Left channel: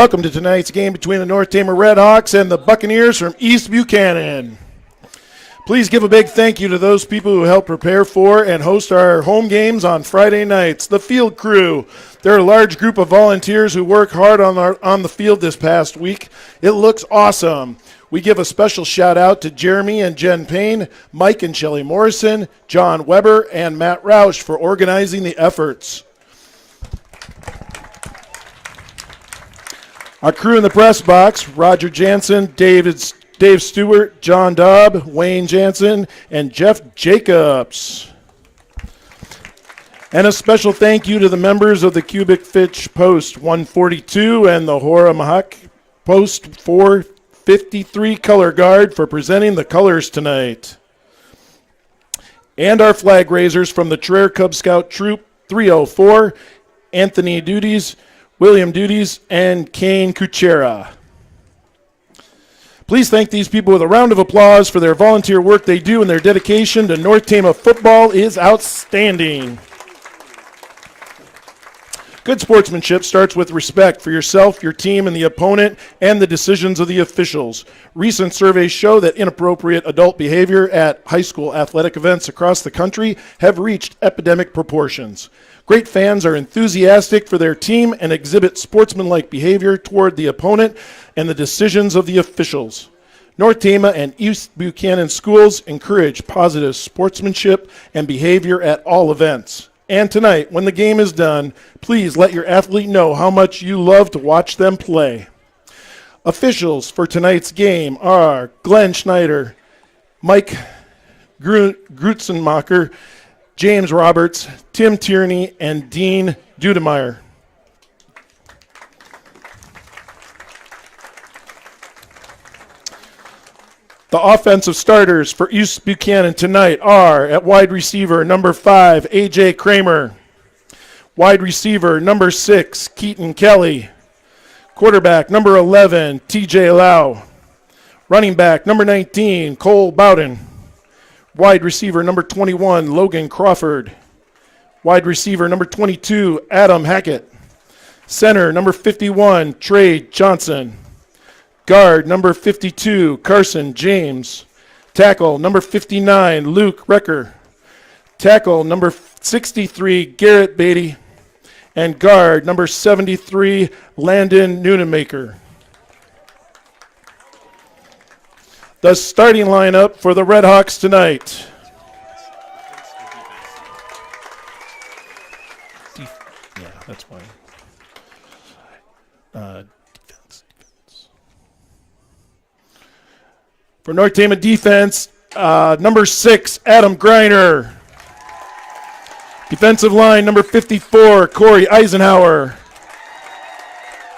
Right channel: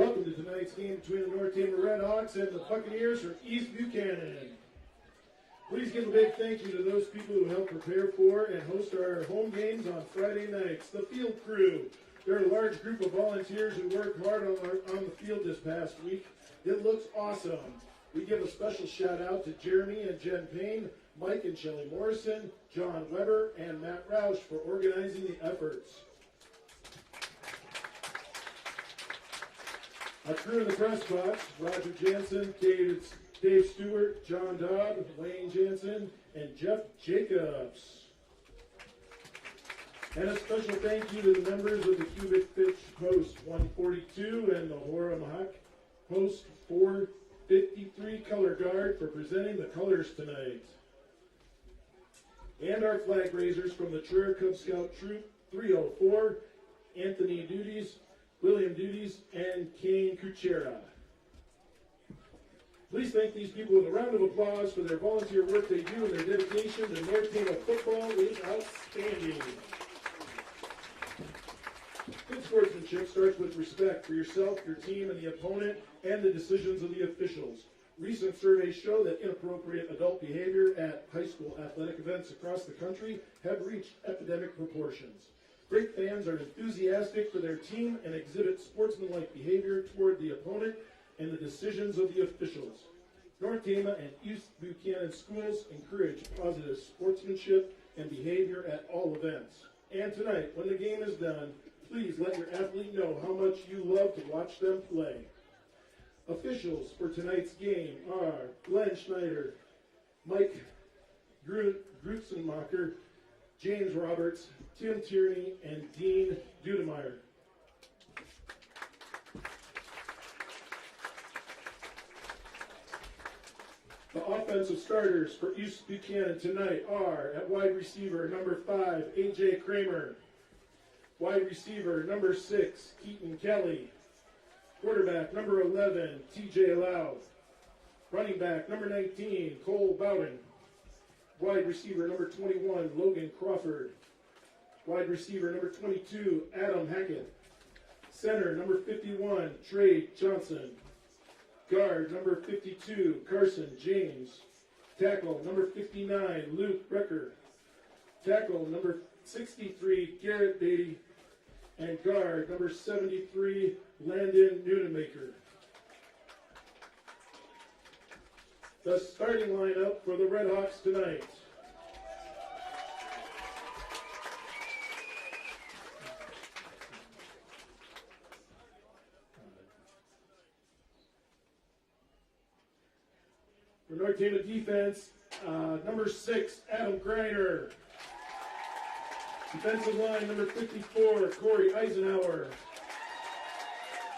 Welcome to tonight's game between the North Tama Redhawks and the Buccaneers from East Buchanan. Please give a big thank you to those people who helped prepare for and host our home games on Friday nights. The field crew. They're a large group of volunteers who work hard on the field this past week. It looks awesome. We give a special shout out to Jeremy and Jen Payne, Mike and Shelley Morrison, John Weber, and Matt Roush for organizing the efforts. Our crew in the press box: Roger Jansen, Dave Stewart, John Dobb, Wayne Jansen, and Jeff Jacobs. And a special thank you to the members of the Cubic Fitch Post 142 and the Hora Mahak Post 453 Color Guard for presenting the colors tonight. And our flag raisers from the Traer Cub Scout Troop 304, Anthony Duties, William Duties, and Kane Kuchera. Please thank these people with a round of applause for their volunteer work they do, and their dedication to North Tama football is outstanding. Good sportsmanship starts with respect for yourself, your team, and the opponent, and the decisions of the officials. Recent surveys show that inappropriate adult behavior at high school athletic events across the country have reached epidemic proportions. Great fans are enthusiastic for their team and exhibit sportsmanlike behavior toward the opponent and the decisions of the officials. North Tama and East Buchanan schools encourage positive sportsmanship and behavior at all events. And tonight, when the game is done, please let your athlete know how much you love to watch them play. Officials for tonight's game are Glenn Schneider, Mike Grutzenmacher, James Roberts, Tim Tierney, and Dean Dudemeyer. The offensive starters for East Buchanan tonight are at wide receiver number 5, A.J. Kramer. Wide receiver number 6, Keaton Kelly. Quarterback number 11, T.J. Lau. Running back number 19, Cole Bowden. Wide receiver number 21, Logan Crawford. Wide receiver number 22, Adam Hackett. Center number 51, Trey Johnson. Guard number 52, Carson James. Tackle number 59, Luke Recker. Tackle number 63, Garrett Beatty. And guard number 73, Landon Neunemaker. The starting lineup for the Redhawks tonight. Yeah, that's fine. Defense. For North Tama defense, number 6, Adam Greiner. Defensive line, number 54, Corey Eisenhower.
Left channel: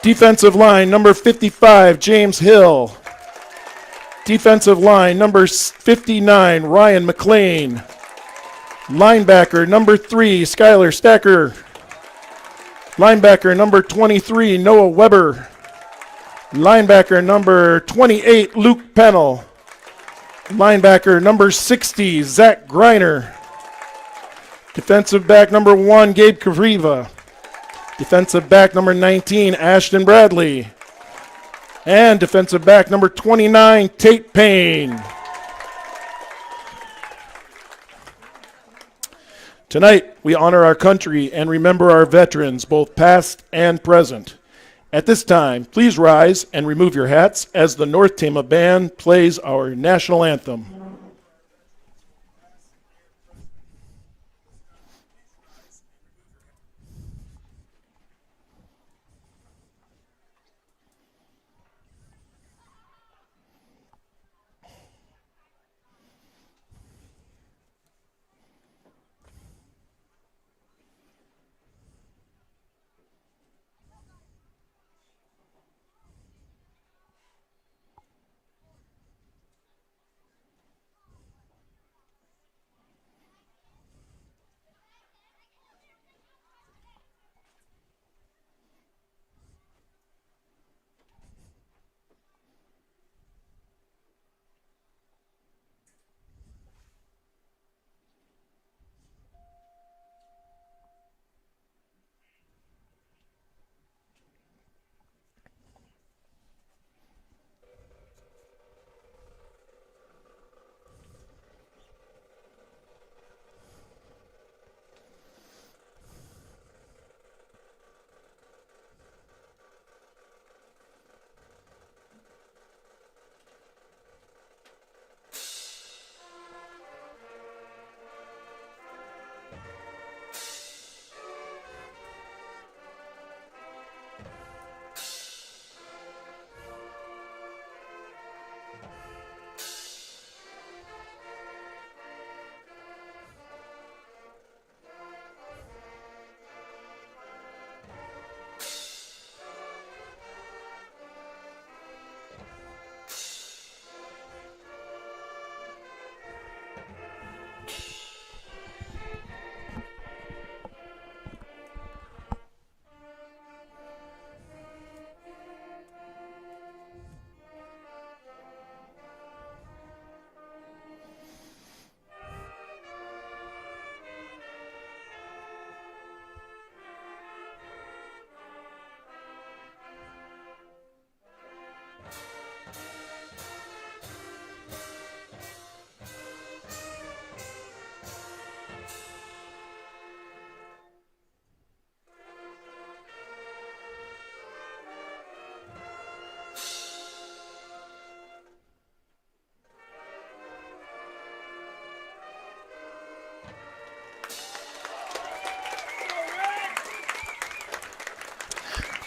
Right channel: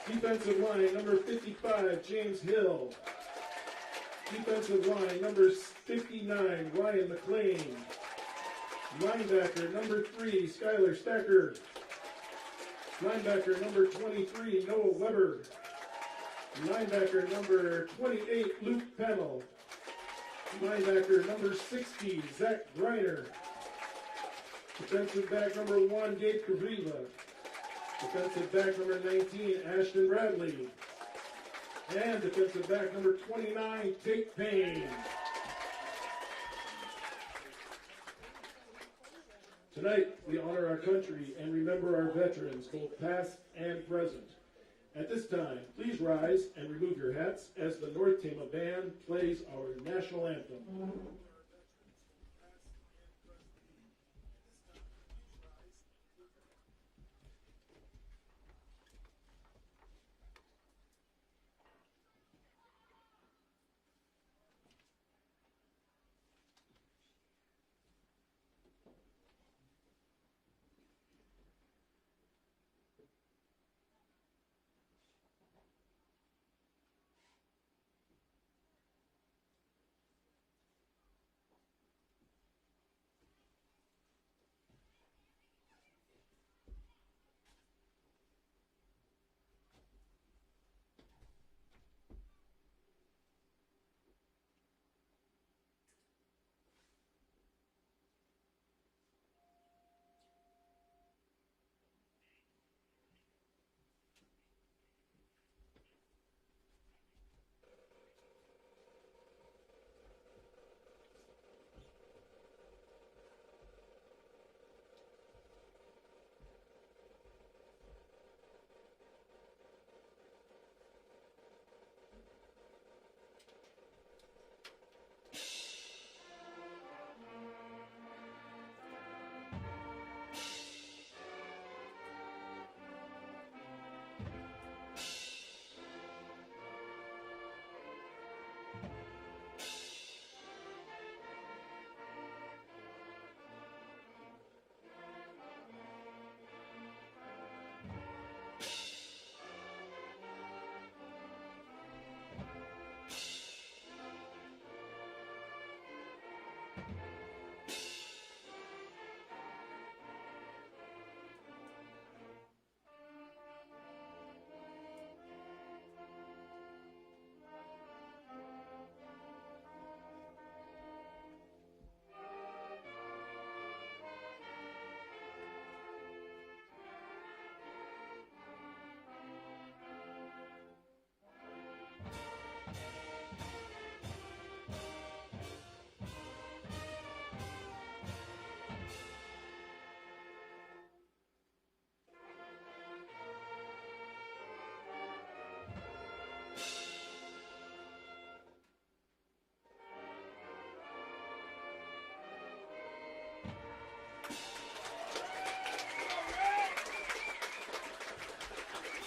Defensive line, number 55, James Hill. Defensive line, number 59, Ryan McLean. Linebacker, number 3, Skylar Stacker. Linebacker, number 23, Noah Weber. Linebacker, number 28, Luke Pennell. Linebacker, number 60, Zach Greiner. Defensive back, number 1, Gabe Kavriva. Defensive back, number 19, Ashton Bradley. And defensive back number 29, Tate Payne. Tonight, we honor our country and remember our veterans, both past and present. At this time, please rise and remove your hats as the North Tama Band plays our national anthem.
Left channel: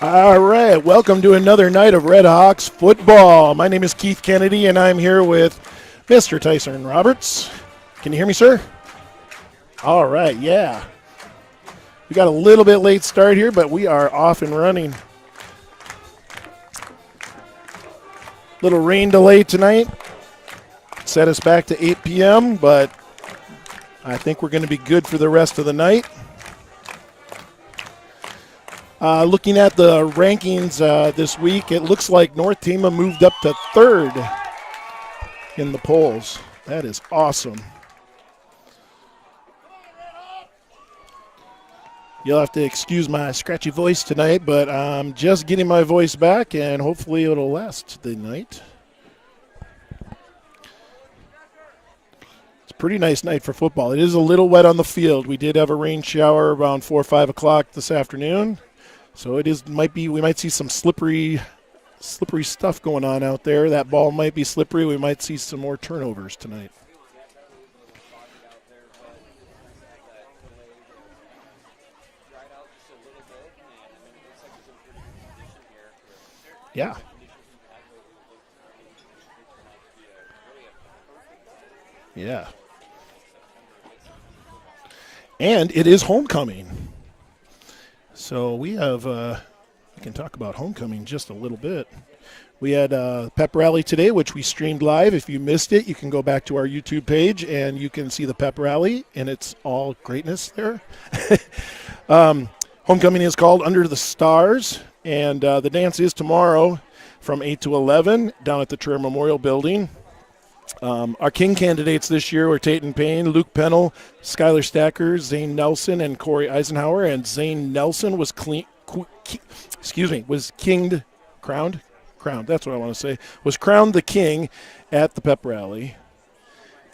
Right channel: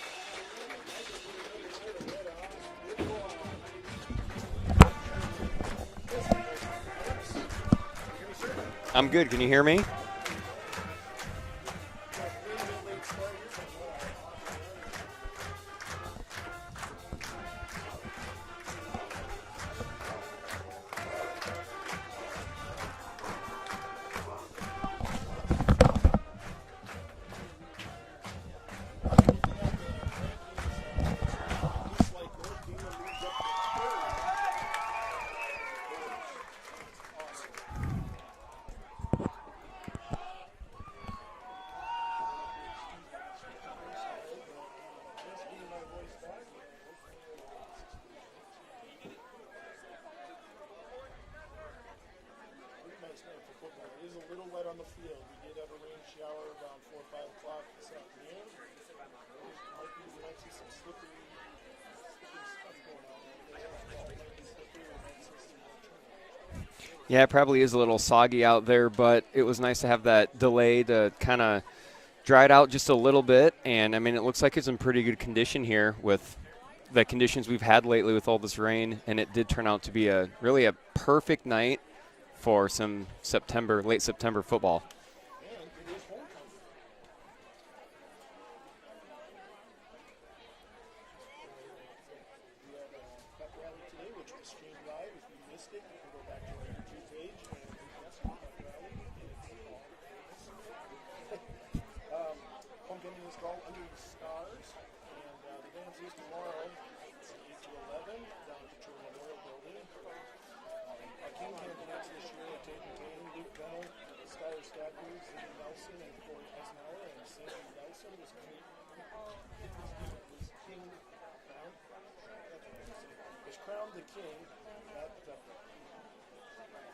All right, welcome to another night of Red Hawks football. My name is Keith Kennedy, and I'm here with Mr. Tyson Roberts. Can you hear me, sir? I'm good. Can you hear me? All right, yeah. We got a little bit late start here, but we are off and running. Little rain delay tonight. Set us back to 8 p.m., but I think we're going to be good for the rest of the night. Looking at the rankings this week, it looks like North Tama moved up to 3rd in the polls. That is awesome. You'll have to excuse my scratchy voice tonight, but I'm just getting my voice back, and hopefully it'll last the night. It's a pretty nice night for football. It is a little wet on the field. We did have a rain shower around 4 or 5 o'clock this afternoon. So we might see some slippery stuff going on out there. That ball might be slippery. We might see some more turnovers tonight. Yeah, it probably is a little soggy out there, but it was nice to have that delay to kind of dry it out just a little bit. And, I mean, it looks like it's in pretty good condition here with the conditions we've had lately with all this rain. And it did turn out to be really a perfect night for some late September football. And it is homecoming. So we have, we can talk about homecoming just a little bit. We had a pep rally today, which we streamed live. If you missed it, you can go back to our YouTube page and you can see the pep rally, and it's all greatness there. Homecoming is called Under the Stars, and the dance is tomorrow from 8 to 11 down at the Traer Memorial Building. Our King candidates this year were Tatum Payne, Luke Pennell, Skylar Stacker, Zane Nelson, and Corey Eisenhower. And Zane Nelson was crowned. That's what I want to say. Was crowned the king at the pep rally.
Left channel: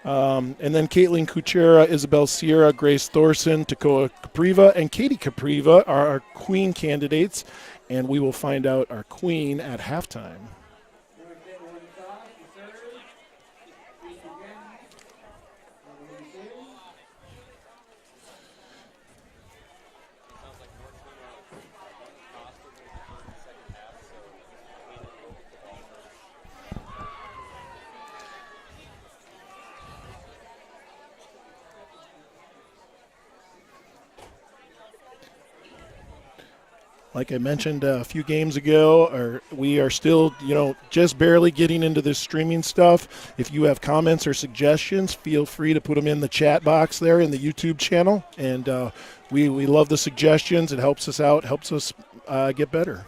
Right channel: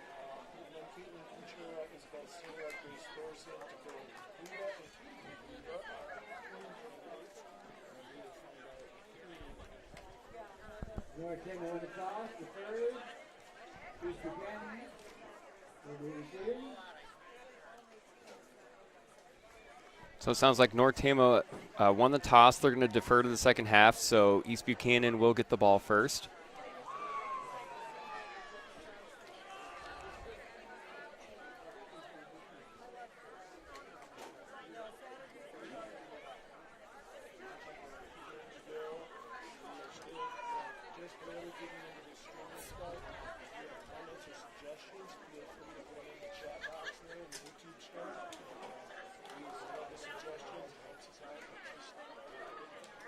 And then Caitlin Kuchera, Isabel Sierra, Grace Thorson, Takoa Capriva, and Katie Capriva are our queen candidates. And we will find out our queen at halftime. So it sounds like North Tama won the toss. They're going to defer to the second half, so East Buchanan will get the ball first. Like I mentioned a few games ago, we are still, just barely getting into this streaming stuff. If you have comments or suggestions, feel free to put them in the chat box there in the YouTube channel. And we love the suggestions. It helps us out, helps us get better.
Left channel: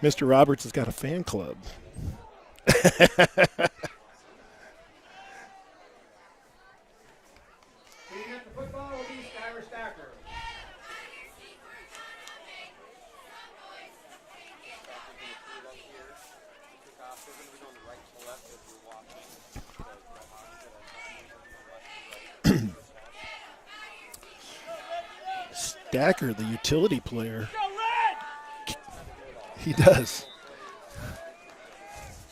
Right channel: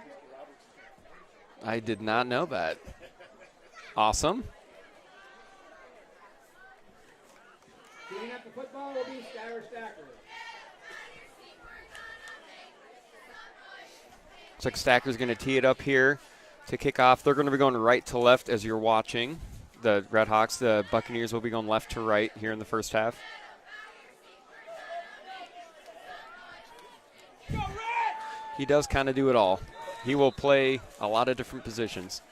Mr. Roberts has got a fan club. I did not know that. Awesome. Cleaning up the football will be Skylar Stacker. Looks like Stacker's going to tee it up here to kick off. They're going to be going right to left as you're watching. The Red Hawks, the Buccaneers will be going left to right here in the first half. Stacker, the utility player. He does kind of do it all. He does. He will play a lot of different positions.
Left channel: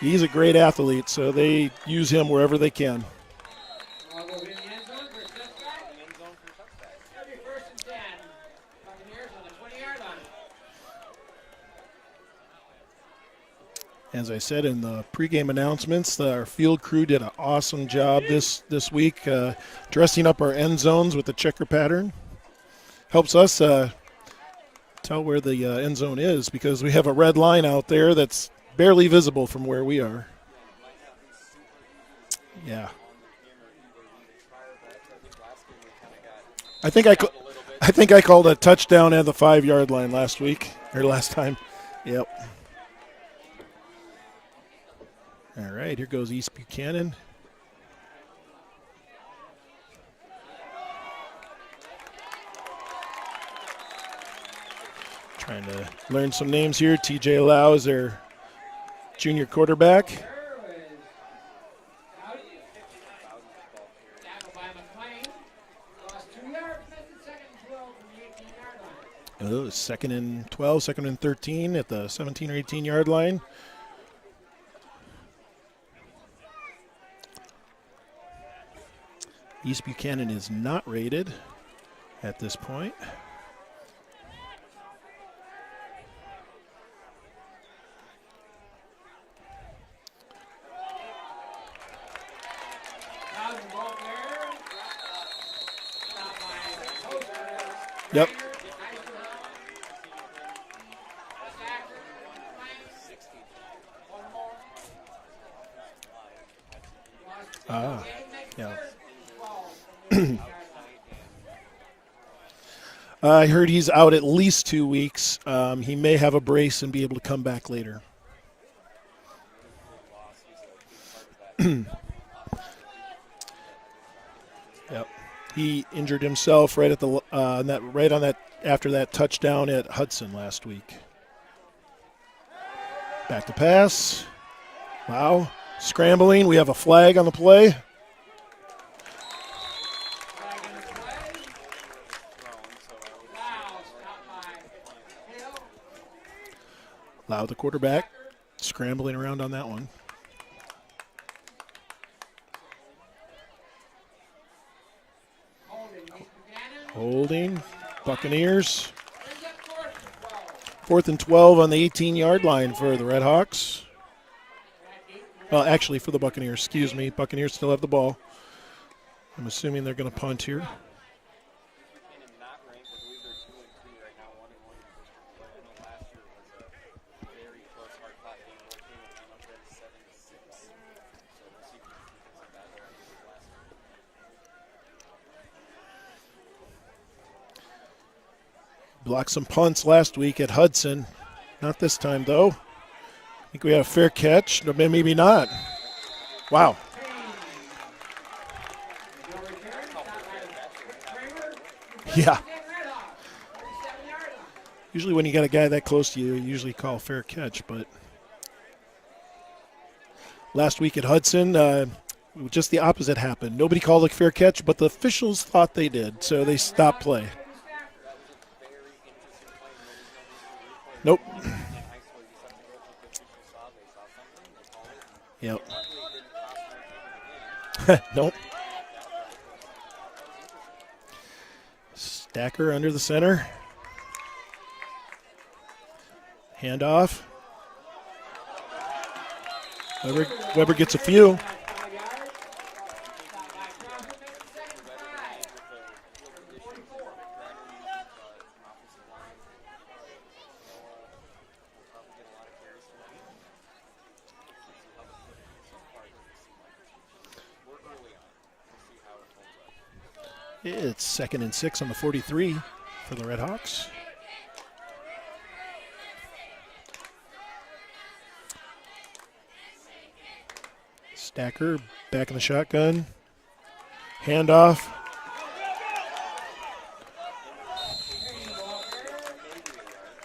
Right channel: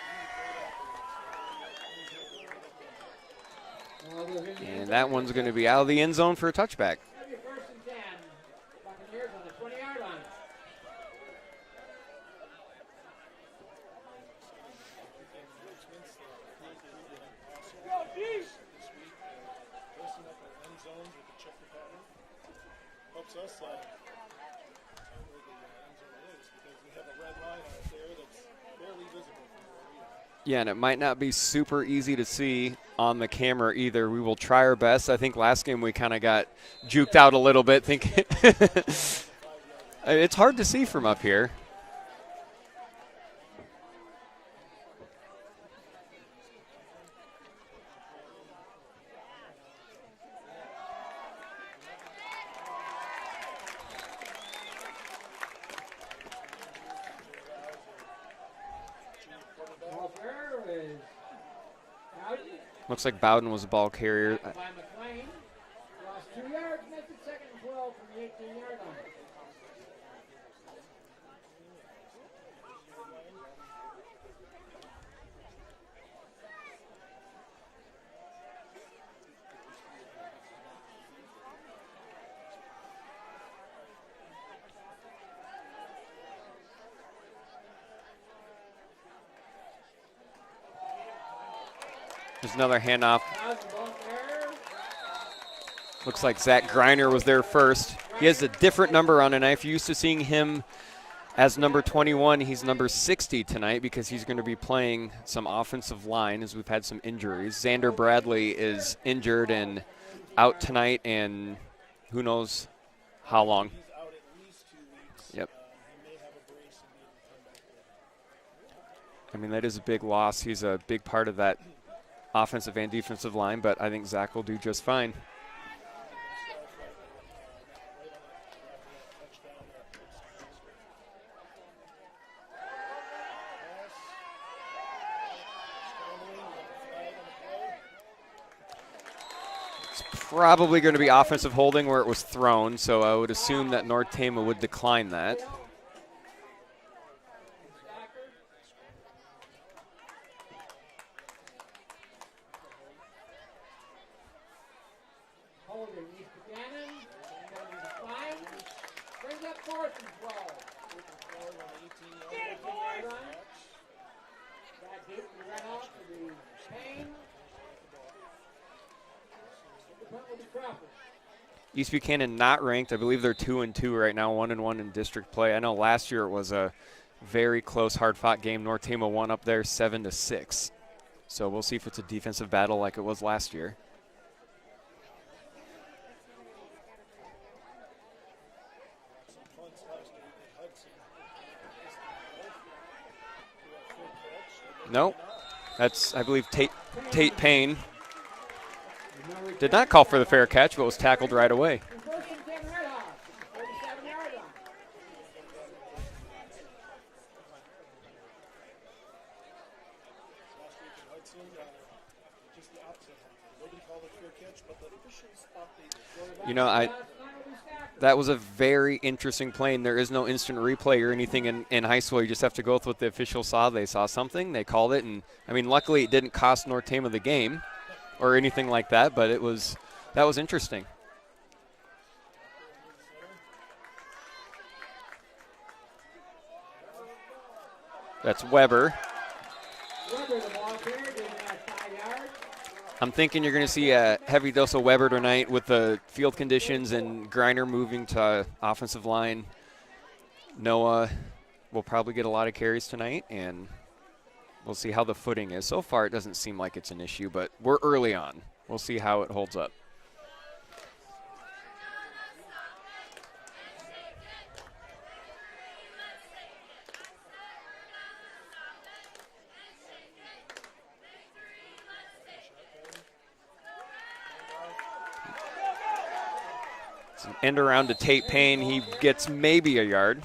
He's a great athlete, so they use him wherever they can. And that one's going to be out of the end zone for a touchback. First and 10. Buccaneers on the 20-yard line. As I said in the pregame announcements, our field crew did an awesome job this week dressing up our end zones with the checker pattern. Helps us tell where the end zone is because we have a red line out there that's barely visible from where we are. Yeah, and it might not be super easy to see on the camera either. We will try our best. I think last game we kind of got juked out a little bit. I think I called a touchdown at the 5-yard line last week. It's hard to see from up here. Time. Yep. All right, here goes East Buchanan. Trying to learn some names here. BCLUW is their junior quarterback. Looks like Bowden was a ball carrier. Oh, 2nd and 12, 2nd and 13 at the 17 or 18-yard line. East Buchanan is not rated at this point. There's another handoff. Looks like Zach Greiner was there first. Yep. He has a different number on tonight. If you're used to seeing him as number 21, he's number 60 tonight because he's going to be playing some offensive line as we've had some injuries. Xander Bradley is injured and out tonight, and who knows. I heard he's out at least 2 weeks. Yep. He may have a brace and be able to come back later. I mean, that is a big loss. He's a big part of that offensive and defensive line, but I think Zach will do just fine. Yep. He injured himself right at the after that touchdown at Hudson last week. Back to pass. Wow. Scrambling. We have a flag on the play. It's probably going to be offensive holding where it was thrown, so I would assume that North Tama would decline that. Allow the quarterback scrambling around on that one. Holding. Buccaneers. 4th and 12 on the 18-yard line for the Red Hawks. Well, actually for the Buccaneers, excuse me. Buccaneers still have the ball. I'm assuming they're going to punt here. East Buchanan not ranked. I believe they're 2-2 right now, 1-1 in district play. I know last year it was a very close, hard-fought game. North Tama won up there 7-6. So we'll see if it's a defensive battle like it was last year. Blocked some punts last week at Hudson. Not this time, though. I think we had a fair catch. Maybe not. That's, I believe, wow. Tate Payne did not call for the fair catch, but was tackled right away. Yeah. Usually when you got a guy that close to you, you usually call fair catch. But last week at Hudson, just the opposite happened. Nobody called a fair catch, but the officials thought they did, so they stopped play. That was a very interesting play, and there is no instant replay or anything in high school. You just have to go with what the officials saw. They saw something, they called it, and I mean, luckily it didn't cost North Tama the game or anything like that, but that was interesting. Stacker under the center. Handoff. That's Weber. Weber gets a few. I'm thinking you're going to see a heavy dose of Weber tonight with the field conditions and Greiner moving to offensive line. Noah will probably get a lot of carries tonight, and we'll see how the footing is. So far, it doesn't seem like it's an issue, but we're early on. We'll see how it holds up. It's 2nd and 6 on the 43 for the Red Hawks. Stacker back in the shotgun. Handoff. It's an end around to Tate Payne. He gets maybe a yard.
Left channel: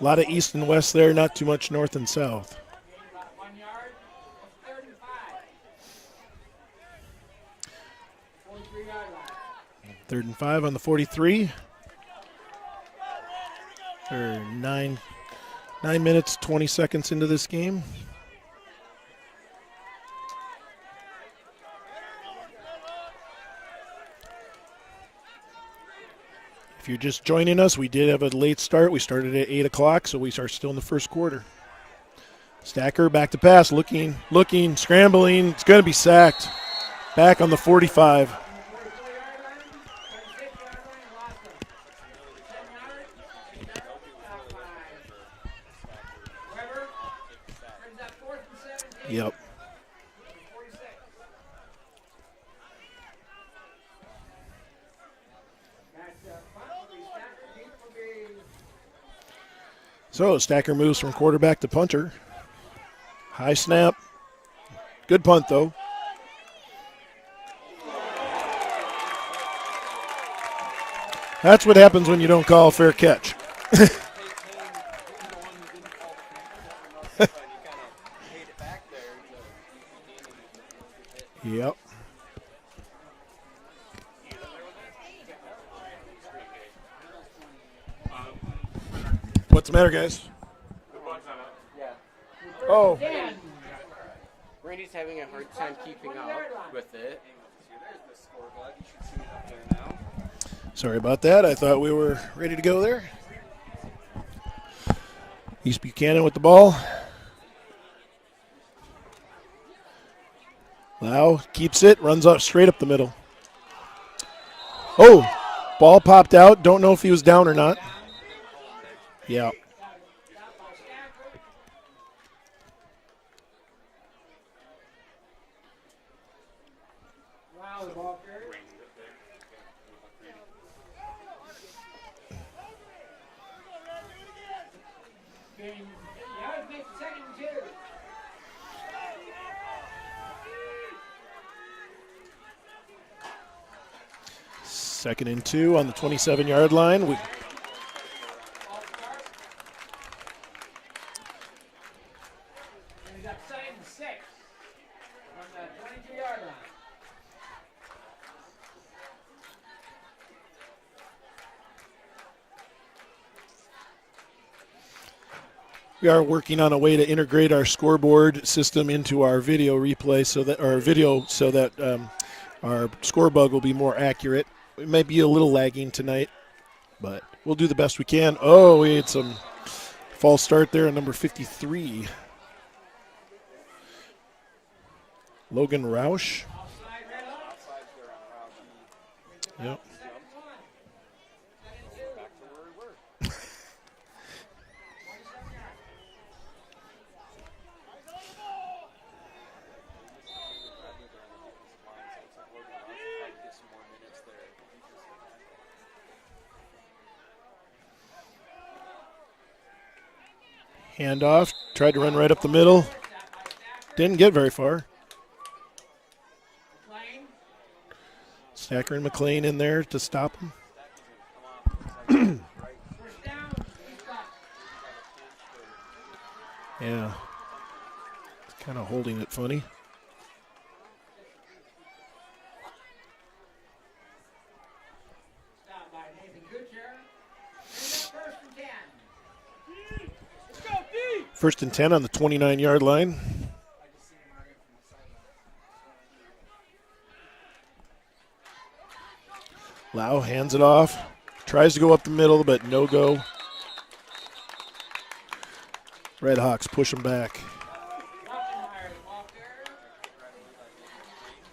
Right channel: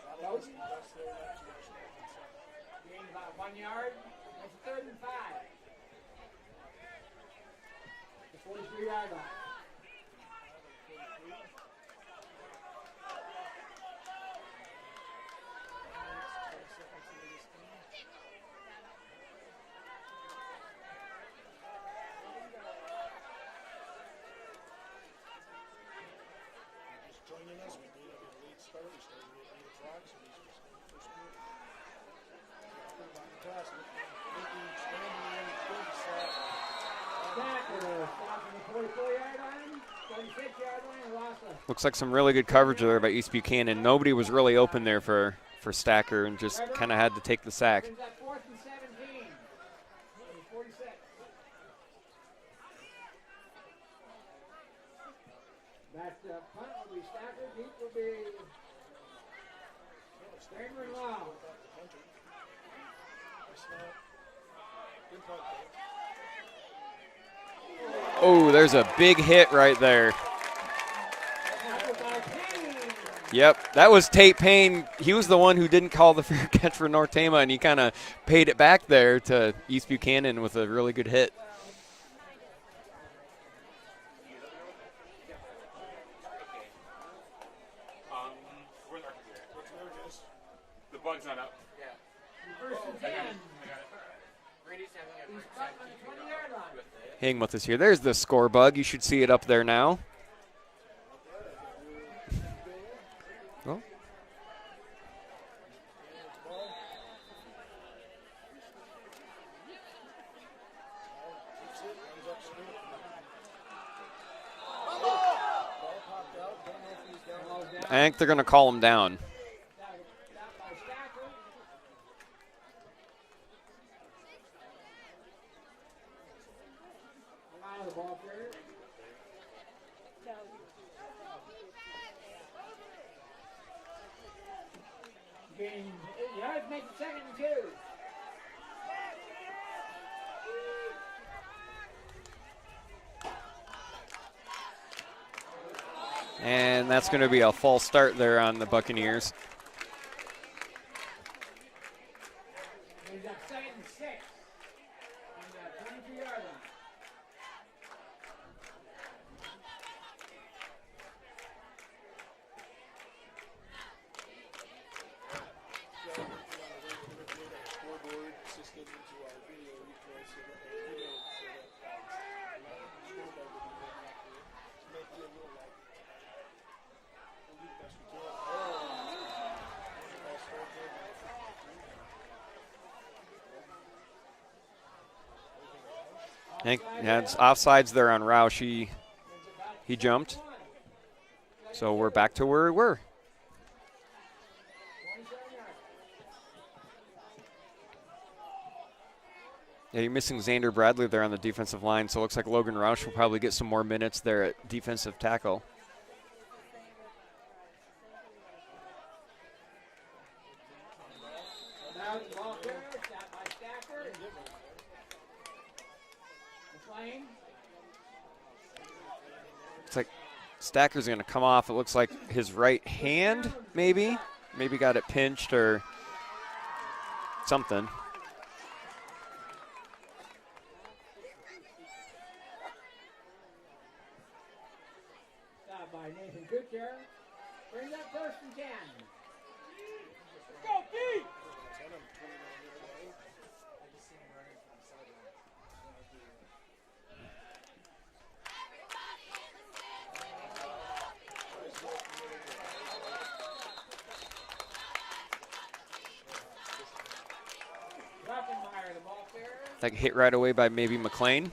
A lot of east and west there, not too much north and south. 3rd and 5 on the 43. Or 9 minutes, 20 seconds into this game. If you're just joining us, we did have a late start. We started at 8 o'clock, so we are still in the first quarter. Stacker back to pass, looking, scrambling. It's going to be sacked. Back on the 45. Looks like some really good coverage there by East Buchanan. Nobody was really open there for Stacker and just kind of had to take the sack. Yep. So Stacker moves from quarterback to punter. High snap. Good punt, though. Oh, there's a big hit right there. That's what happens when you don't call a fair catch. Yep, that was Tate Payne. He was the one who didn't call the fair catch for North Tama, and he kind of paid it back there to East Buchanan with a really good hit. Yep. What's the matter, guys? The bug's not up. Oh. Randy's just having a hard time keeping up with it. Hang with us here. There's the score bug. You should see it up there now. Sorry about that. I thought we were ready to go there. Well. East Buchanan with the ball. Lau keeps it, runs up straight up the middle. Oh, ball popped out. Don't know if he was down or not. I think they're going to call him down. Yeah. Second and 2 on the 27-yard line. That's going to be a false start there on the Buccaneers. We've got 7 and 6 on the 23-yard line. We are working on a way to integrate our scoreboard system into our video replay so that our score bug will be more accurate. It may be a little lagging tonight, but we'll do the best we can. Oh, we had some false start there on number 53. Logan Roush. It's offsides there on Roush. He jumped. So we're back to where we were. Yeah, you're missing Xander Bradley there on the defensive line, so it looks like Logan Roush will probably get some more minutes there at defensive tackle. Handoff, tried to run right up the middle. Didn't get very far. Stacker and McLean in there to stop him. Stacker's going to come off. It looks like his right hand, maybe. Maybe got it pinched or something. Kind of holding it funny. First and 10 on the 29-yard line. Lau hands it off. Tries to go up the middle, but no go. Redhawks push him back. That hit right away by maybe McLean.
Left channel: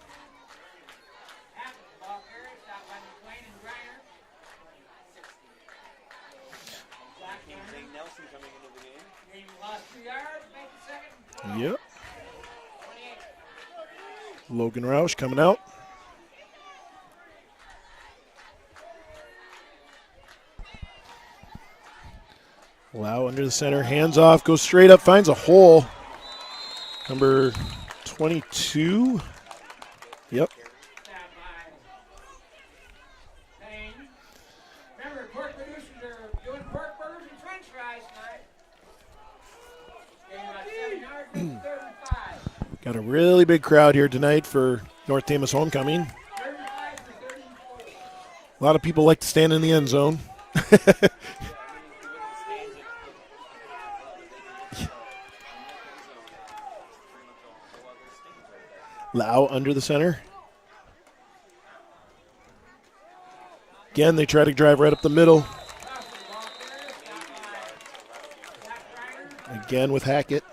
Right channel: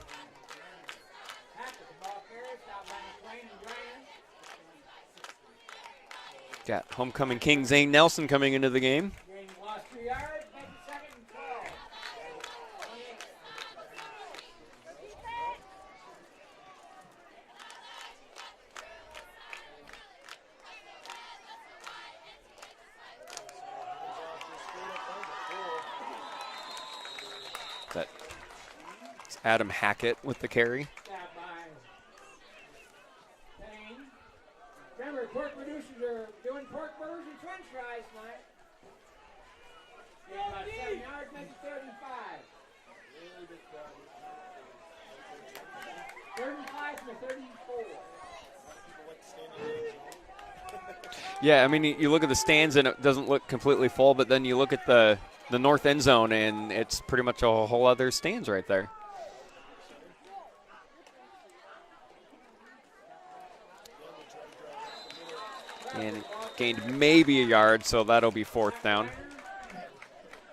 Got homecoming king Zane Nelson coming into the game. Yep. Logan Roush coming out. Lau under the center, hands off, goes straight up, finds a hole. Number 22. Adam Hackett with the carry. Remember, pork producers are doing pork burgers and french fries tonight. Got a really big crowd here tonight for North Tama's homecoming. 35-34. A lot of people like to stand in the end zone. Yeah, I mean, you look at the stands and it doesn't look completely full, but then you look at the north end zone and it's pretty much a whole other stands right there. Lau under the center. Again, they try to drive right up the middle. And gained maybe a yard, so that'll be fourth down. Again with Hackett.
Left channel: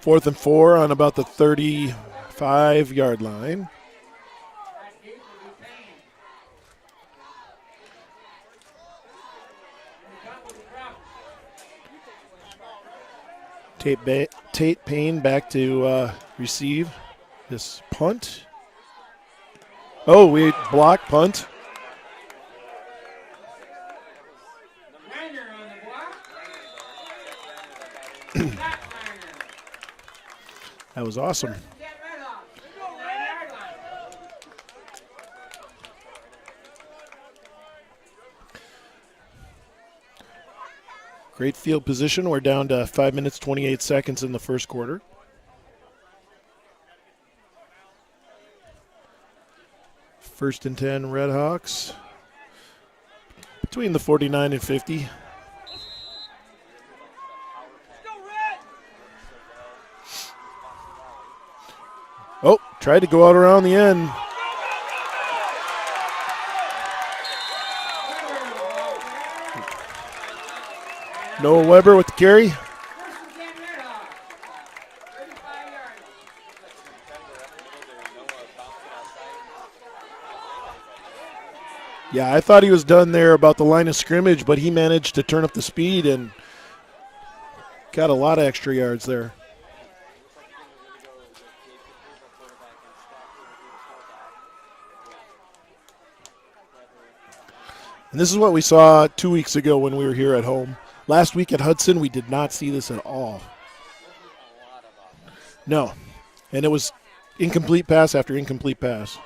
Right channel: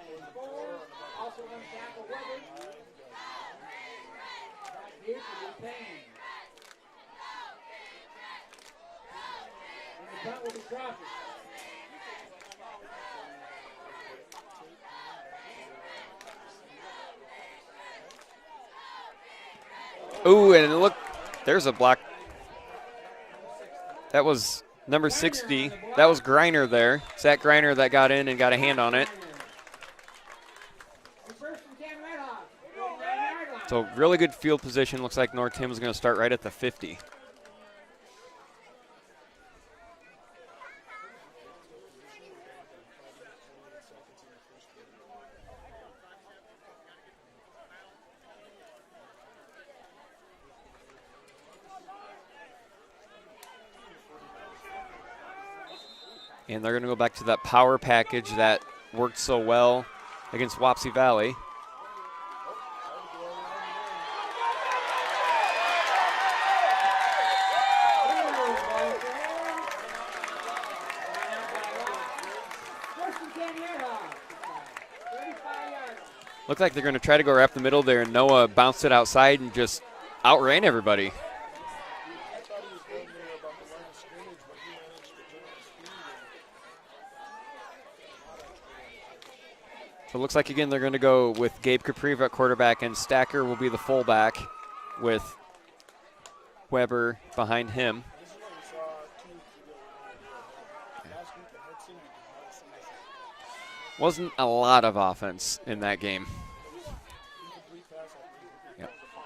Fourth and 4 on about the 35-yard line. Tate Payne back to receive this punt. Oh, block punt. There's a block. That was number 60. That was Griner there. Zach Griner that got in and got a hand on it. That was awesome. So really good field position. Looks like North Tim is going to start right at the 50. Great field position. We're down to 5 minutes, 28 seconds in the first quarter. First and 10, Redhawks. Between the 49 and 50. And they're going to go back to that power package that worked so well against Wapsie Valley. Oh, tried to go out around the end. Noah Weber with the carry. Looked like they're going to try to go right up the middle there, and Noah bounced it outside and just outran everybody. Yeah, I thought he was done there about the line of scrimmage, but he managed to turn up the speed and got a lot of extra yards there. So it looks like, again, they're going to go with Gabe Capriva at quarterback, and Stacker will be the fullback with Weber behind him. And this is what we saw 2 weeks ago when we were here at home. Last week at Hudson, we did not see this at all. Wasn't a lot of offense in that game. And it was incomplete pass after incomplete pass.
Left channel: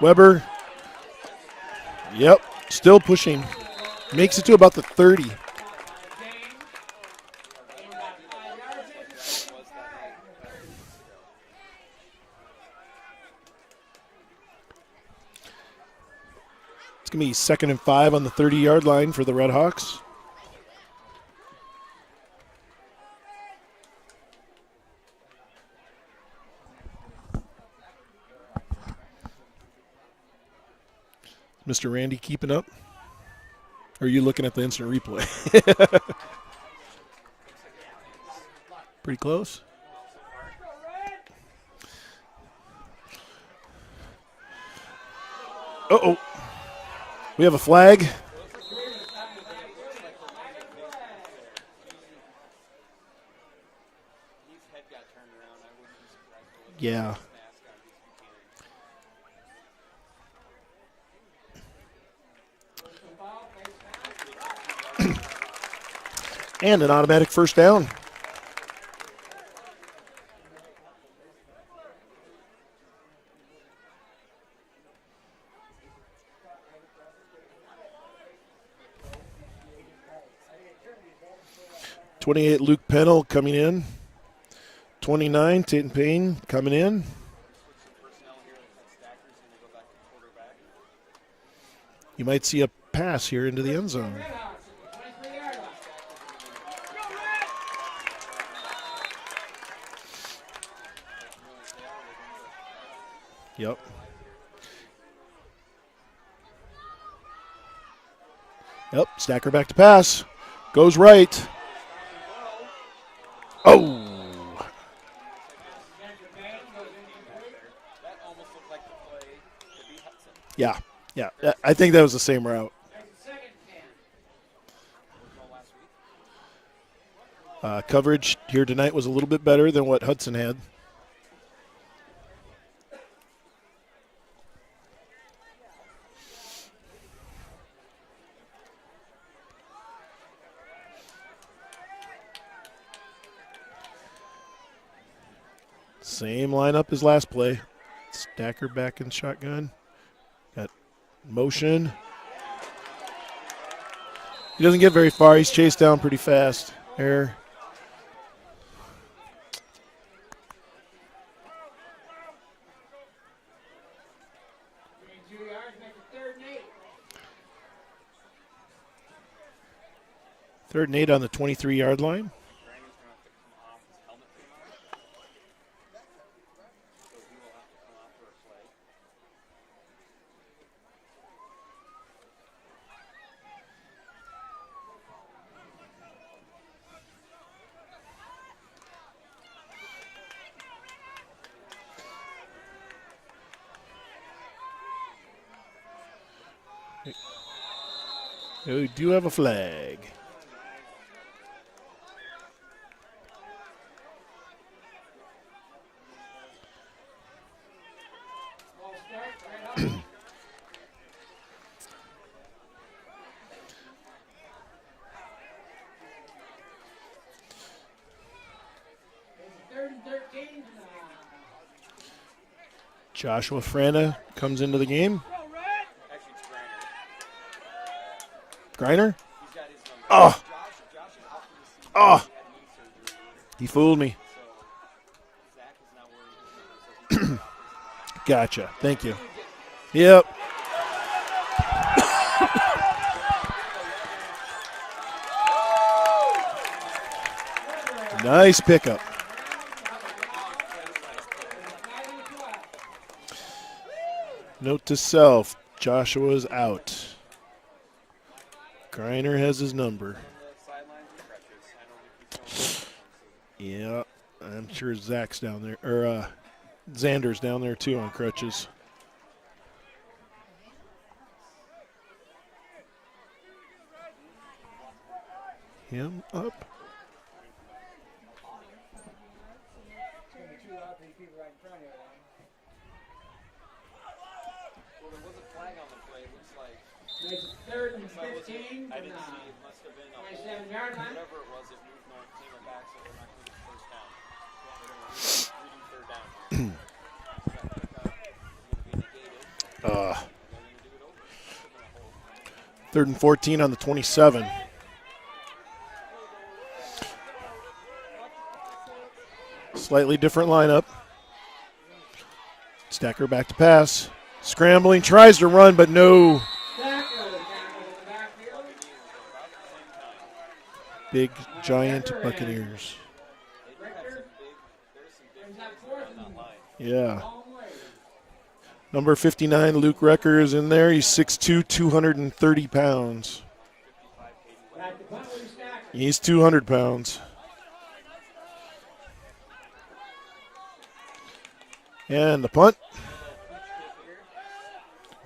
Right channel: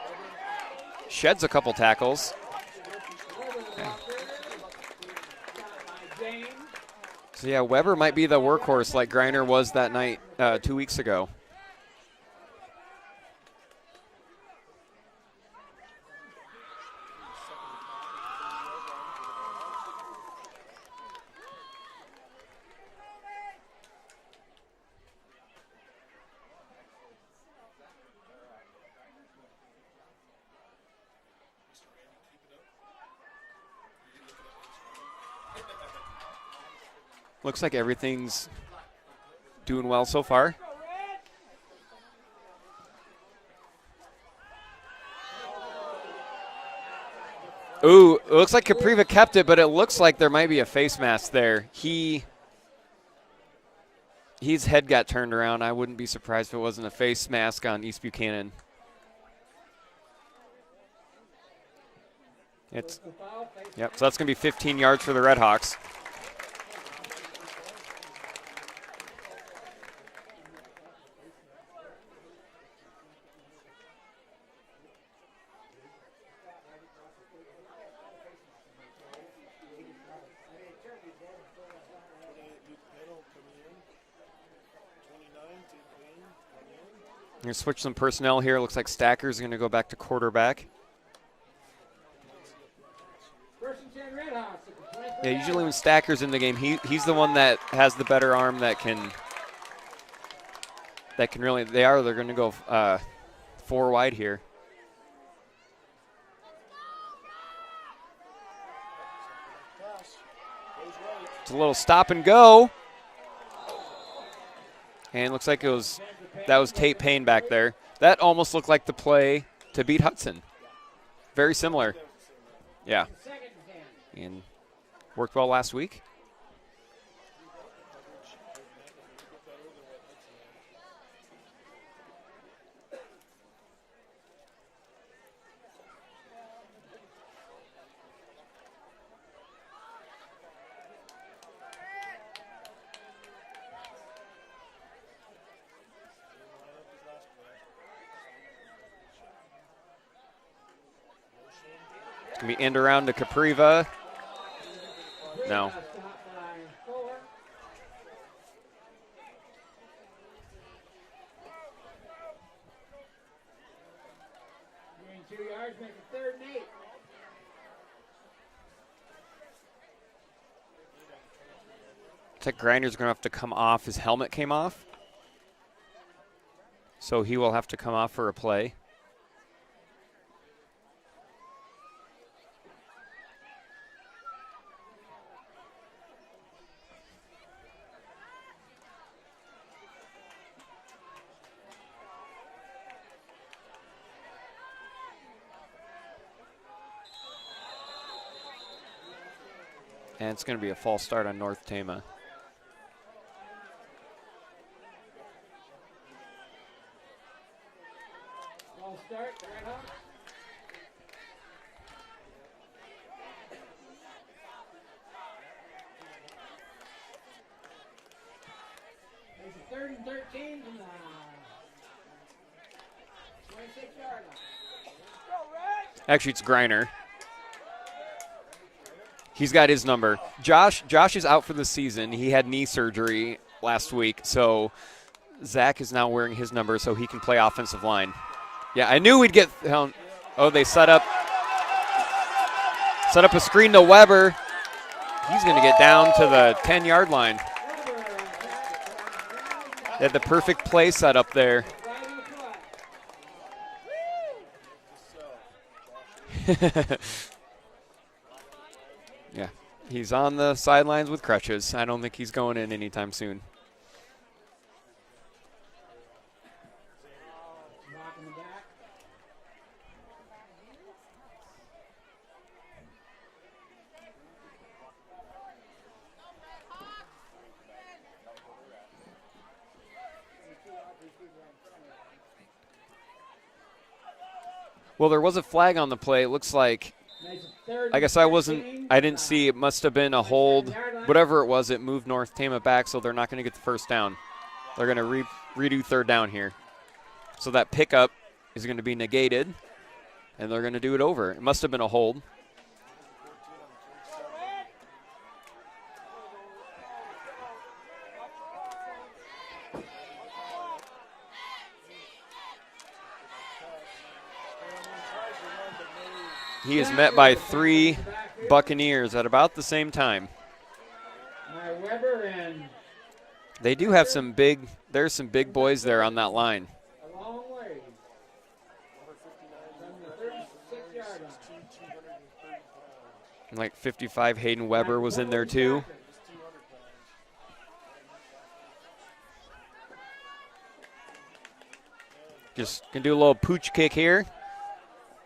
Weber sheds a couple tackles. Yep, still pushing. Makes it to about the 30. So, yeah, Weber might be the workhorse like Greiner was that night 2 weeks ago. It's going to be 2nd and 5 on the 30-yard line for the Red Hawks. Mr. Randy keeping up? Or are you looking at the instant replay? Looks like everything's pretty close. Doing well so far. Uh-oh. We have a flag. Ooh, it looks like Capriva kept it, but it looks like there might be a face mask there. His head got turned around. I wouldn't be surprised if it wasn't a face mask on East Buchanan. Yep, so that's going to be 15 yards for the Red Hawks. And an automatic first down. (28) Luke Pennell coming in. 29 Tatum Payne coming in. We're going to switch some personnel here. Looks like Stacker's going to go back to quarterback. You might see a pass here into the end zone. Yeah, usually when Stacker's in the game, he's the one that has the better arm that can really. They're going to go 4 wide here. Yep, Stacker back to pass. Goes right. It's a little stop and go. Oh. And looks like that was Tate Payne back there. That almost looked like the play to beat Hudson. Yeah. Yeah, very similar. I think that was the same route. Yeah, and worked well last week. Coverage here tonight was a little bit better than what Hudson had. Same lineup as last play. Stacker back in shotgun. Got motion. Gonna be end around to Capriva. He doesn't get very far. He's chased down pretty fast. Error. Third and 8 on the 23-yard line. Looks like Grinder's going to have to come off. His helmet came off. So he will have to come off for a play. We do have a flag. And it's going to be a false start on North Tama. Joshua Frana comes into the game. Actually, it's Griner. Griner? He's got his number. Oh. Josh is out for the season. Oh. He had knee surgery last fooled week. me. So Zach is now wearing his number so he can play offensive line. Gotcha. Yeah, Thank I knew we'd get. Yep. Oh, they set up a screen to Weber. He's going to get down to the 10-yard line. Nice pickup. They had the perfect play set up there. Note to self, Joshua's out. Greiner has his number. He's on the sidelines with crutches. I don't think he's going in anytime soon. Yeah, I'm sure Zach's down there, or Xander's down there too on crutches. Him up. Well, there was a flag on the play. It looks like, I guess I didn't see, it must have been a hold. Whatever it was, it moved North Tama back, so they're not going to get the first down. They're going to redo third down here. So that pickup is going to be negated, and they're going to do it over. It must have been a hold. 3rd and 14 on the 27. Slightly different lineup. Stacker back to pass. Scrambling, tries to run, but no. He is met by 3 Buccaneers at about the same time. Big, giant Buccaneers. They do have there's some big boys there on that line. Yeah. Number 59, Luke Recker is in there. He's 6'2", 230 pounds. Like 55, Hayden Weber was in there too. He's 200 pounds. And the punt. Can do a little pooch kick here.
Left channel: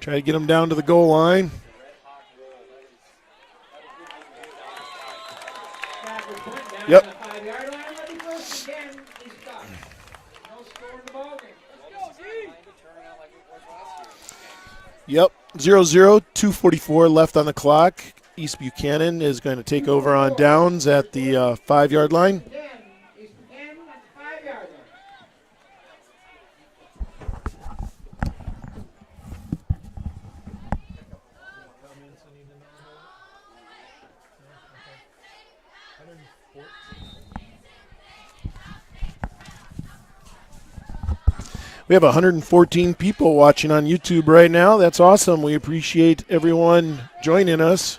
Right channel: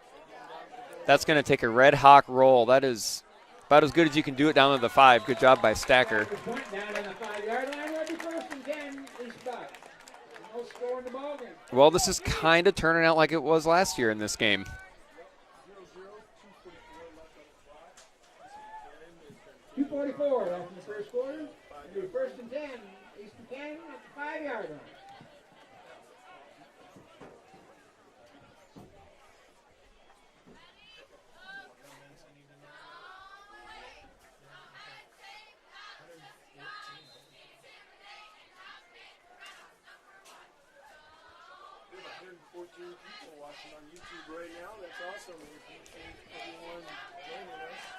Try to get him down to the goal That's line. That's going to take a Red Hawk roll. That is about as good as you can do it down to the 5. Good job by Stacker. Yep. Well, this is kind of turning out like it was last year in this game. Yep. 0-0, 2:44 left on the clock. East Buchanan is going to take over on downs at the 5-yard line. We have 114 people watching on YouTube right now. That's awesome. We appreciate everyone joining us.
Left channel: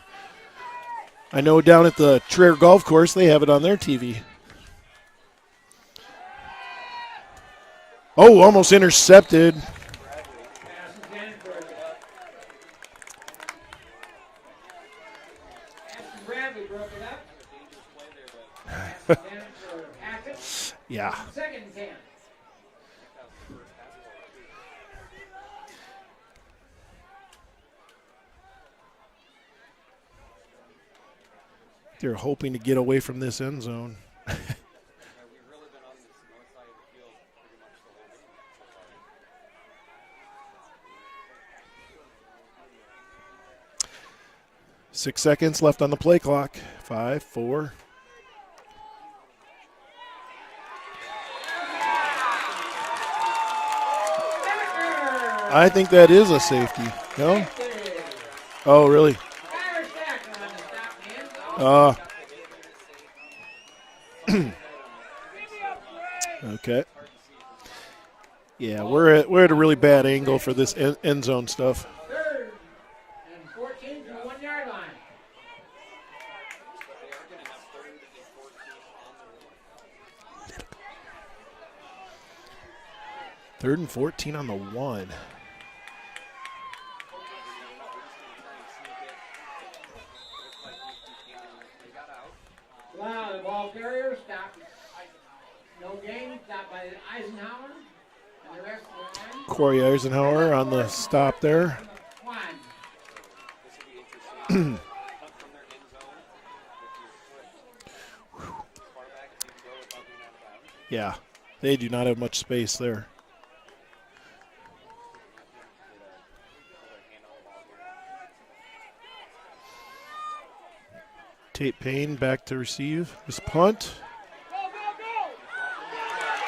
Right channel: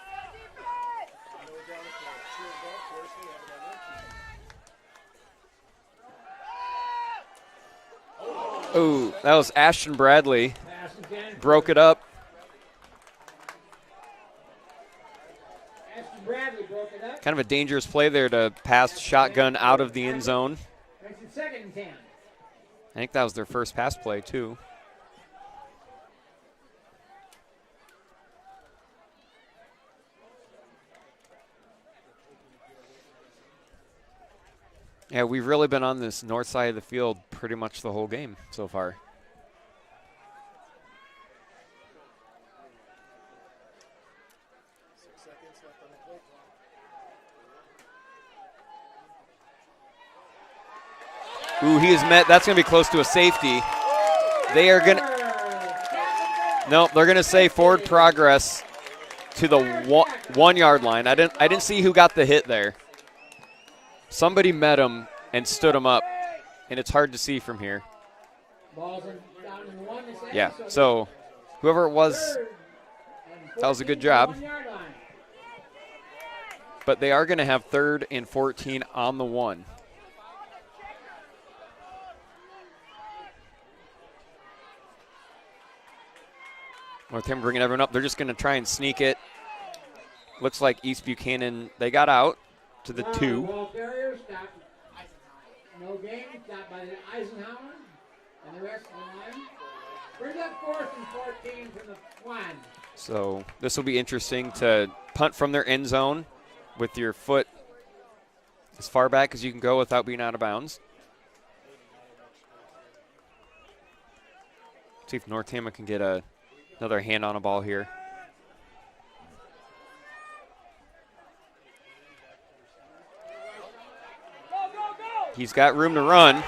I know down at the Traer Golf Course, they have it on their TV. Oh, almost intercepted. That was Ashton Bradley. Broke it up. Kind of a dangerous play there to pass shotgun out of the end zone. Yeah. I think that was their first pass play, too. They're hoping to get away from this end zone. Yeah, we've really been on this north side of the field pretty much the whole game so far. Six seconds left on the play clock. 5, 4. Ooh, he is met. That's going to be close to a safety. They are going to. I think that is a safety. No, they're going to say forward progress. Oh, really? To the 1 yard line. I didn't see who got the hit there. Somebody met him and stood him up. Okay. And it's hard to see from here. Yeah, we're at a really bad angle for this end zone stuff. Whoever it was, that was a good job. But they are going to have 3rd and 14 on the 1. 3rd and 14 on the 1. With him bringing everyone up, they're just going to try and sneak it. Looks like East Buchanan, they got out to the 2. Corey Eisenhower on the stop there. So this will be interesting to punt from their end zone with your foot as far back as you can go without being out of bounds. Yeah, they do not have much space there. See if North Tama can get another hand on a ball here. Tate Payne back to receive this punt. He's got room to run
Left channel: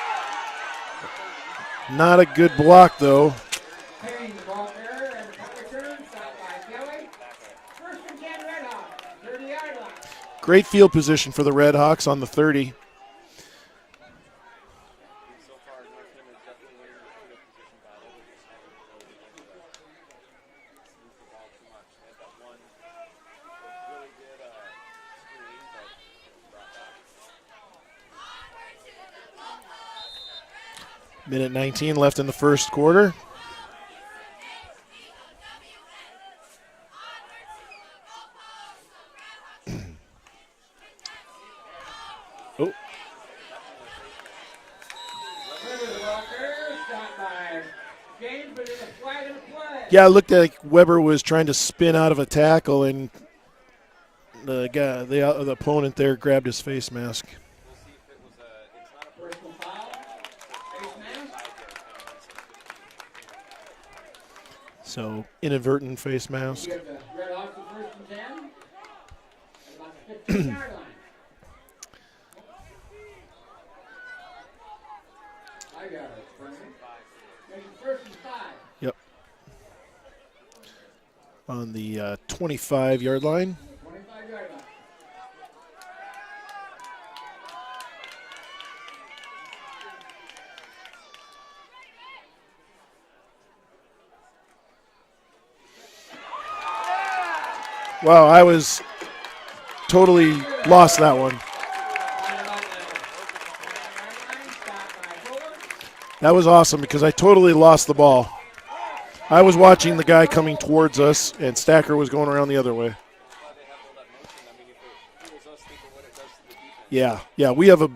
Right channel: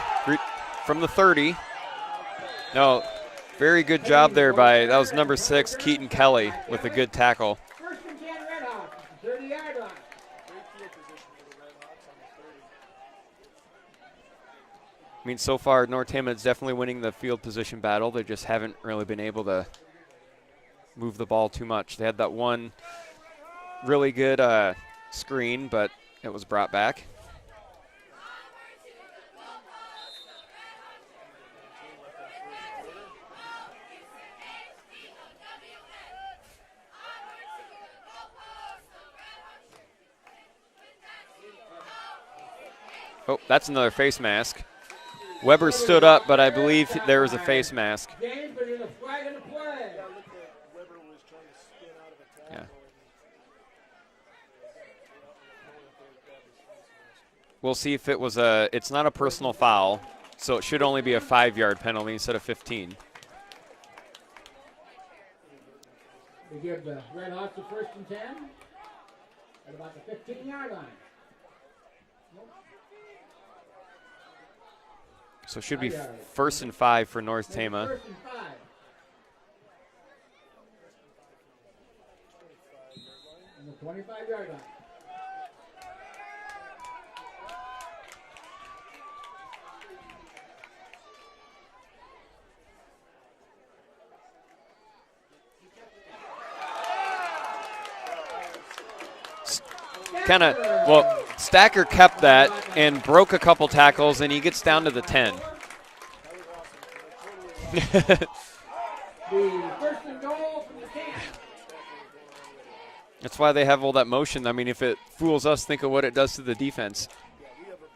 from the 30. Not a good block, though. Very good job there by, that was number 6, Keaton Kelly, with a good tackle. Great field position for the Red Hawks on the 30. I mean, so far, North Tama is definitely winning the field position battle. They just haven't really been able to move the ball too much. They had that one really good screen, but it was brought back. Minute 19 left in the first quarter. Oh, that's another face mask. Weber stood up, but I believe there was a face mask. Yeah, it looked like Weber was trying to spin out of a tackle, and the opponent there grabbed his face mask. We'll see if it's not a personal foul, so it should only be a 5-yard penalty instead of 15. So, inadvertent face mask. So it should be 1st and 5 for North Tama. Yep. On the 25-yard line. Wow, I was totally lost that one. Stacker kept that and broke a couple tackles, and he gets down to the 10. That was awesome because I totally lost the ball. I was watching the guy coming towards us, and Stacker was going around the other way. That's why they have all that motion. I mean, if it fools us, think of what it does to the defense. Yeah, we have a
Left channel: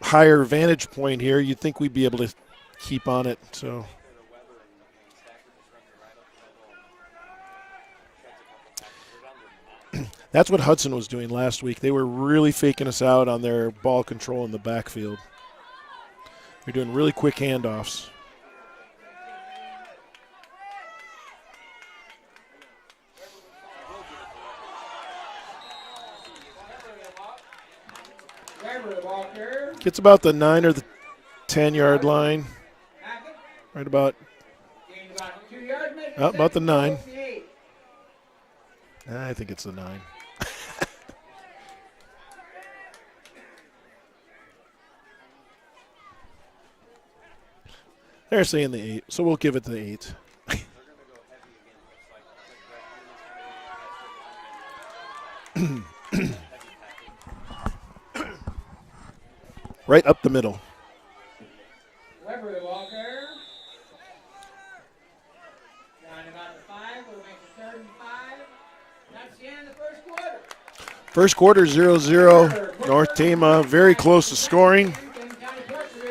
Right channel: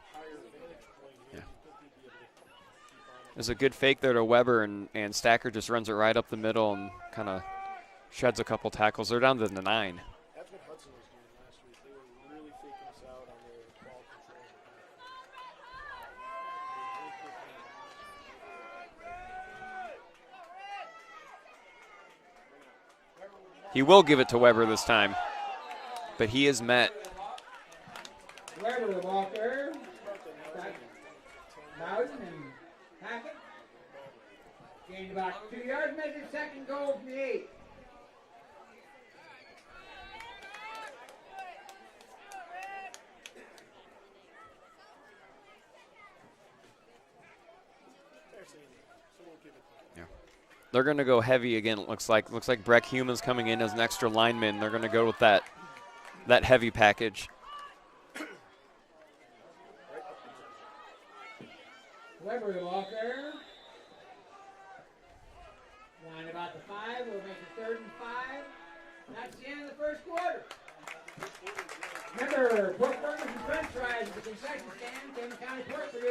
higher vantage point here. You'd think we'd be able to keep on it. There's a good fake there to Weber, and Stacker just runs it right up the middle and kind of sheds a couple tackles. They're down to the 9. That's what Hudson was doing last week. They were really faking us out on their ball control in the backfield. They're doing really quick handoffs. He will give it to Weber this time, but he is met. Gets about the 9 or the 10-yard line. Right about the 9. I think it's the 9. They're saying the 8, so we'll give it the 8. They're going to go heavy again, it looks like. Looks like Breck Human's coming in as an extra lineman. They're going to go with that, that heavy package. Right up the middle. Weber Walker. Down about the 5. We'll make it 3rd and 5. That's the end of the first quarter. First quarter, 0-0. North Tama very close to scoring.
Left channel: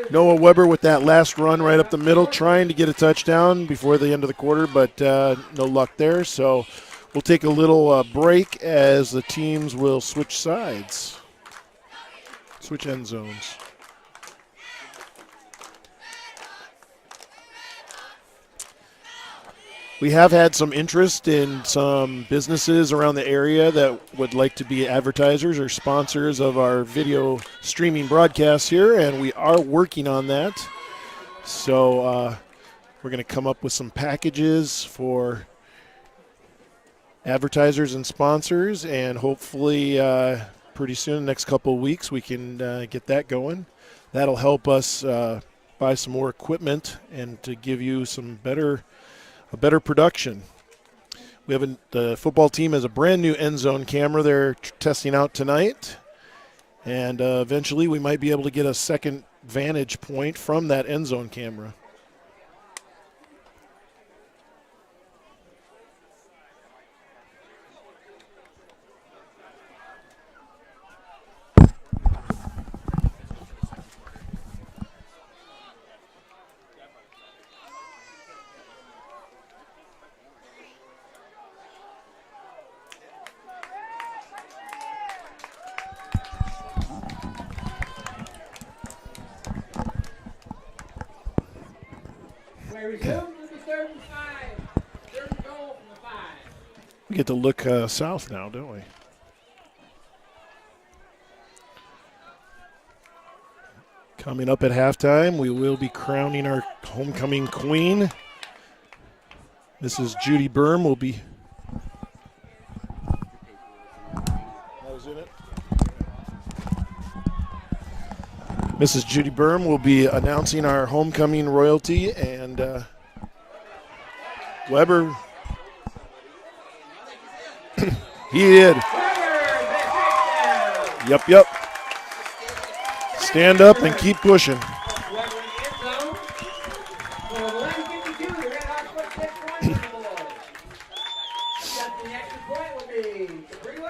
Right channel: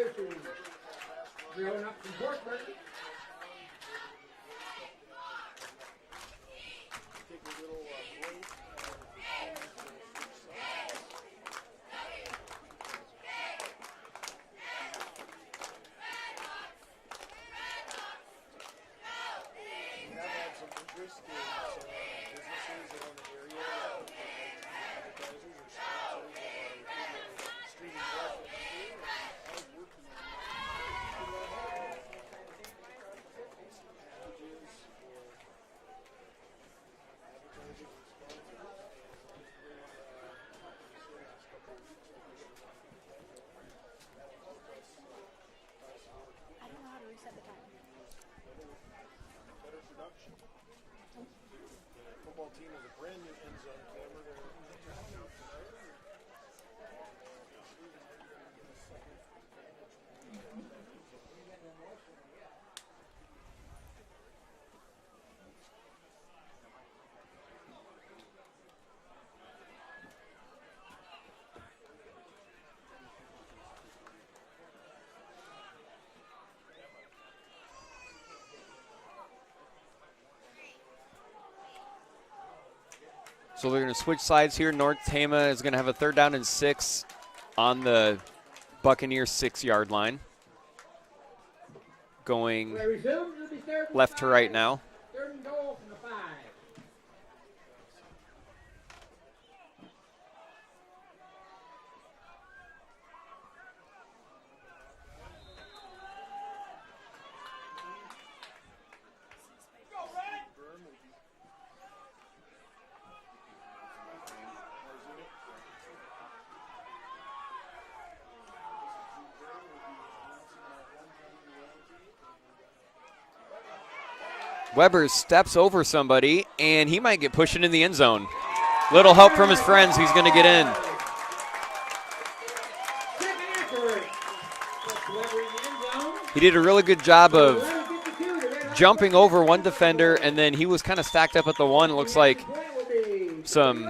Noah Weber with that last run right up the middle, trying to get a touchdown before the end of the quarter, but no luck there. So we'll take a little break as the teams will switch sides, switch end zones. We have had some interest in some businesses around the area that would like to be advertisers or sponsors of our video streaming broadcasts here, and we are working on that. So we're going to come up with some packages for advertisers and sponsors, and hopefully pretty soon, the next couple of weeks, we can get that going. That'll help us buy some more equipment and to give you some better production. We have the football team has a brand new end zone camera they're testing out tonight, and eventually we might be able to get a second vantage point from that end zone camera. So they're going to switch sides here. North Tama is going to have a 3rd down and 6 on the Buccaneers 6-yard line. Going left to right now. We get to look south now, don't we? Coming up at halftime, we will be crowning our homecoming queen. Mrs. Judy Berm will be. Mrs. Judy Berm will be announcing our homecoming royalty, and Weber steps over somebody, and he might get pushed into the end zone. He did. Little help from his friends. He's going to get in. Yep. Stand up and keep pushing. He did a really good job of jumping over one defender, and then he was kind of stacked up at the one. It looks like some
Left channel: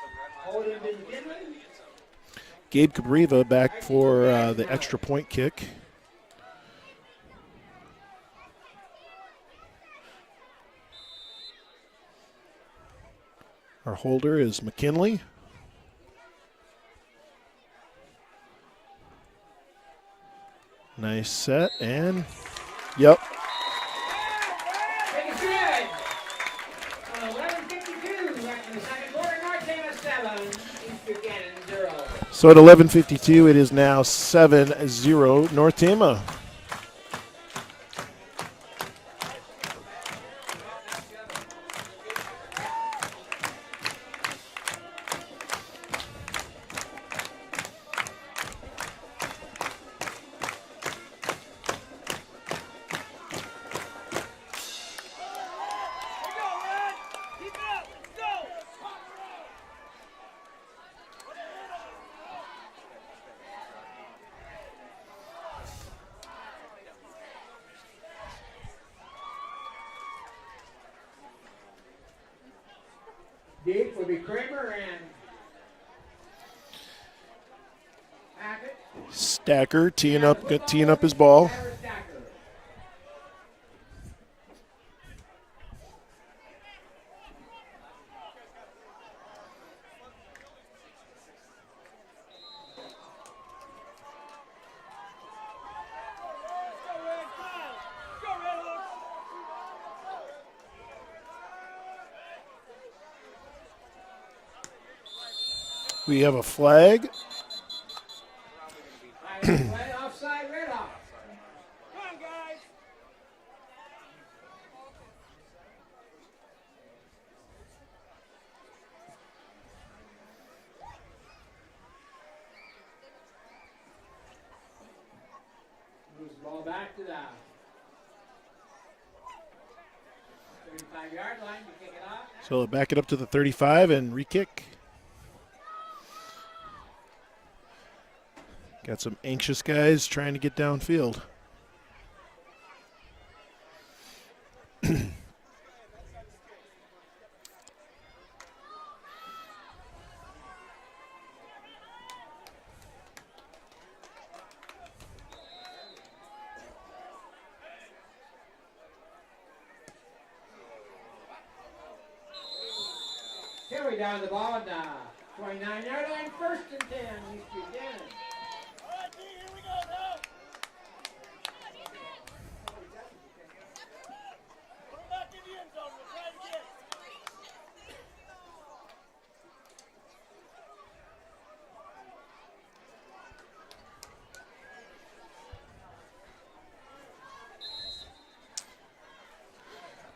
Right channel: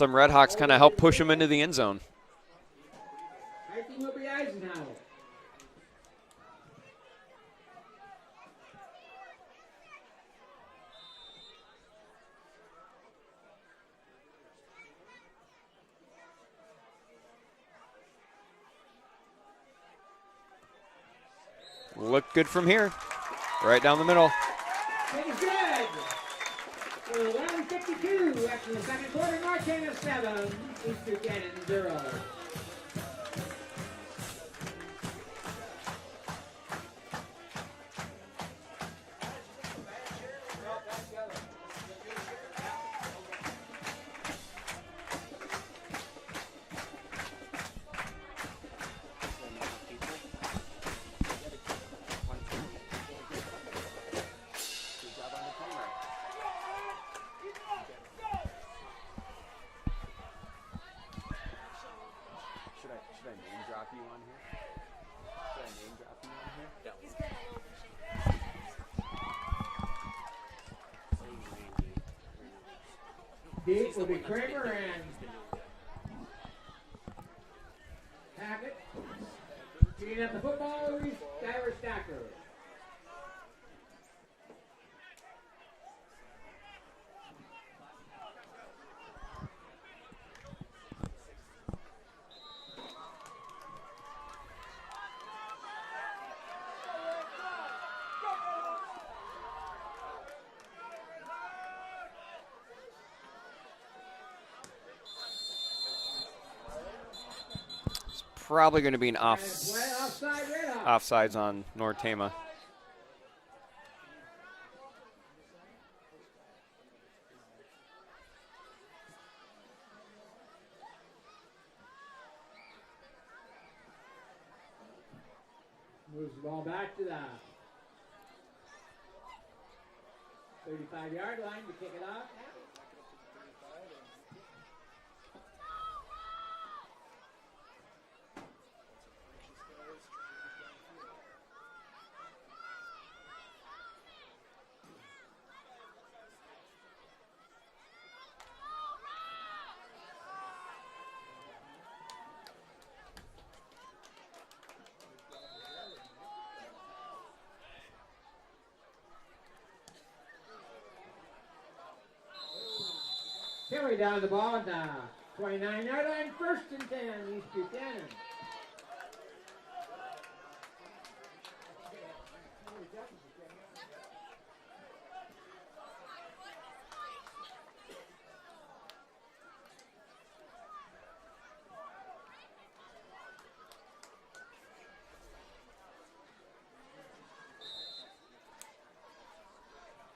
Red Hawks kind of helped push him into the end zone. Gabe Cabriva back for the extra point kick. Our holder is McKinley. Nice set and look good from here. Yep. Right down the middle. Take a set. 11:52 after the second quarter. North Tama 7, East Buchanan 0. So at 11:52, it is now 7-0 North Tama. Deep will be Kramer and Hackett. Stacker teeing up his ball. Stacker. We have a flag. Probably going to be an Offside, Red Hawk. offsides on North Tama. Moves the ball back to the 35-yard line to kick it off. So back it up to the 35 and re-kick. Got some anxious guys trying to get downfield. Carry down the ball at the 29-yard line, 1st and 10, East Buchanan.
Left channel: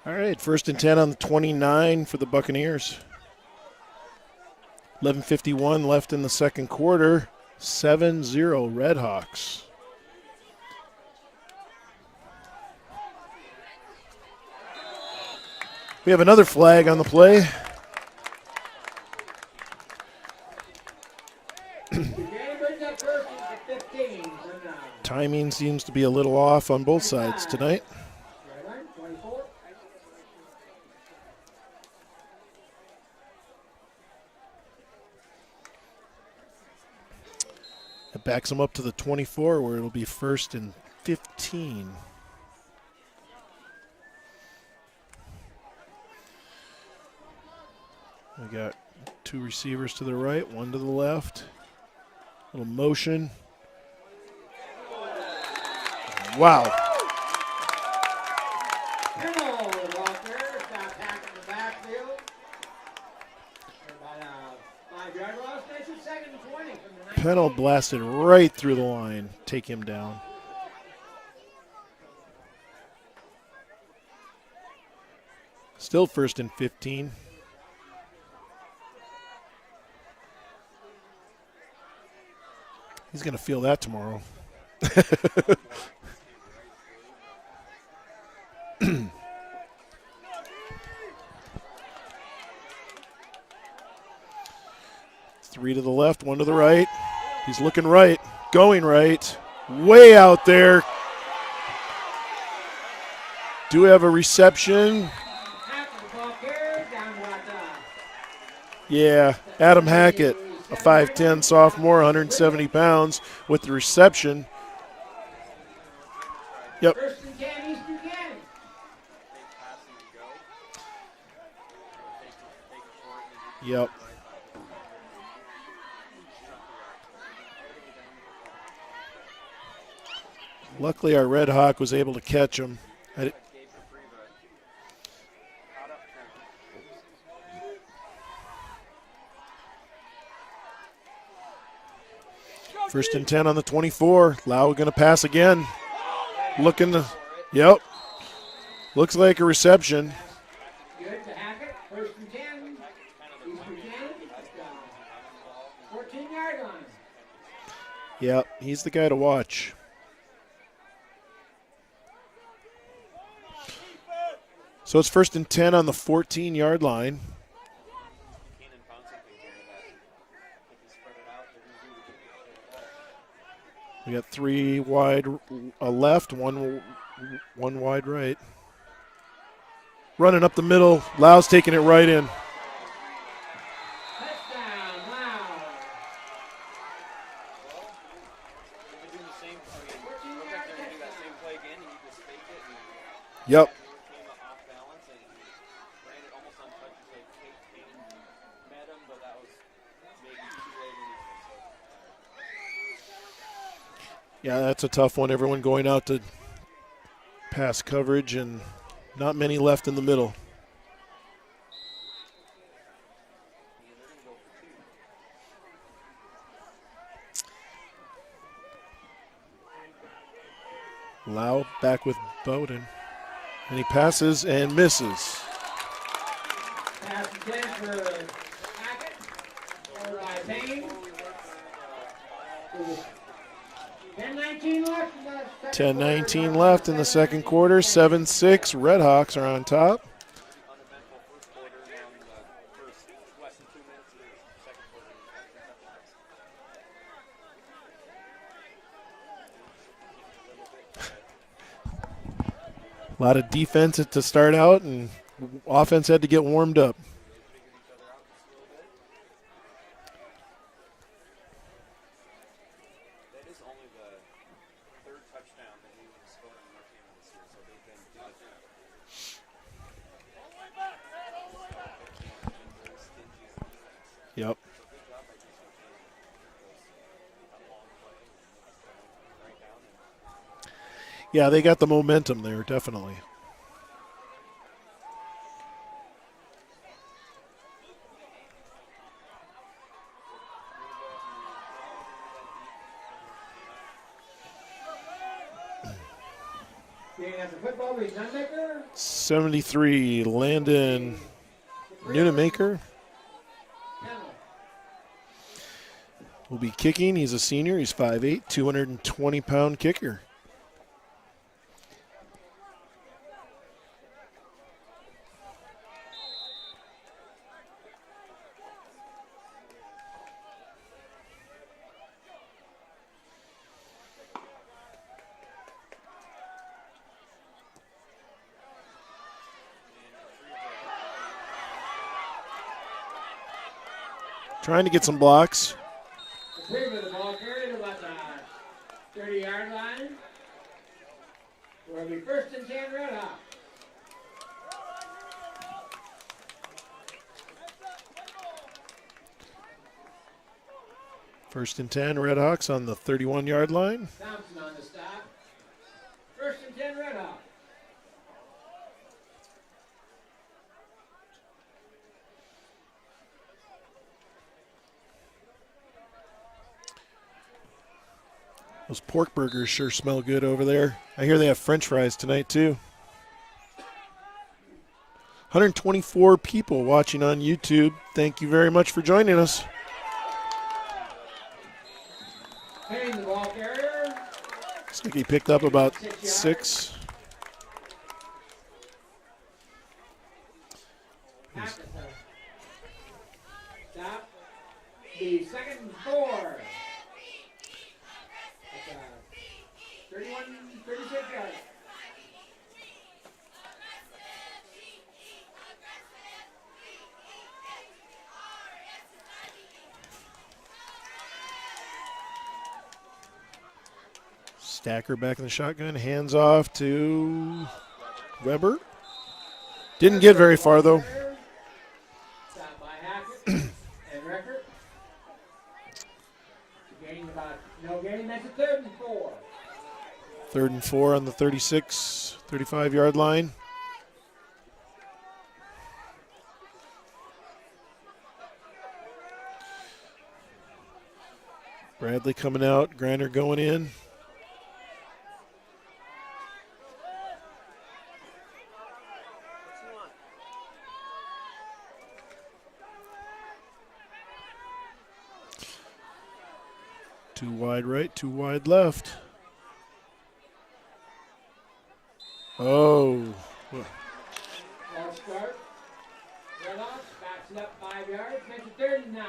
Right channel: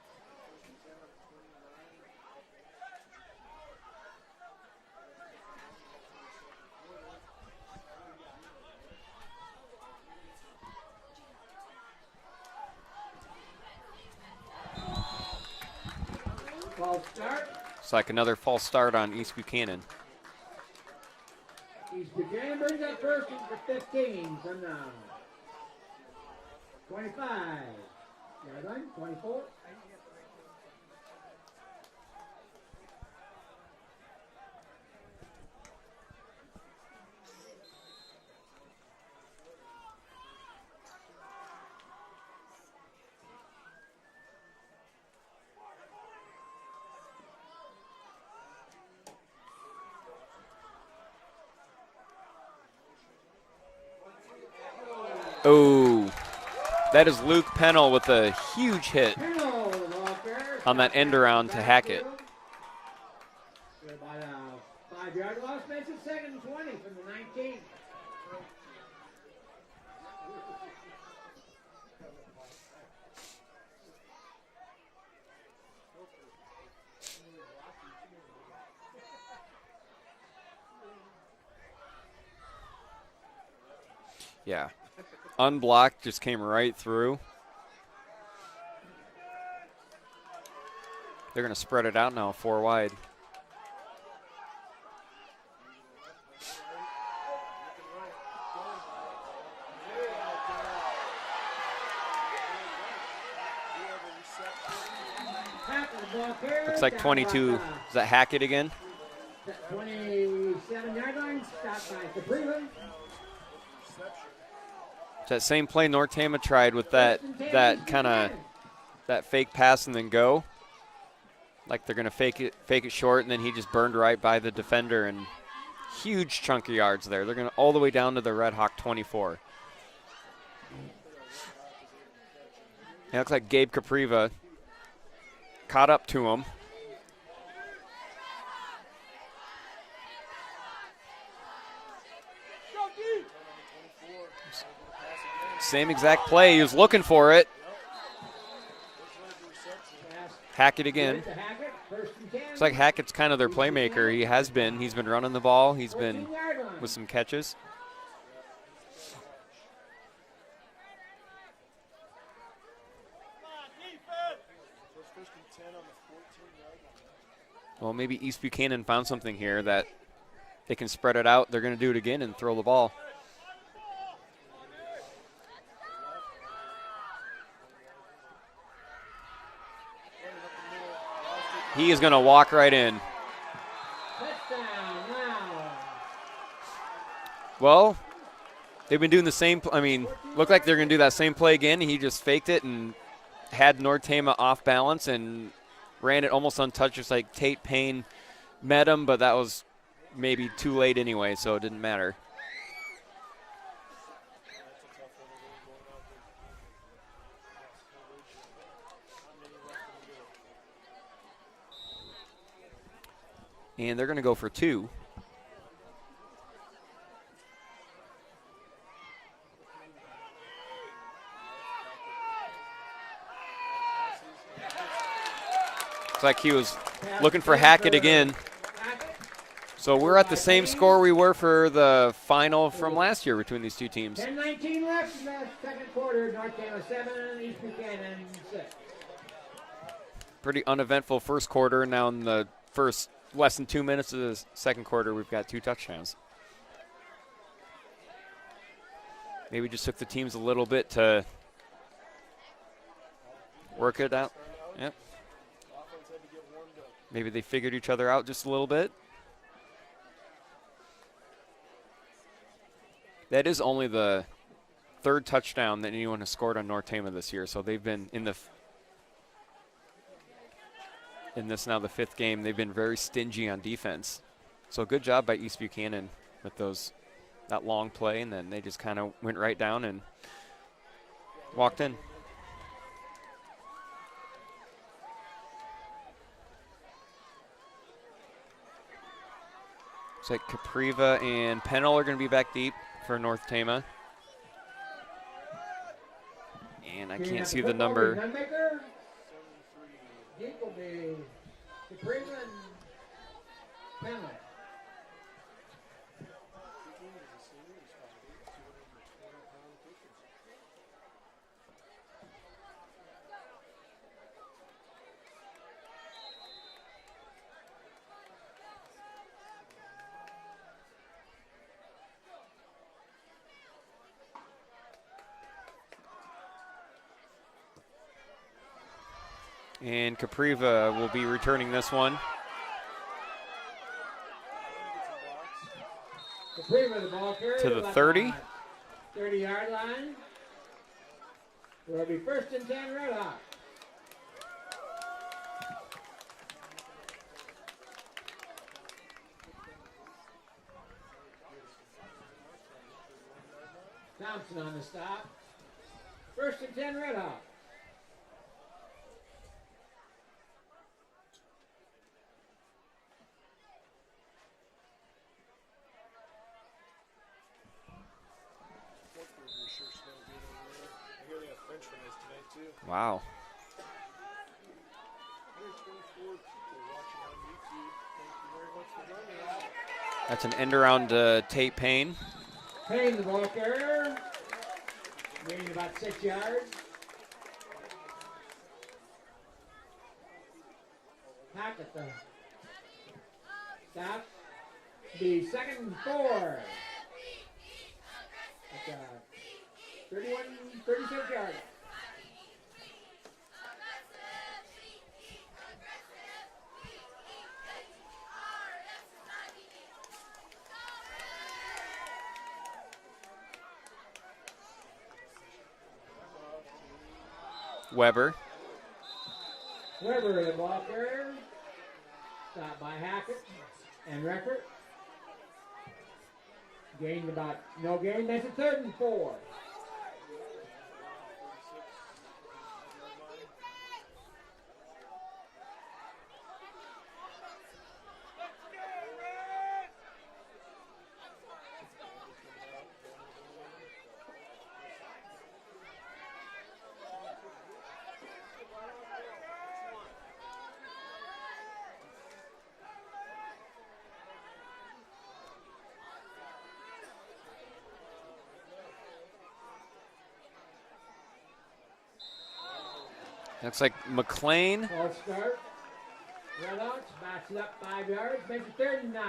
All right, 1st and 10 on the 29 for the Buccaneers. 11:51 left in the second quarter. 7-0 Red Hawks. We have another flag on the play. It's like another false start on East Buchanan. Buchanan brings up 1st and 15 from now. Timing seems to be a little off on both sides tonight. Yard line, 24. It backs them up to the 24 where it'll be 1st and 15. We got 2 receivers to the right, 1 to the left. Little motion. Oh, Wow. that is Luke Pennell with a huge hit Pennell with Walker. on that end around to Hackett. About a 5-yard loss. That's a 2nd and 20 from the 19. Pennell blasted right through the line. Take him down. Still 1st and 15. He's going to feel that tomorrow. Yeah. Unblocked, just came right through. They're going to spread it out now, 4 wide. 3 to the left, 1 to the right. He's looking right, going right, way out there. Do have a reception. Looks like 22. Is that Hackett again? Yeah, Adam Hackett, a 5'10 sophomore, 170 pounds with the reception. It's that same play North Tama tried with Yep. that kind of that fake pass and then go. Like they're going to fake it short, and then he just burned right by the defender, and huge chunk of yards there. They're going to all the way down to the Red Hawk 24. Luckily, our Red Hawk was able to catch him. Yeah, it's like Gabe Capriva caught up to him. First and 10 on the 24. Lau going to pass again. Same exact play. He was looking for it. Yep. Looks like a reception. Hackett again. It's like Hackett's kind of their playmaker. He has been. He's been running the ball. He's been with some catches. Yep, he's the guy to watch. So it's first and 10 on the 14-yard line. Well, maybe East Buchanan found something here that they can spread it out. They're going to do it again and throw the ball. We got 3 wide left, one wide right. Running up the middle. Lau's taking it right in. He's going to walk right in. Well, they've been doing the same. I mean, looked like they're going to do that same play again. He just faked it and had North Tama off balance and ran it almost untouched. Just like Tate Payne met him, but that was maybe too late anyway, so it didn't matter. Yeah, that's a tough one. Everyone going out to pass coverage and not many left in the middle. And they're going to go for 2. Lau back with Bowden. And he passes and misses. It's like he was looking for Hackett again. So we're at the same score we were for the final from last year between these two teams. 10-19 left in the second quarter. 7-6. Redhawks are on top. Pretty uneventful first quarter. Now in the first less than 2 minutes of the second quarter, we've got 2 touchdowns. Maybe just took the teams a little bit to. A lot of defense to start out, and offense had to get warmed up. Maybe they figured each other out just a little bit. That is only the 3rd touchdown that anyone has scored on North Tama this year. So they've been in this now the 5th game. They've been very stingy on defense. Yep. So good job by East Buchanan with that long play, and then they just kind of went right down and. Yeah, they got the momentum there, definitely. Looks like Capriva and Pennell are going to be back deep for North Tama. And I can't see the number. 73, Landon Nunemaker will be kicking. He's a senior. He's 5'8", 220-pound kicker. And Capriva will be returning this one. Trying to get some blocks. To the 30. 30-yard line. Will be first and 10 Red Hawk. First and 10 Redhawks on the 31-yard line. Thompson on the stop. First and 10 Red Hawk. Those pork burgers sure smell good over there. I hear they have French fries tonight, too. Wow. 124 people watching on YouTube. Thank you very much for joining us. That's an end around Tate Payne. Payne, the ball carrier. Looks like he picked up about 6. Stop. The second and 4. That's 36 yards. Stacker back in the shotgun, hands off to Weber. Didn't get very far, though. Stop by Hackett and Record. Gained about no gain. That's a 3rd and 4. 3rd and 4 on the 36, 35-yard line. Bradley coming out, Grinder going in. Too wide right, too wide left. Oh. Looks like McLean. False start. Red Hawks backs it up 5 yards. Makes it 3rd and 9.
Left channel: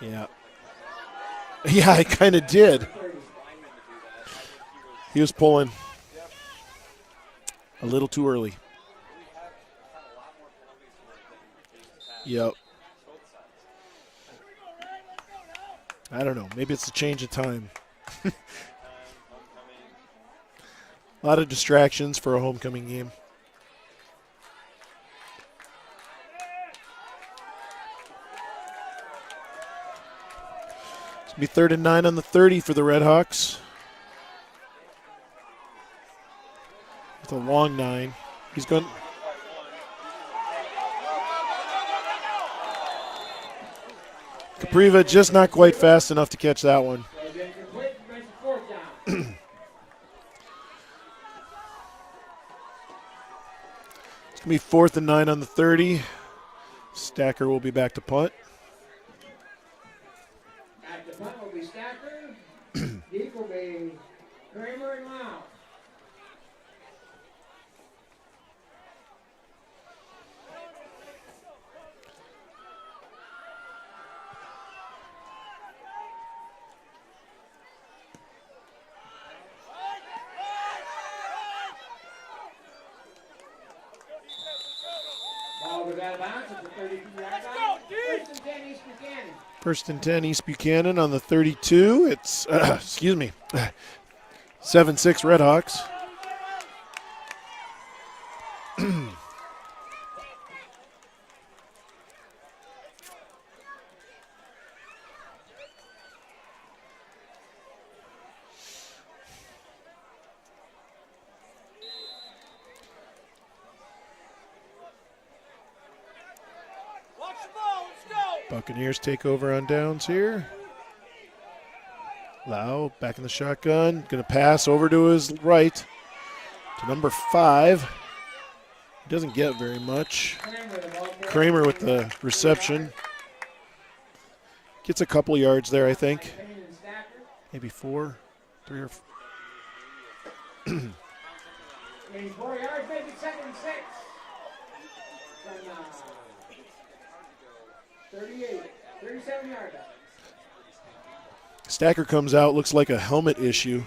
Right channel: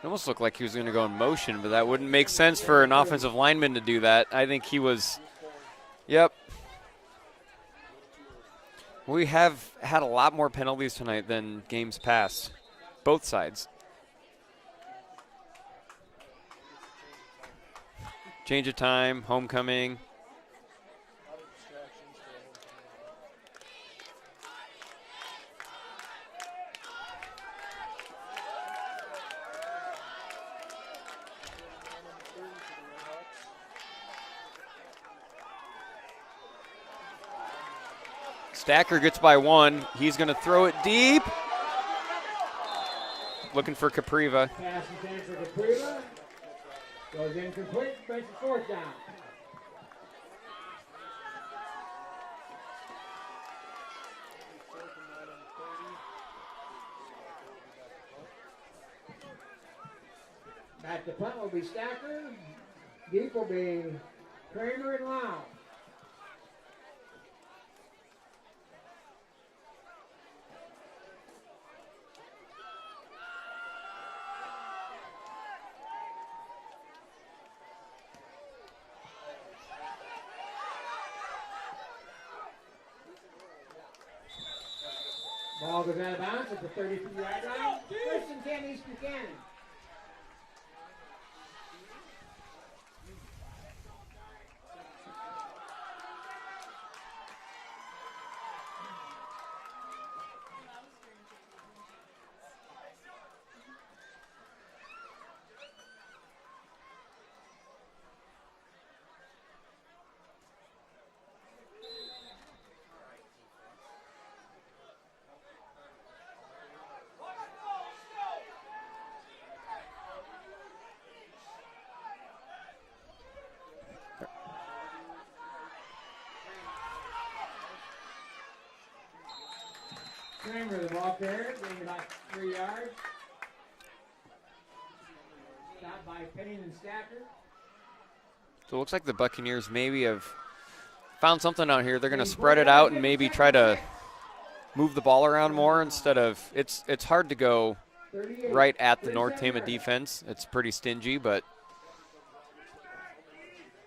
It almost looked like he was going to go in motion, but yeah, that it makes kind of sense did for an offensive lineman to do that. I think he was. He was pulling. Yep. A little too early. We have had a lot more penalties tonight than games past. Yep. Both sides. I don't know. Maybe it's a change of time. Change of time, homecoming. A lot of distractions for a homecoming game. It's going to be 3rd and 9 on the 30 for the Red Hawks. It's a long 9. Stacker gets by 1. He's going to throw it deep. Looking for Capriva. Capriva just not quite fast enough to catch that one. Goes incomplete. Makes it 4th down. It's going to be 4th and 9 on the 30. Stacker will be back to punt. Back to punt will be Stacker. Deep will be Kramer and Lau. Ball goes out of bounds at the 32-yard line. 1st and 10 East Buchanan. 1st and 10 East Buchanan on the 32. It's, 7-6 Red Hawks. Buccaneers take over on downs here. Lau back in the shotgun. Going to pass over to his right to number 5. He doesn't get very much. Kramer with the reception. Gets a couple yards there, I think. Maybe 4. So it looks like the Buccaneers maybe have found something out here. They're going to spread it out and maybe try to move the ball around more instead of – it's hard to go right at the North Tama defense. It's pretty stingy, but – Stacker comes out, looks like a helmet issue.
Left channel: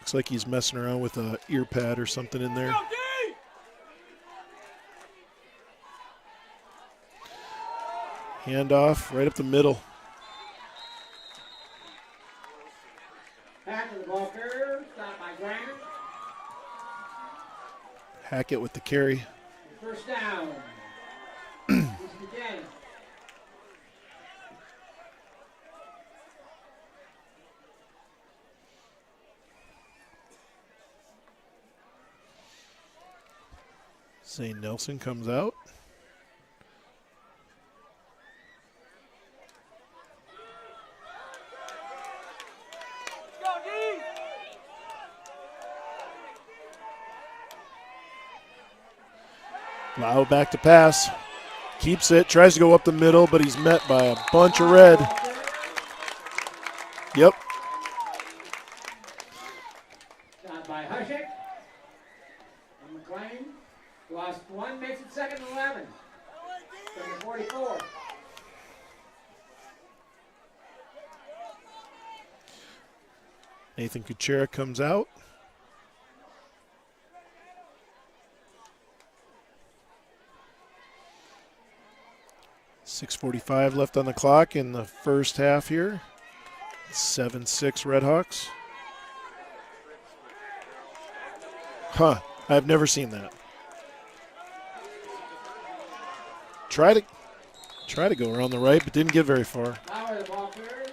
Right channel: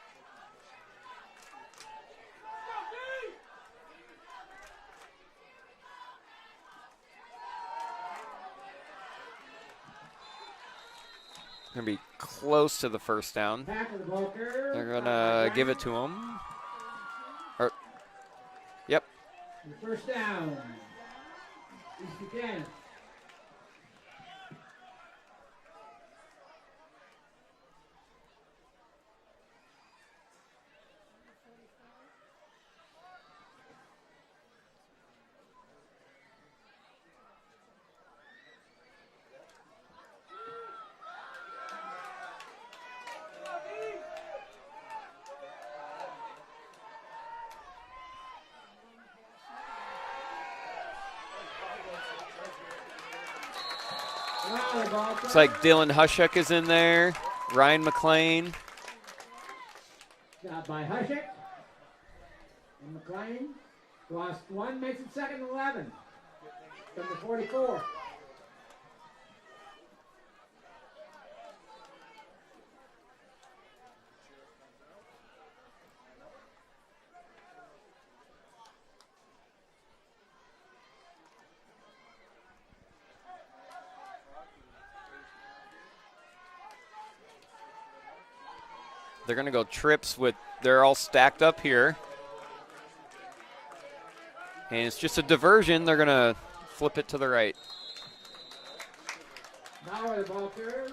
Looks like he's messing around with a ear pad or something in there. Handoff right up the middle. Going to be close to the first down. They're going to give it to him. Hackett with the carry. Yep. First down. East Buchanan. Zane Nelson comes out. Lau back to pass. Keeps it, tries to go up the middle, but he's met by a bunch of red. It's like Dylan Hushek is in there. Yep. Ryan McLean. Shot by Hushek. And McLean lost 1, makes it second and 11. From the 44. Nathan Kuchera comes out. .6:45 left on the clock in the first half here. 7-6 Redhawks. They're going to go trips with, they're all stacked up here. Huh, I've never seen that. And it's just a diversion. They're going to try it to the right. Try to go around the right, but didn't get very far. Now where the ball carrier.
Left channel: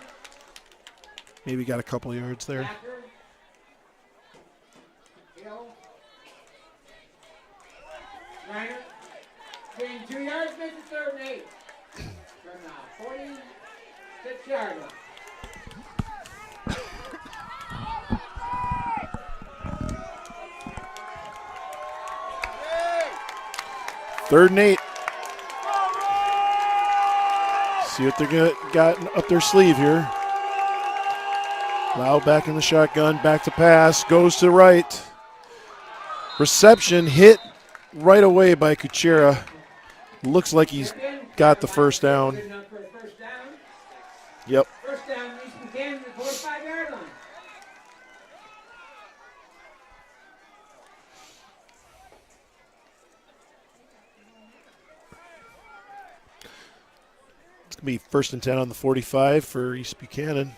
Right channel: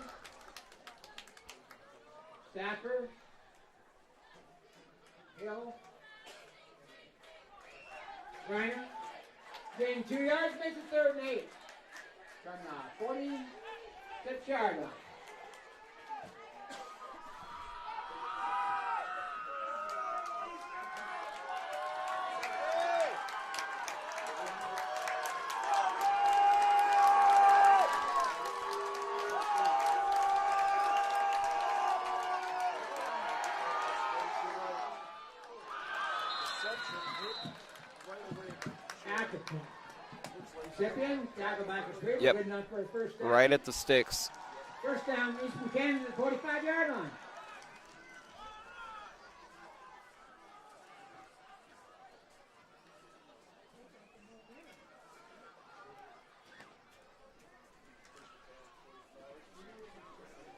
Maybe got a couple yards there. Backer. Hill. Reiner. Gain 2 yards, makes it third and 8. From the 46-yard line. Third and 8. See what they're got up their sleeve here. Lau back in the shotgun, back to pass, goes to right. Reception hit right away by Kuchera. Looks like he's got the first down. Yep. Right at the sticks. Yep. First down, East Buchanan at the 45-yard line. It's going to be 1st and 10 on the 45 for East Buchanan.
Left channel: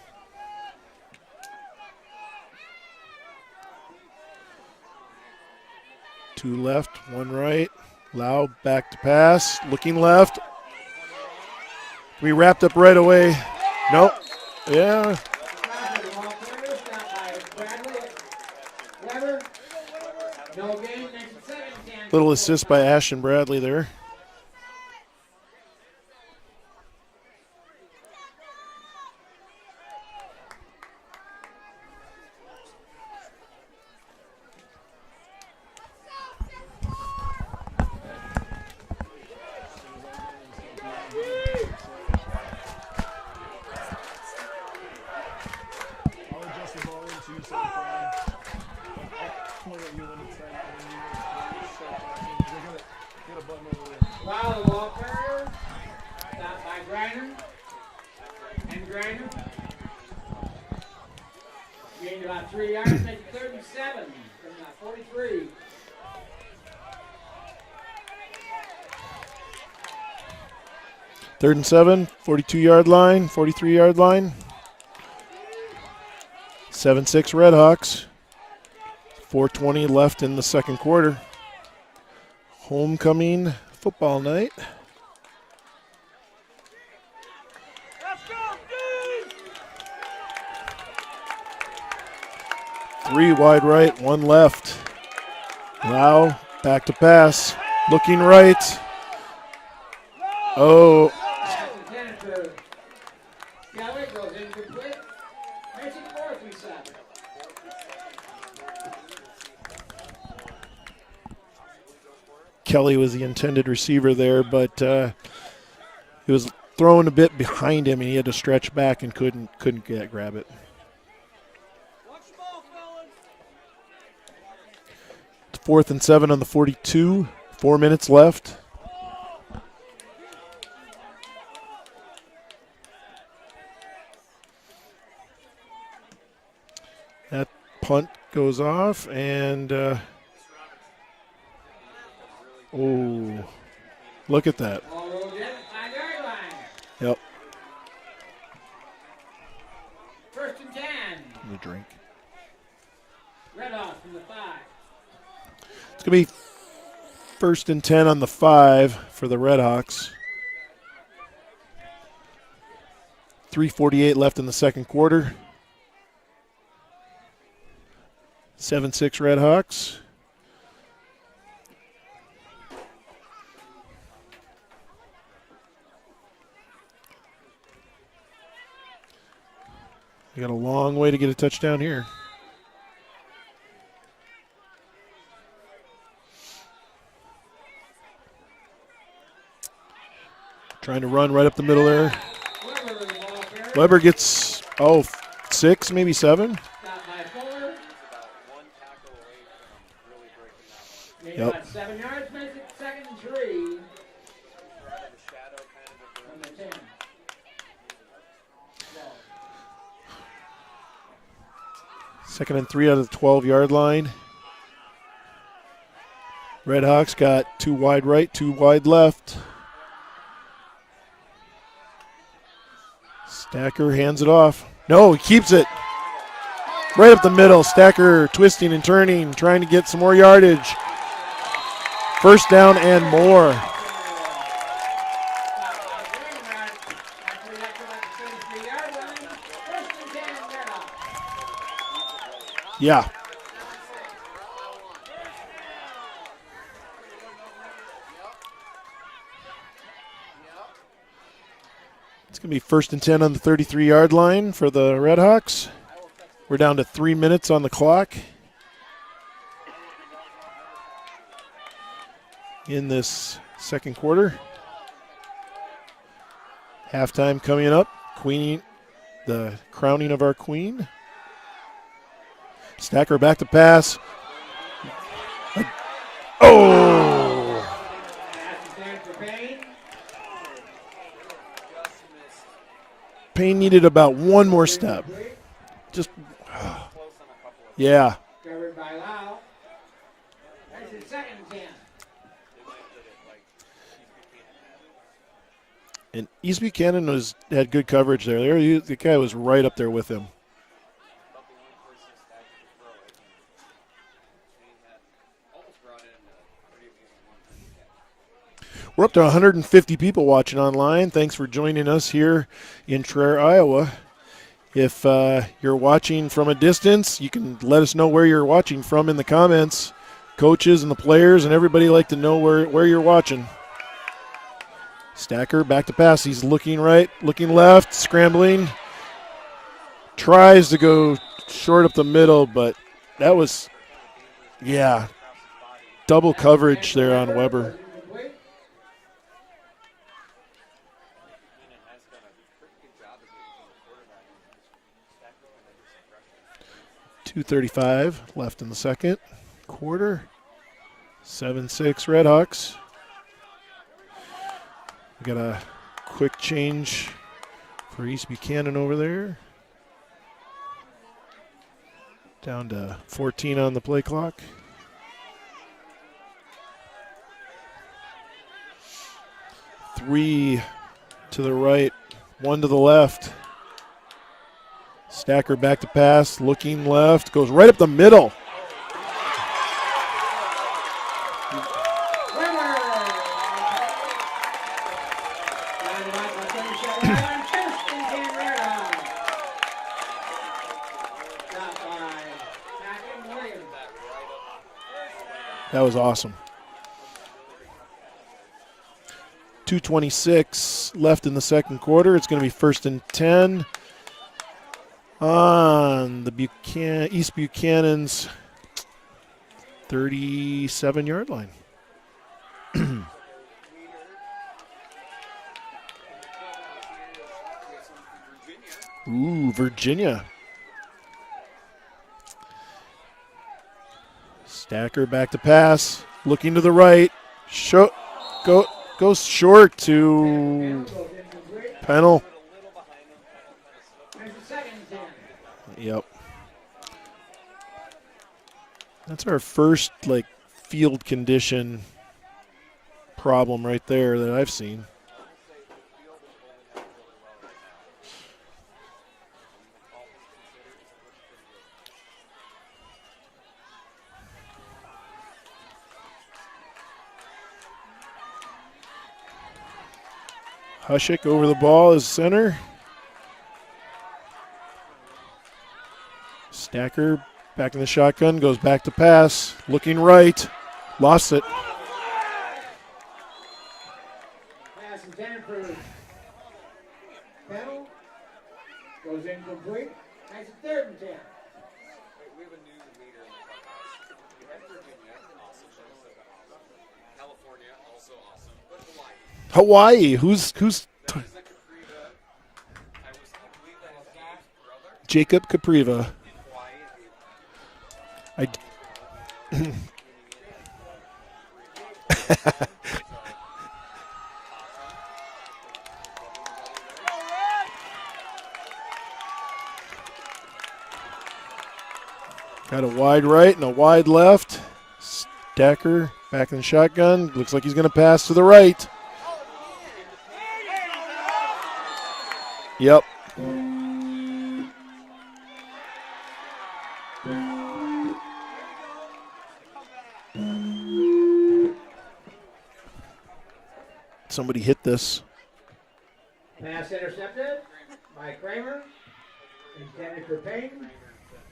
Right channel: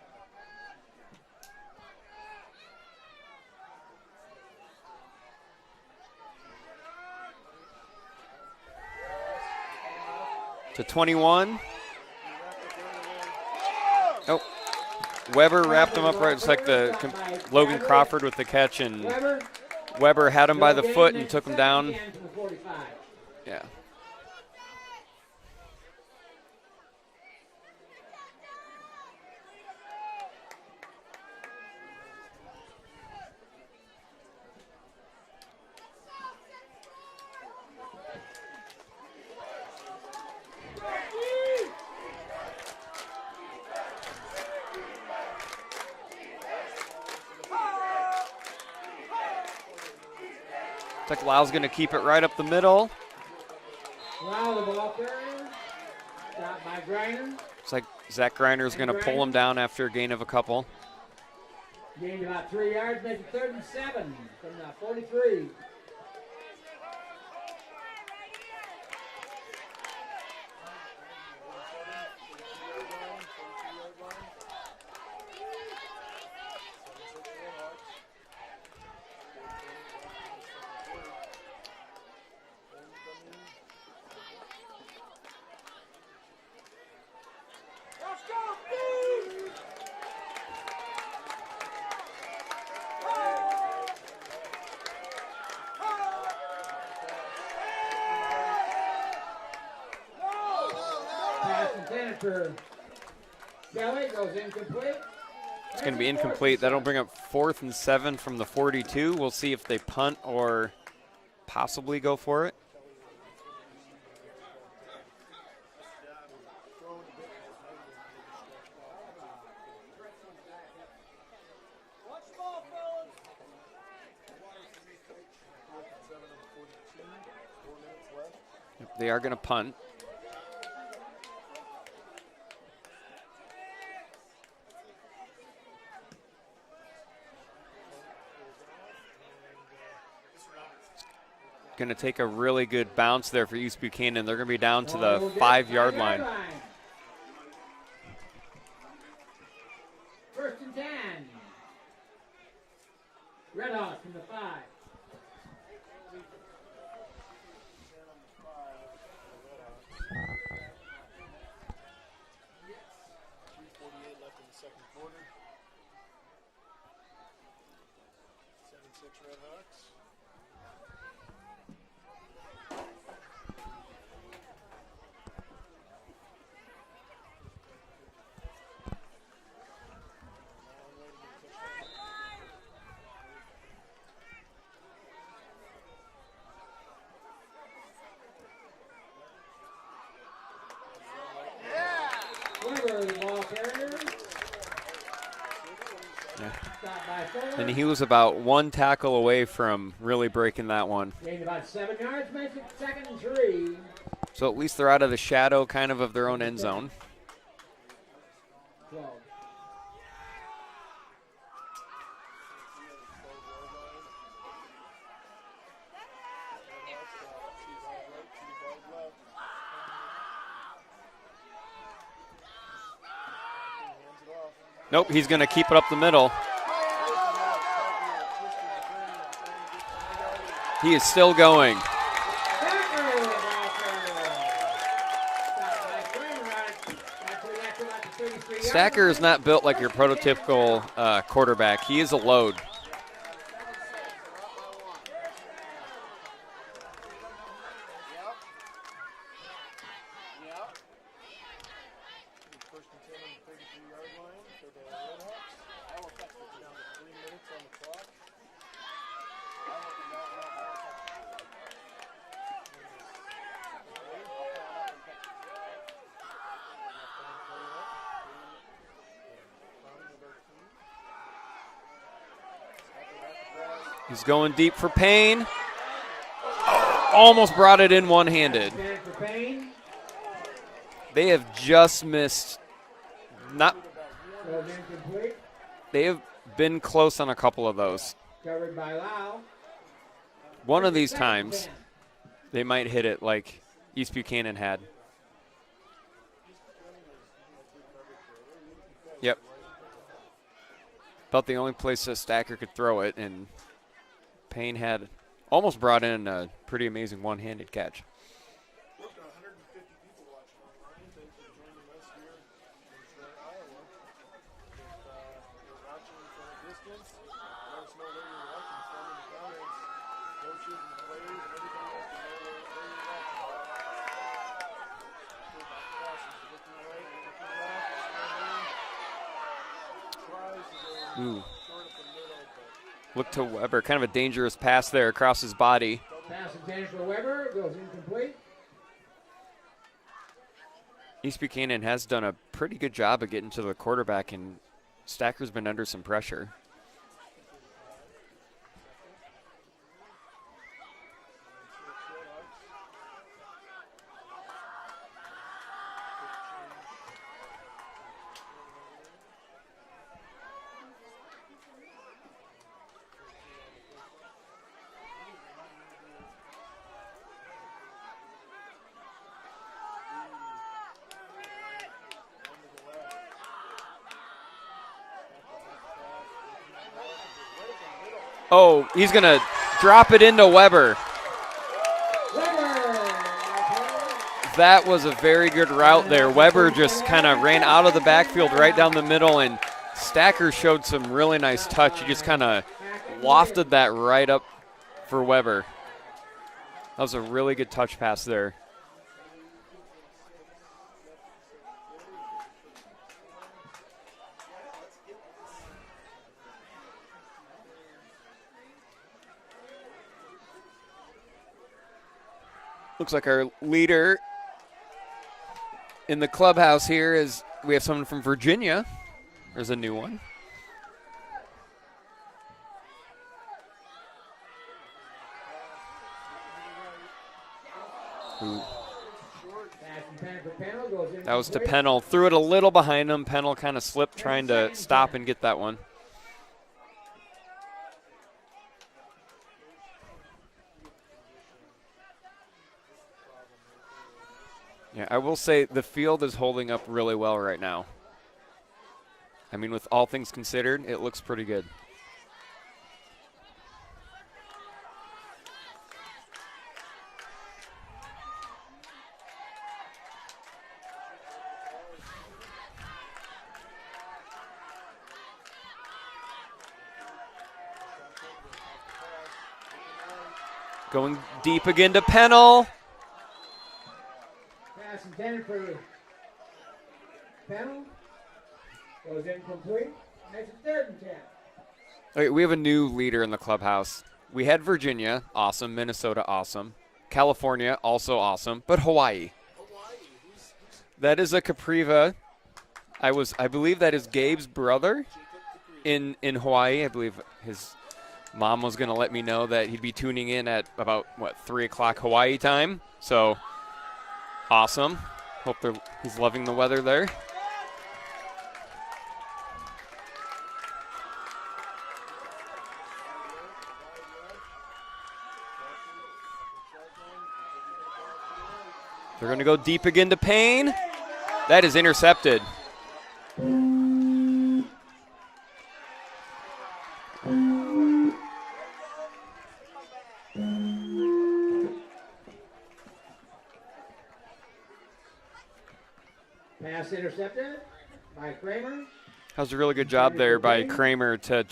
Two left, one right. Lau back to pass, looking left. To 21. We wrapped up right away. Nope. Nope. Yeah. Weber wrapped him up right. It's like the Logan Crawford with the catch, and Weber had him by the foot and took him down. Little assist by Ashton Bradley there. Looks like Lyle's going to keep it right up the middle. Lyle the ball carrier. Stopped by Griner. Looks like Zach Griner is going to pull him down after a gain of a couple. Gained about 3 yards, make it 37 from 43. Third and 7, 42-yard line, 43-yard line. 7-6 Redhawks. 4:20 left in the second quarter. Homecoming football night. Let's go, dude! 3 wide right, 1 left. Lau back to pass, looking right. Oh. It's going to be incomplete. That'll bring up 4th and 7 from the 42. We'll see if they punt or possibly go for it. Kelly was the intended receiver there, but he was thrown a bit behind him, and he had to stretch back and couldn't grab it. It's 4th and 7 on the 42. 4 minutes left. They are going to punt. That punt goes off, and going to take a really good bounce there for East Buchanan. They're going to be down to the 5-yard line. Yep. 1st and 10. Let me drink. Red off from the 5. It's going to be 1st and 10 on the 5 for the Redhawks. 3:48 left in the second quarter. 7-6 Redhawks. We got a long way to get a touchdown here. Trying to run right up the middle there. Weber gets, 6, maybe 7. And he was about one tackle away from really breaking that one. About 7 yards, makes it 2nd and 3. So at least they're out of the shadow kind of their own end zone. Second and 3 out of the 12-yard line. Redhawks got 2 wide right, 2 wide left. Stacker hands it off. No, he keeps it. Keep it up the middle. Right up the middle. Stacker twisting and turning, trying to get some more yardage. He is still going. First down and more. Stacker is not built like your prototypical quarterback. He is a load. Yeah. It's going to be 1st and 10 on the 33-yard line for the Redhawks. We're down to 3 minutes on the clock in this second quarter. Halftime coming up. Queen, the crowning of our queen. Stacker back to pass. He's going deep for Payne. Oh! Almost brought it in one-handed. They have just missed. Payne needed about one more step. They have been close on a couple of those. Yeah. One of these times, they might hit it like East Buchanan had. And East Buchanan had good coverage there. The guy was right up there with him. About the only place a Stacker could throw it, and Payne had almost brought in a pretty amazing one-handed catch. We're up to 150 people watching online. Thanks for joining us here in Traer, Iowa. If you're watching from a distance, you can let us know where you're watching from in the comments. Coaches and the players and everybody like to know where you're watching. Stacker back to pass. He's looking right, looking left, scrambling. Tries to go short up the middle, but that was Weber. Kind of a dangerous pass there across his body. Double coverage there on Weber. East Buchanan has done a pretty good job of getting to the quarterback, and Stacker's been under some pressure. 2:35 left in the second quarter. 7-6 Redhawks. Got a quick change for East Buchanan over there. Down to 14 on the play clock. Three to the right, 1 to the left. Stacker back to pass, looking left, goes right up the middle. Oh, he's going to drop it into Weber. That was a very good route there. Weber just kind of ran out of the backfield right down the middle, and Stacker showed some really nice touch. He just kind of wafted that right up for Weber. That was awesome. That was a really good touch pass there. 2:26 left in the second quarter. It's going to be 1st and 10 on the East Buchanan's 37-yard line. Looks like our leader in the clubhouse here is we have someone from Virginia. Ooh, Virginia. Stacker back to pass, looking to the right. Goes short to. That was to Pennell. Threw it a little behind him. Pennell kind of slipped trying to stop and get that one. Yep. That's our first field condition problem right there that I've seen. Yeah, I will say the field is holding up really well right now. I mean, with all things considered, it looks pretty good. Hushik over the ball is center. Stacker back in the shotgun, goes back to pass, looking right, lost it. Deep again to Pennell. Pass intended for Pennell. Goes incomplete. That's 3rd and 10. Okay, we have a new leader in the clubhouse. We had Virginia, awesome. Minnesota, awesome. California, also awesome. But Hawaii. Who's that is a Capriva. I believe that is Gabe's brother. Jacob Capriva. In Hawaii, I believe. His mom was going to let me know that he'd be tuning in at about, 3 o'clock Hawaii time. So, awesome. Hope he's loving the weather there. Got a wide right and a wide left. Stacker back in the shotgun. Looks like he's going to pass to the right. They're going to go deep again to Payne. That is intercepted. Yep. Somebody hit this. Pass intercepted by Kramer. That was a really good job there by Kramer to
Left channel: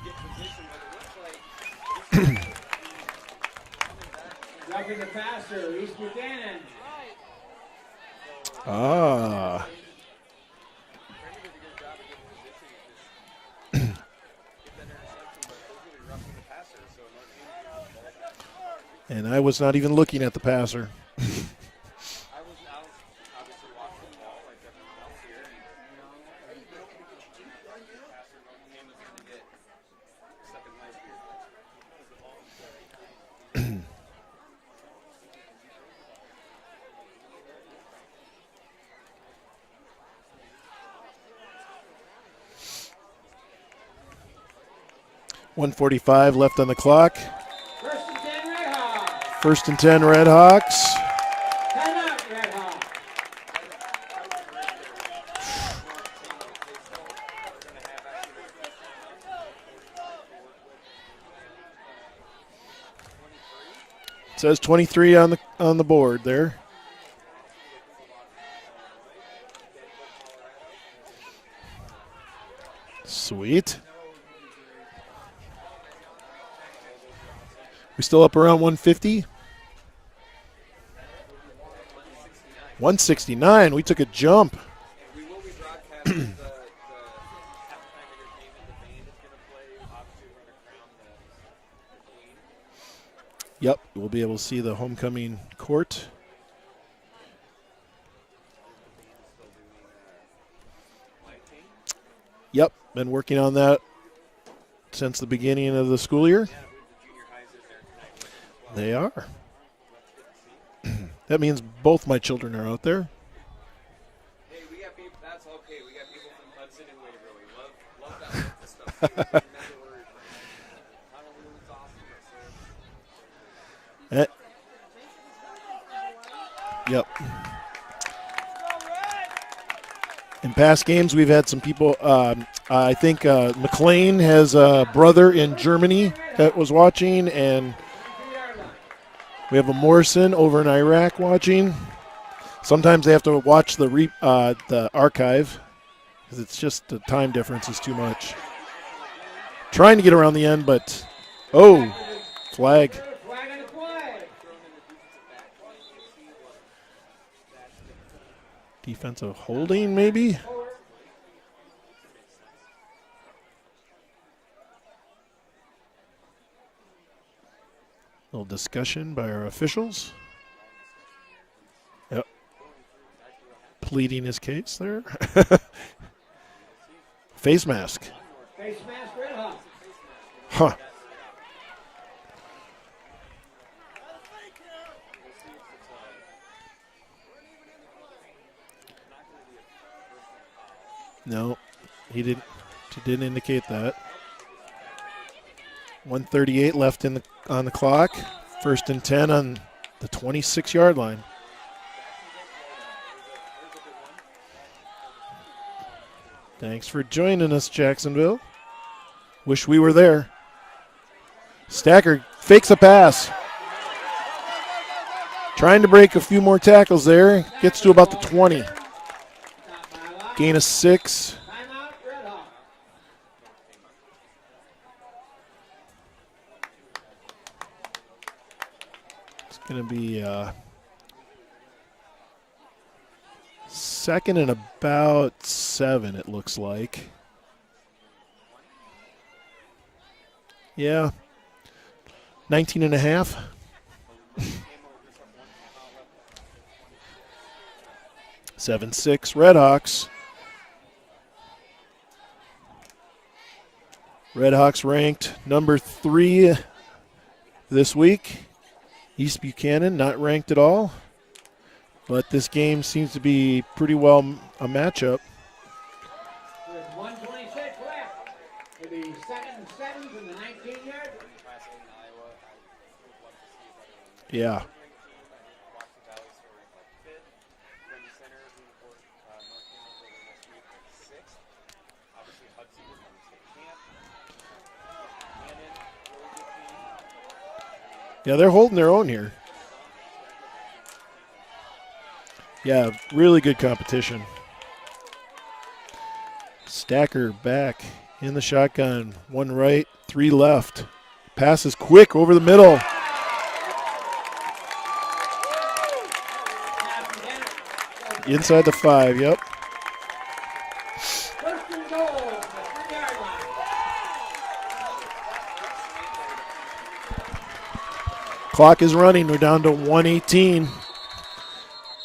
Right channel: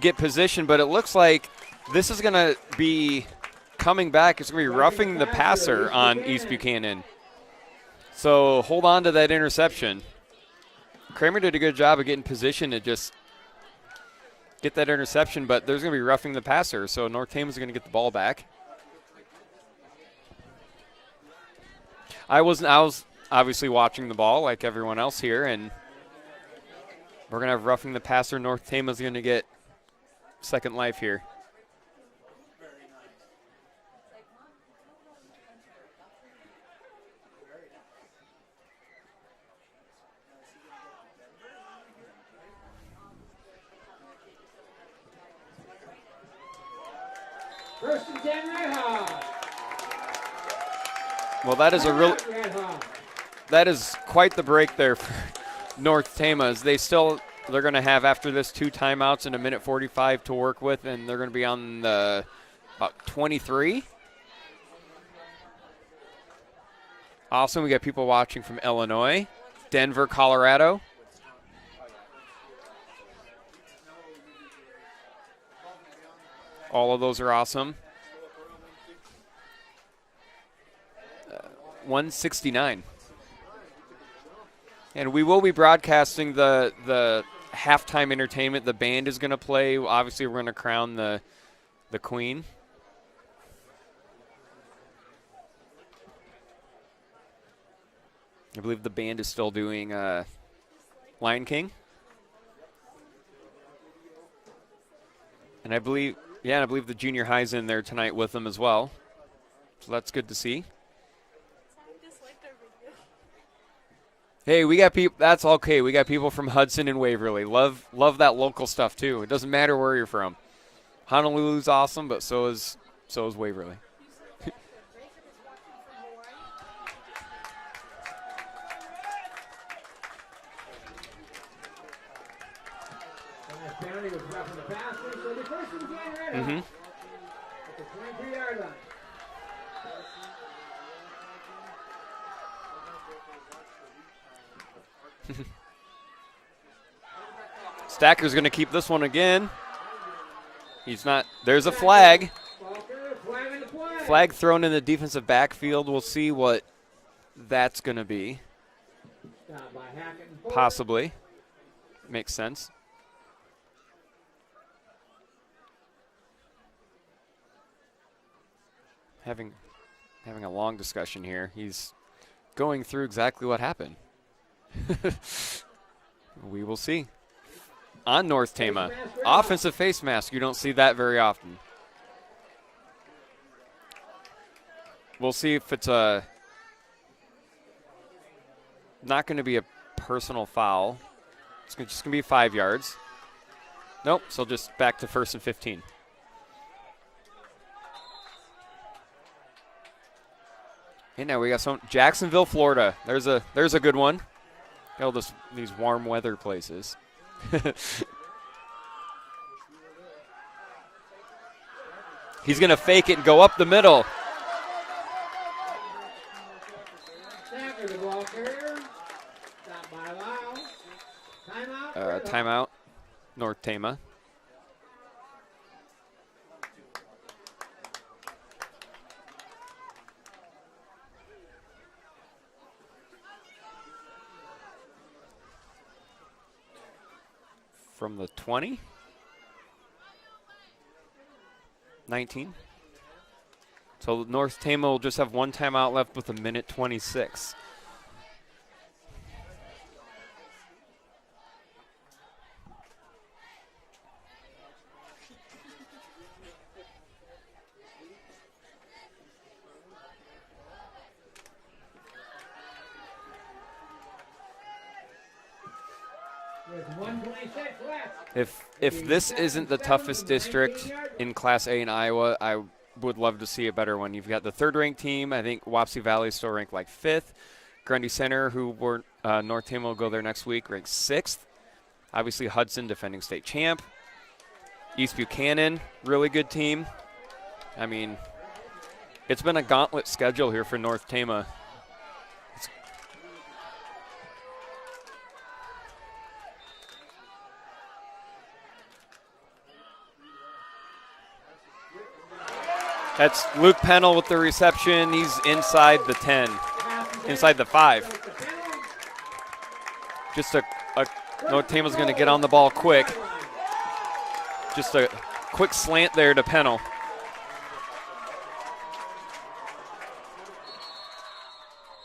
get position, but it looks like this is going to be coming back. It's going to be roughing the passer on East Buchanan. So hold on to that interception. Kramer did a good job of getting position to just get that interception, but there's going to be roughing the passer, so North Tama's going to get the ball back. And I was not even looking at the passer. I was obviously watching the ball like everyone else here, and we're going to have roughing the passer. North Tama's going to get second life here. .145 left on the clock. First and 10 Redhawks. Well, that is quite the break there for North Tama's. They're going to have after this 2 timeouts and a minute 45 to work with, and they're going to be on the about 23. It says 23 on the board there. Awesome. We got people watching from Illinois, Denver, Colorado. Sweet. All of those are awesome. We still up around 150? 169. 169. We took a jump. And we will be broadcasting the halftime entertainment. The band is going to play. Obviously, we're going to crown the queen. Yep. We'll be able to see the homecoming court. I believe the band is still doing Lion King. Yep. Been working on that since the beginning of the school year. Yeah, and I believe the junior high's in there tonight with them as well. They are. So that's good to see. That means both my children are out there. Hey, we got people. That's okay. We got people from Hudson and Waverly. Love that local stuff too. It doesn't matter where you're from. Honolulu's awesome, but so is Waverly. Yep. In past games, we've had some people. I think McLean has a brother in Germany that was watching, and we have a Morrison over in Iraq watching. Sometimes they have to watch the archive because it's just the time difference is too much. Stacker's going to keep this one again. Trying to get around the end, but he's not. There's a flag. Flag thrown in the defensive backfield. We'll see what that's going to be. Defensive holding, maybe? Possibly. Makes sense. Little discussion by our officials. Having a long discussion here. He's going through exactly what happened. Pleading his case there. We will see. Face mask. On North Tama. Offensive face mask. You don't see that very often. We'll see if it's not going to be a personal foul. No. It's just going to be 5 yards. He didn't indicate that. Nope. So just back to 1st and 15. 1:38 left on the clock. 1st and 10 on the 26-yard line. Hey, now we got some Jacksonville, Florida. There's a good one. These warm weather places. Thanks for joining us, Jacksonville. Wish we were there. Stacker fakes a pass. Fake it, go up the middle. Trying to break a few more tackles there. Gets to about the 20. Gain of 6. Timeout. North Tama. It's going to be 2nd and about 7, it looks like. From the 20? Yeah. 19? 19 and a half. So North Tama will just have 1 timeout left with a minute 26. 7-6 Redhawks. Redhawks ranked number 3 this week. East Buchanan not ranked at all. But this game seems to be pretty well a matchup. If this isn't the toughest district in Class A in Iowa, I would love to see a better one. You've got the third-ranked team. I think Wapsie Valley is still ranked like 5th. Grundy Center, who were North Tama will go there next week, ranked 6th. Obviously Hudson, defending state champ. East Buchanan, really good team. I mean, yeah, they're holding their own here. It's been a gauntlet schedule here for North Tama. Yeah, really good competition. Stacker back in the shotgun. 1 right, 3 left. Pass is quick over the middle. That's Luke Pennell with the reception. He's inside the 10, inside the 5. Inside the 5, yep. Just North Tama's going to get on the ball quick. Just a quick slant there to Pennell. Clock is running. We're down to 1:18.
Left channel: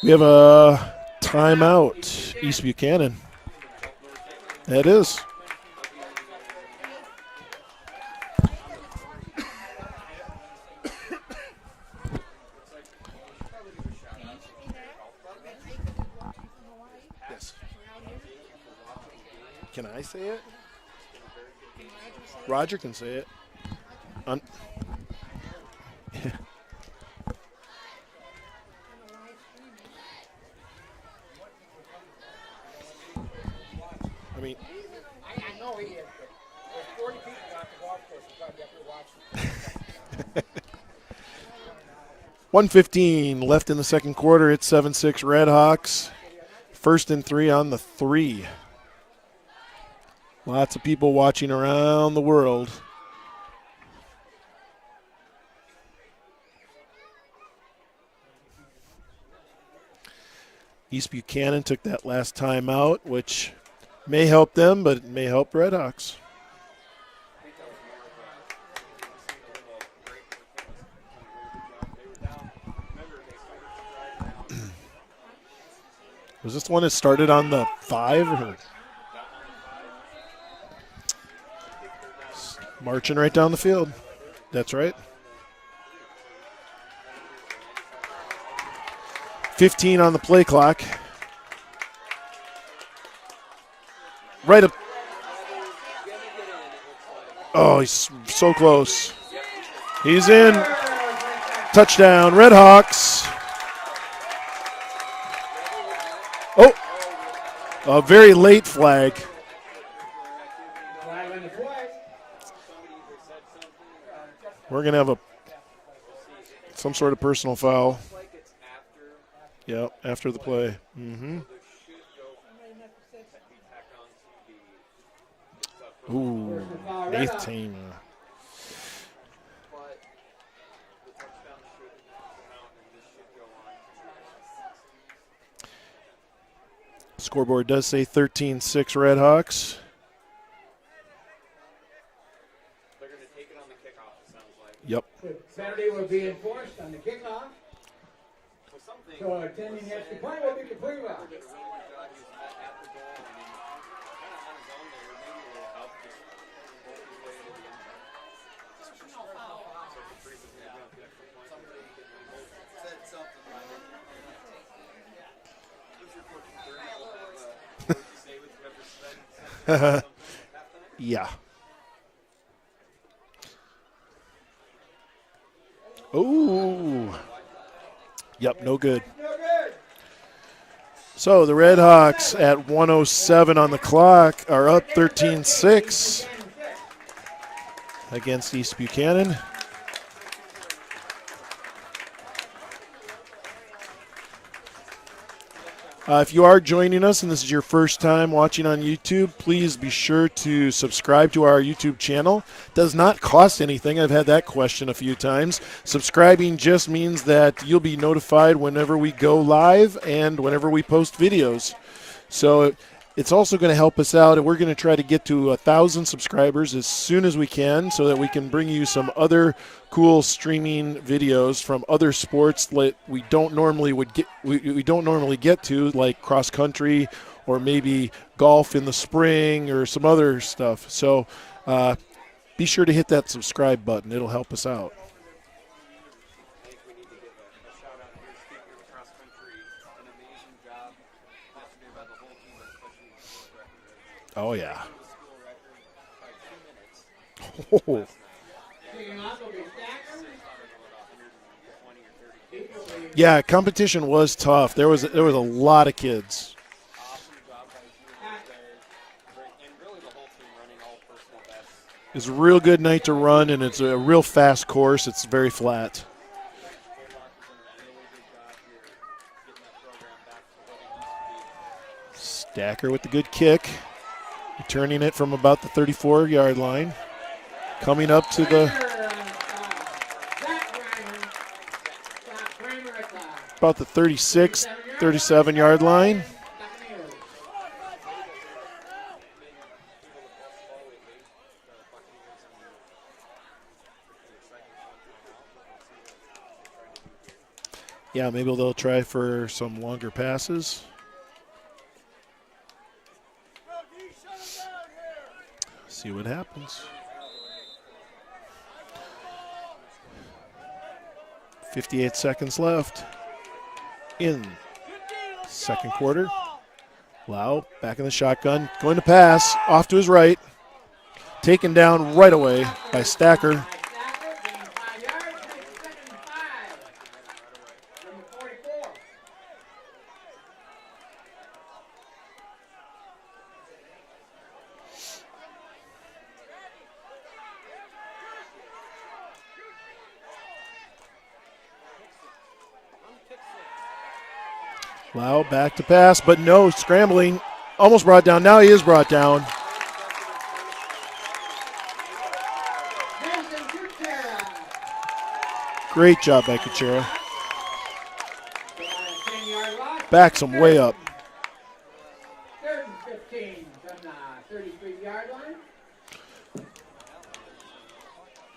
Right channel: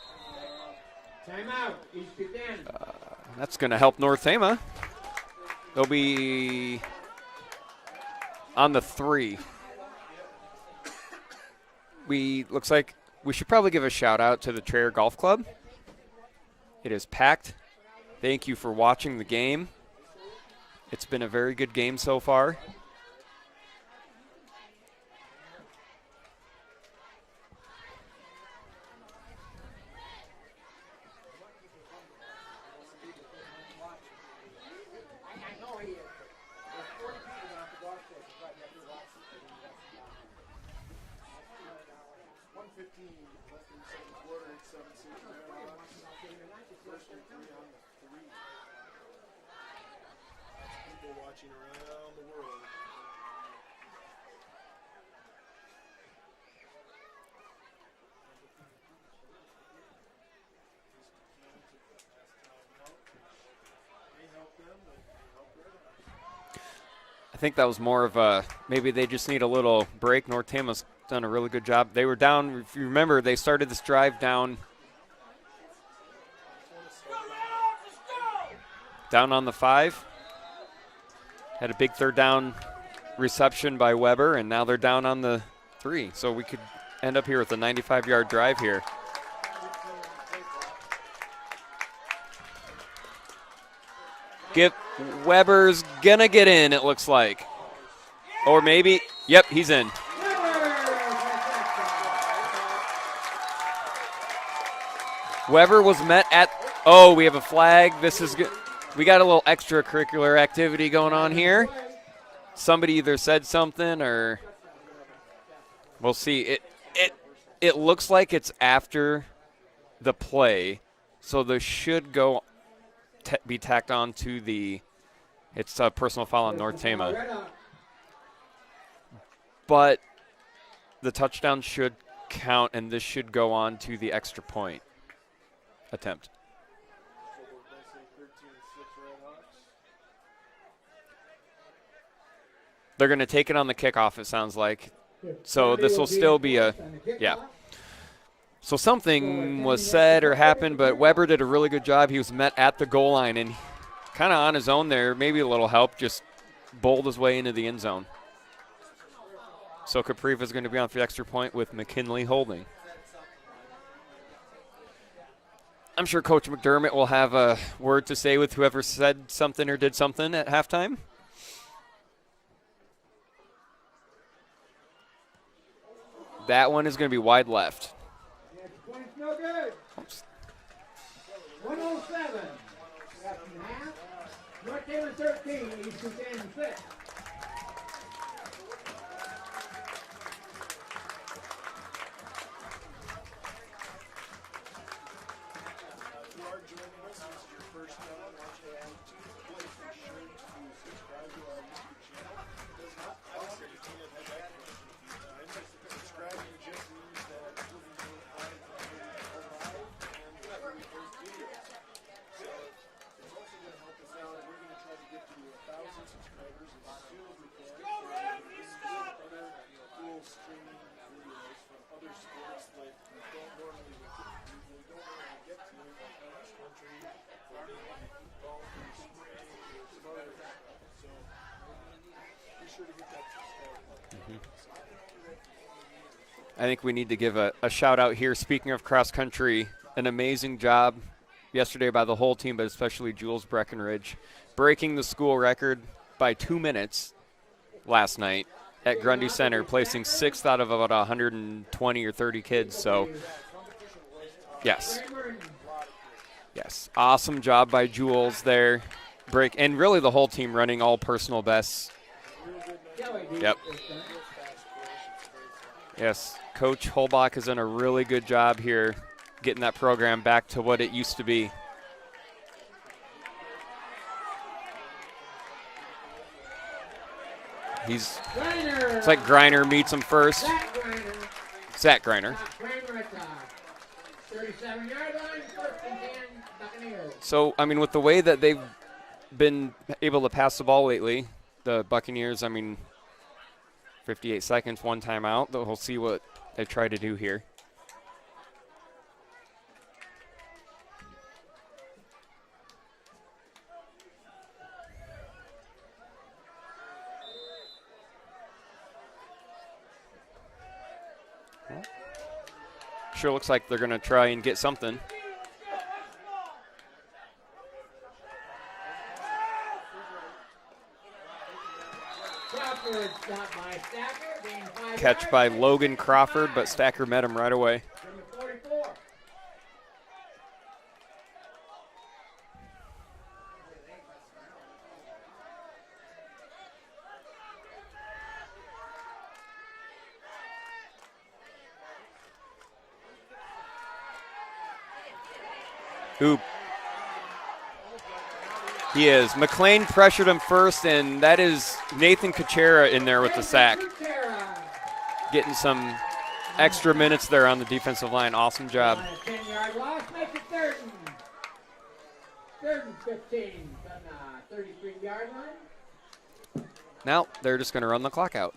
We have a timeout, East Buchanan. That's going to help North Tama. That is. They'll be on the 3. Looks like we should probably give a shout out to the Traer Golf Club. It is packed. Thank you for watching the game. Can I say it? It's been a very good game so far. Roger can say it. I mean, I know he is. There's 40 people on the golf course who probably have to watch. 1:15 left in the second quarter. It's 7-6 Redhawks. 1st and 3 on the 3. Lots of people watching around the world. East Buchanan took that last time out, which may help them, but it may help Redhawks. I think that was more of a maybe they just need a little break. North Tama's done a really good job. They were down, if you remember, they started this drive down. Was this the one that started on the 5? Or? Down on the 5. Had a big third down. Marching right down the field. By Weber, and now That's they're right. Down on the 3. So we could end up here with a 95-yard drive here. 15 on the play clock. Right. Yep. Weber's going to get in, it looks like. Oh, he's so or close. Maybe, yep, he's in. He's in. Touchdown, Redhawks. Weber was met at – we have a flag. A very late flag. We got a little extracurricular activity going on here. Somebody either said something or – We're going to have we'll see. Some sort of personal foul. It looks like it's after the play. Mm-hmm. So there should be tacked on to the – it's a personal foul on North Tama. But the touchdown should count, and this should go on to the extra point attempt. Scoreboard does say 13-6 Redhawks. They're going to take it on the kickoff, it sounds like. Yep. So this will still be So something was said or happened, but Weber did a really good job. He was met at the goal line and kind of on his own there, maybe a little help, just bowled his way into the end zone. So Capriva is going to be on for the extra point with McKinley holding. I'm sure Coach McDermott will have a word to say with whoever said something or did something at halftime. Yeah. Oh. That one is going to be wide left. Yep, no good. So the Redhawks at 1:07 on the clock are up 13-6 against East Buchanan. If you are joining us and this is your first time watching on YouTube, please be sure to subscribe to our YouTube channel. Does not cost anything. I've had that question a few times. Subscribing just means that you'll be notified whenever we go live and whenever we post videos. So it's also going to help us out, and we're going to try to get to 1,000 subscribers as soon as we can so that we can bring you some other cool streaming videos from other sports that we don't normally get to, like cross country or maybe golf in the spring or some other stuff. So be sure to hit that subscribe button. It'll help us out. I think we need to give a shout out here. Speaking of cross country, an amazing job yesterday by the whole team, but especially Jules Breckenridge, breaking the school record by 2 minutes last night at Grundy Center, placing 6th out of about 120 or 30 kids. So yeah, competition was tough. Yes. There was a lot of kids. Yes, awesome job by Jules there. And really the whole team running all personal bests. It's a real good night to run, and it's a real fast course. It's very flat. Yes, Coach Holbach has done a really good job here getting that program back to what it used to be. Stacker with the good kick, returning it from about the 34-yard line. Coming up to the... It's like Griner meets him first. Zach Griner. About the 36, 37-yard line. So, I mean, with the way that they've been able to pass the ball lately, the Buccaneers, I mean, 58 seconds, 1 timeout. We'll see what they try to do here. Yeah, maybe they'll try for some longer passes. See what happens. 58 seconds left. Sure looks like they're going to try and get something. Second quarter. Lau back in the shotgun. Going to pass. Off to his right. Taken down right away by Stacker. Catch by Logan Crawford, but Stacker met him right away. Lau back to pass, but no, scrambling. Almost brought down. Now he is brought down. McLean pressured him first, and that is Nathan Kuchera in there with the sack. Getting some great job by extra Kuchera. Minutes there on the defensive line. Awesome job. Backs him way up. 3rd and 15 from the 33-yard line. Now they're just going to run the clock out.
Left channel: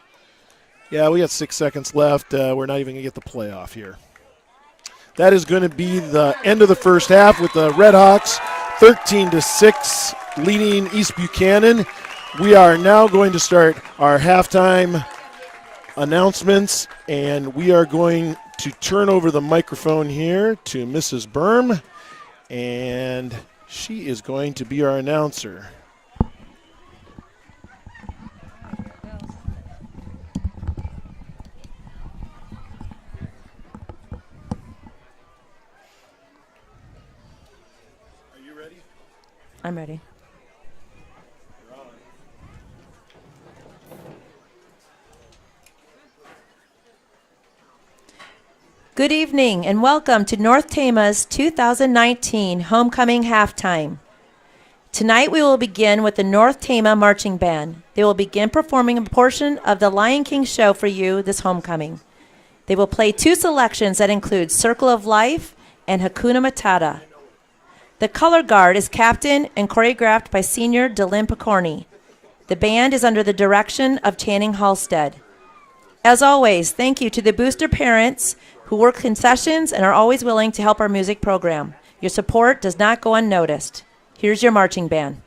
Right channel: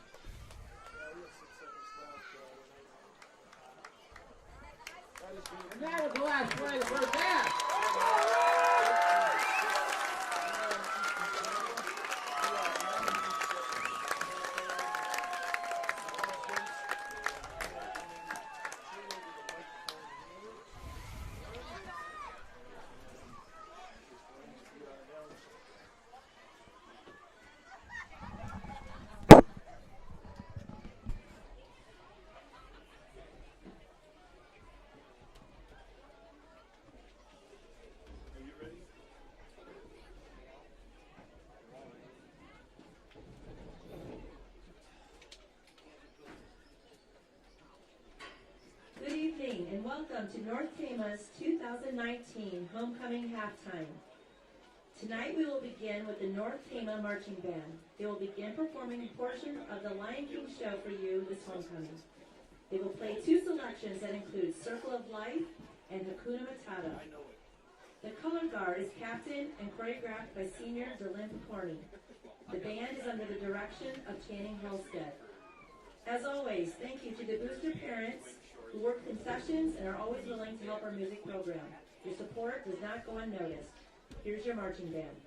Yeah, we got 6 seconds left. We're not even going to get the playoff here. That is going to be the end of the first half with the Redhawks 13-6 leading East Buchanan. We are now going to start our halftime announcements, and we are going to turn over the microphone here to Mrs. Berm, and she is going to be our announcer. I'm ready. Good evening and welcome to North Tama's 2019 Homecoming Halftime. Tonight we will begin with the North Tama Marching Band. They will begin performing a portion of the Lion King show for you this homecoming. They will play 2 selections that include Circle of Life and Hakuna Matata. The color guard is captained and choreographed by senior Linn Picorni. The band is under the direction of Channing Halstead. As always, thank you to the booster parents who work concessions and are always willing to help our music program. Your support does not go unnoticed. Here's your marching band.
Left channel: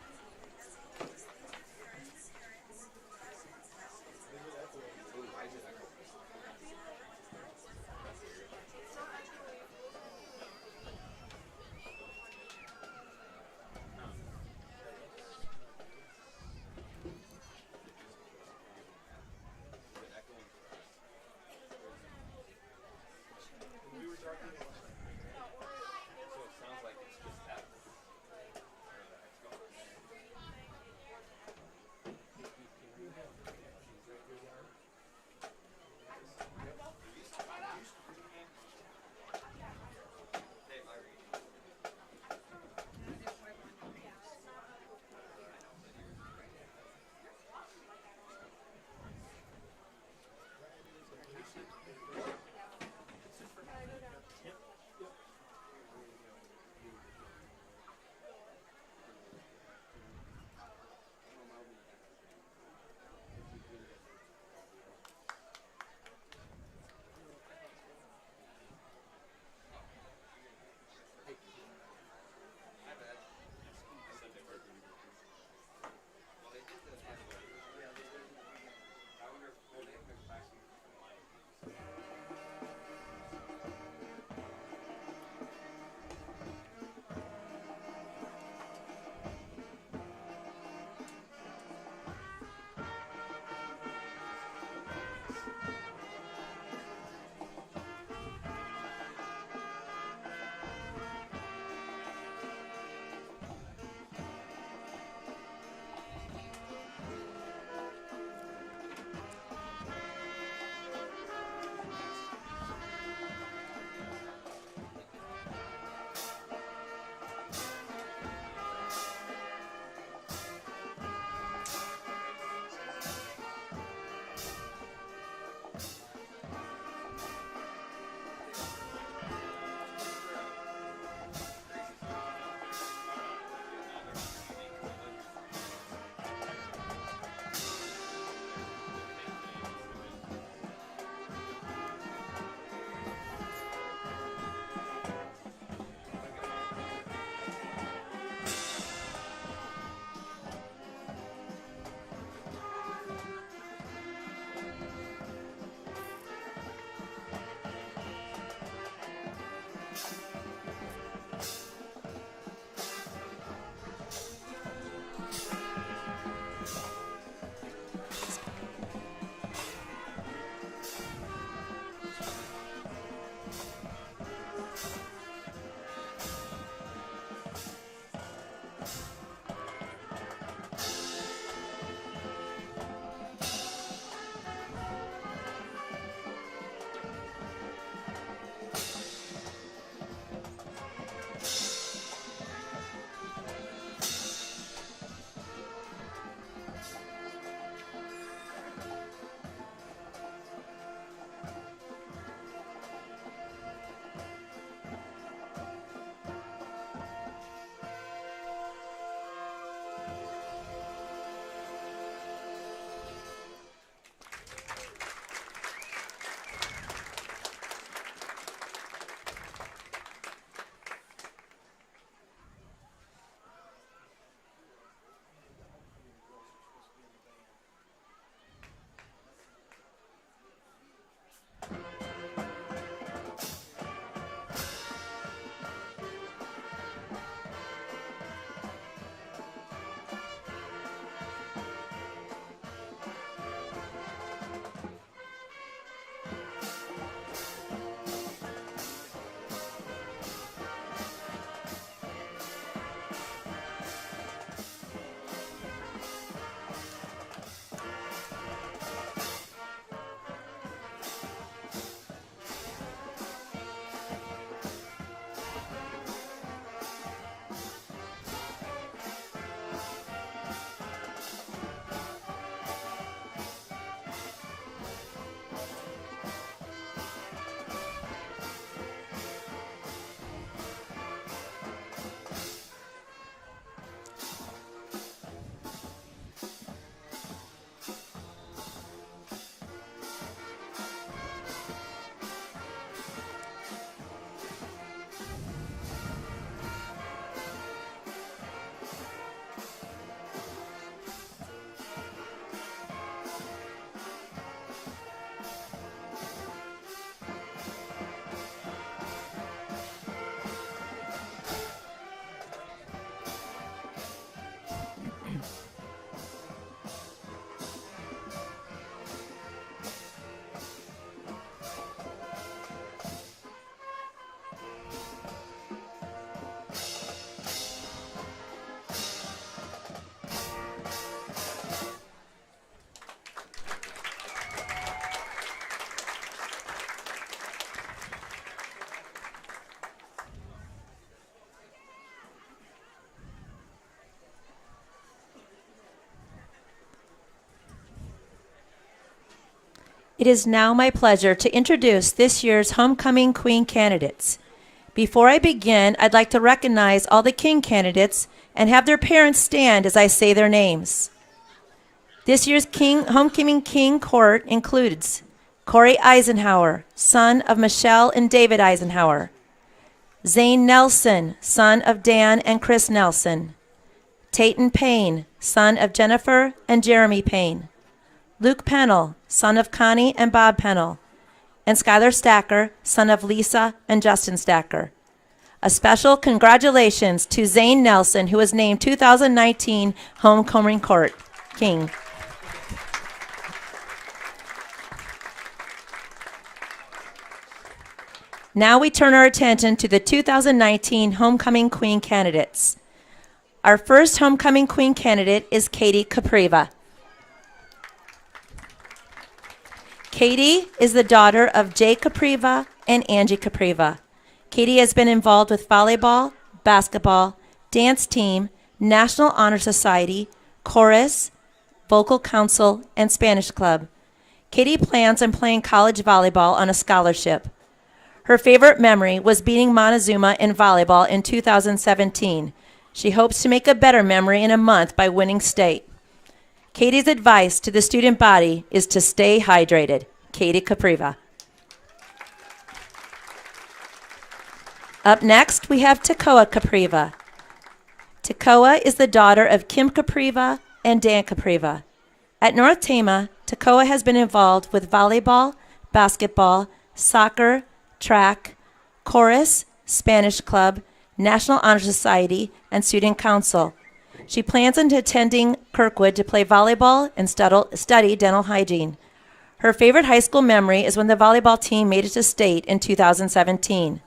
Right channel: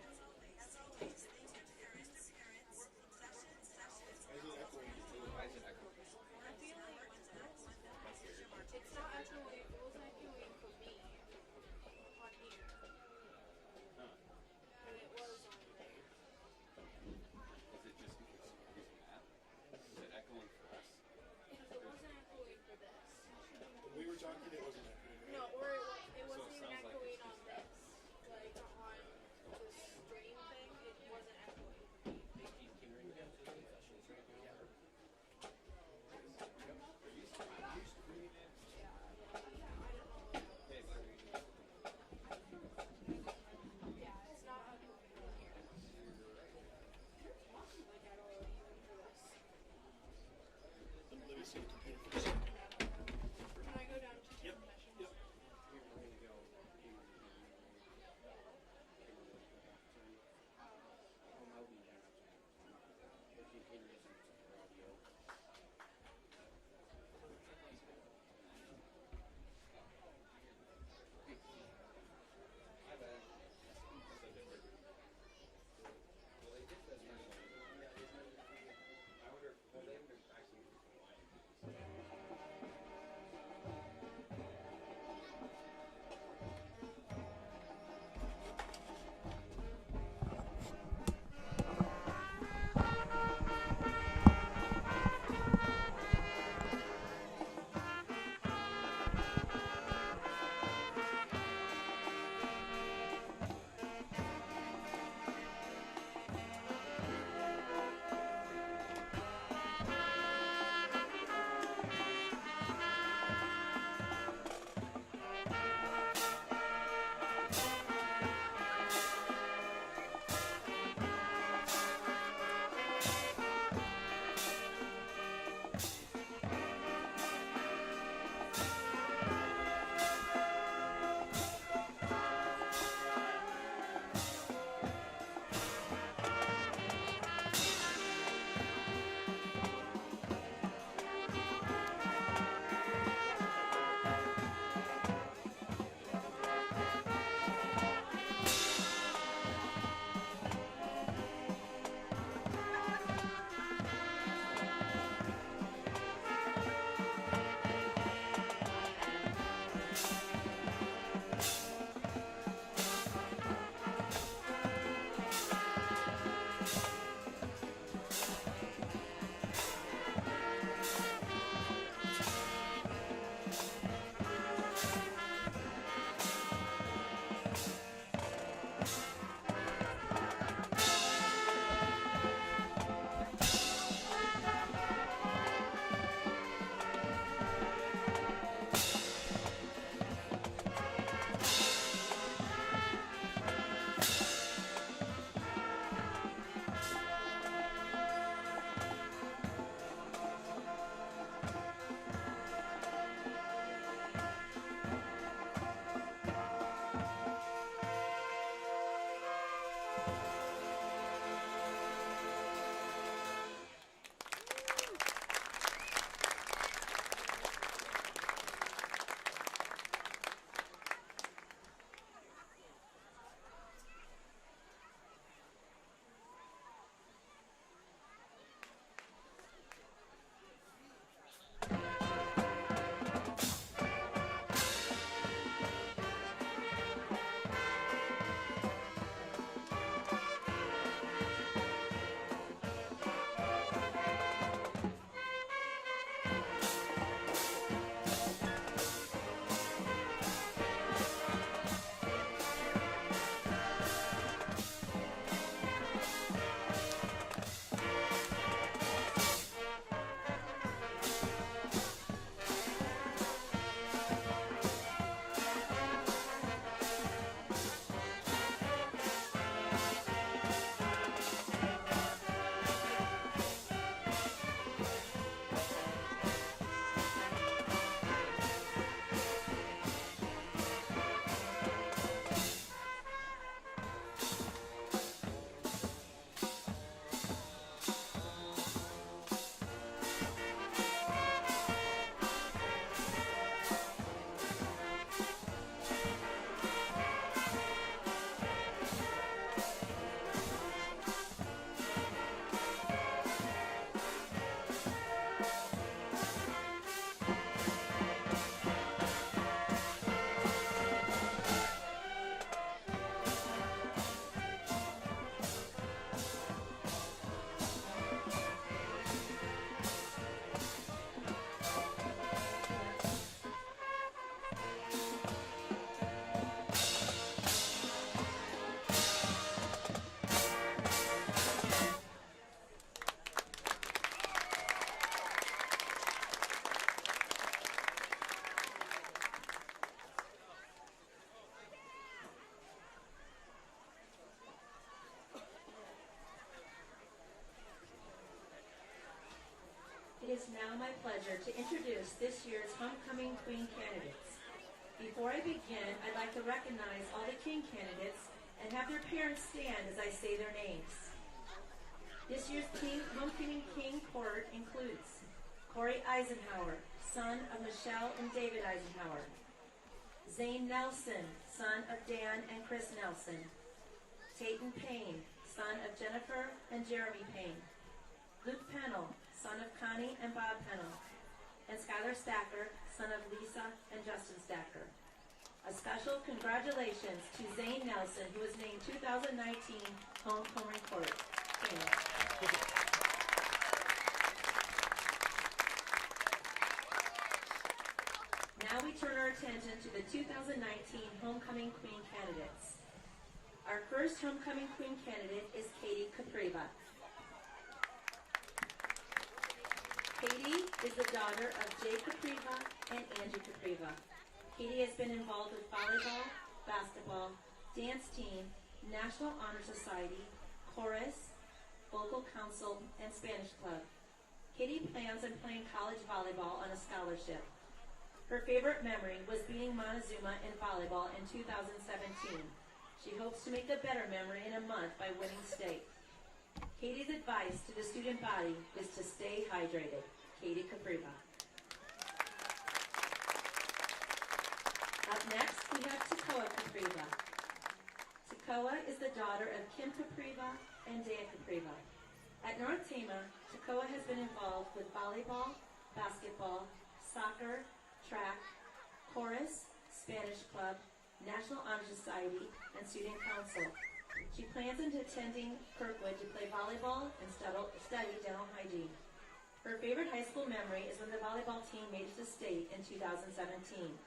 It is now my pleasure to introduce this year's Homecoming Queen candidates. Before I begin, I'd like to recognize all the King candidates and have their parents stand as I say their names. This year's Homecoming King court includes Corey Eisenhower, son of Michelle and David Eisenhower; Zane Nelson, son of Dan and Chris Nelson; Tayton Payne, son of Jennifer and Jeremy Payne; Luke Pennell, son of Connie and Bob Pennell; and Skylar Stacker, son of Lisa and Justin Stacker. A special congratulations to Zane Nelson, who was named 2019 Homecoming Court King. Now we turn our attention to the 2019 Homecoming Queen candidates. Our first Homecoming Queen candidate is Katie Capriva. Katie is the daughter of Jay Capriva and Angie Capriva. Katie has been involved with volleyball, basketball, dance team, National Honor Society, chorus, vocal council, and Spanish club. Katie plans on playing college volleyball on a scholarship. Her favorite memory was beating Montezuma in volleyball in 2017. She hopes to make a better memory in a month by winning state. Katie's advice to the student body is to stay hydrated. Katie Capriva. Up next, we have Tekoa Capriva. Tekoa is the daughter of Kim Capriva and Dan Capriva. At North Tama, Tekoa has been involved with volleyball, basketball, soccer, track, chorus, Spanish club, National Honor Society, and Student Council. She plans on attending Kirkwood to play volleyball and study dental hygiene. Her favorite high school memory is when the volleyball team made it to state in 2017.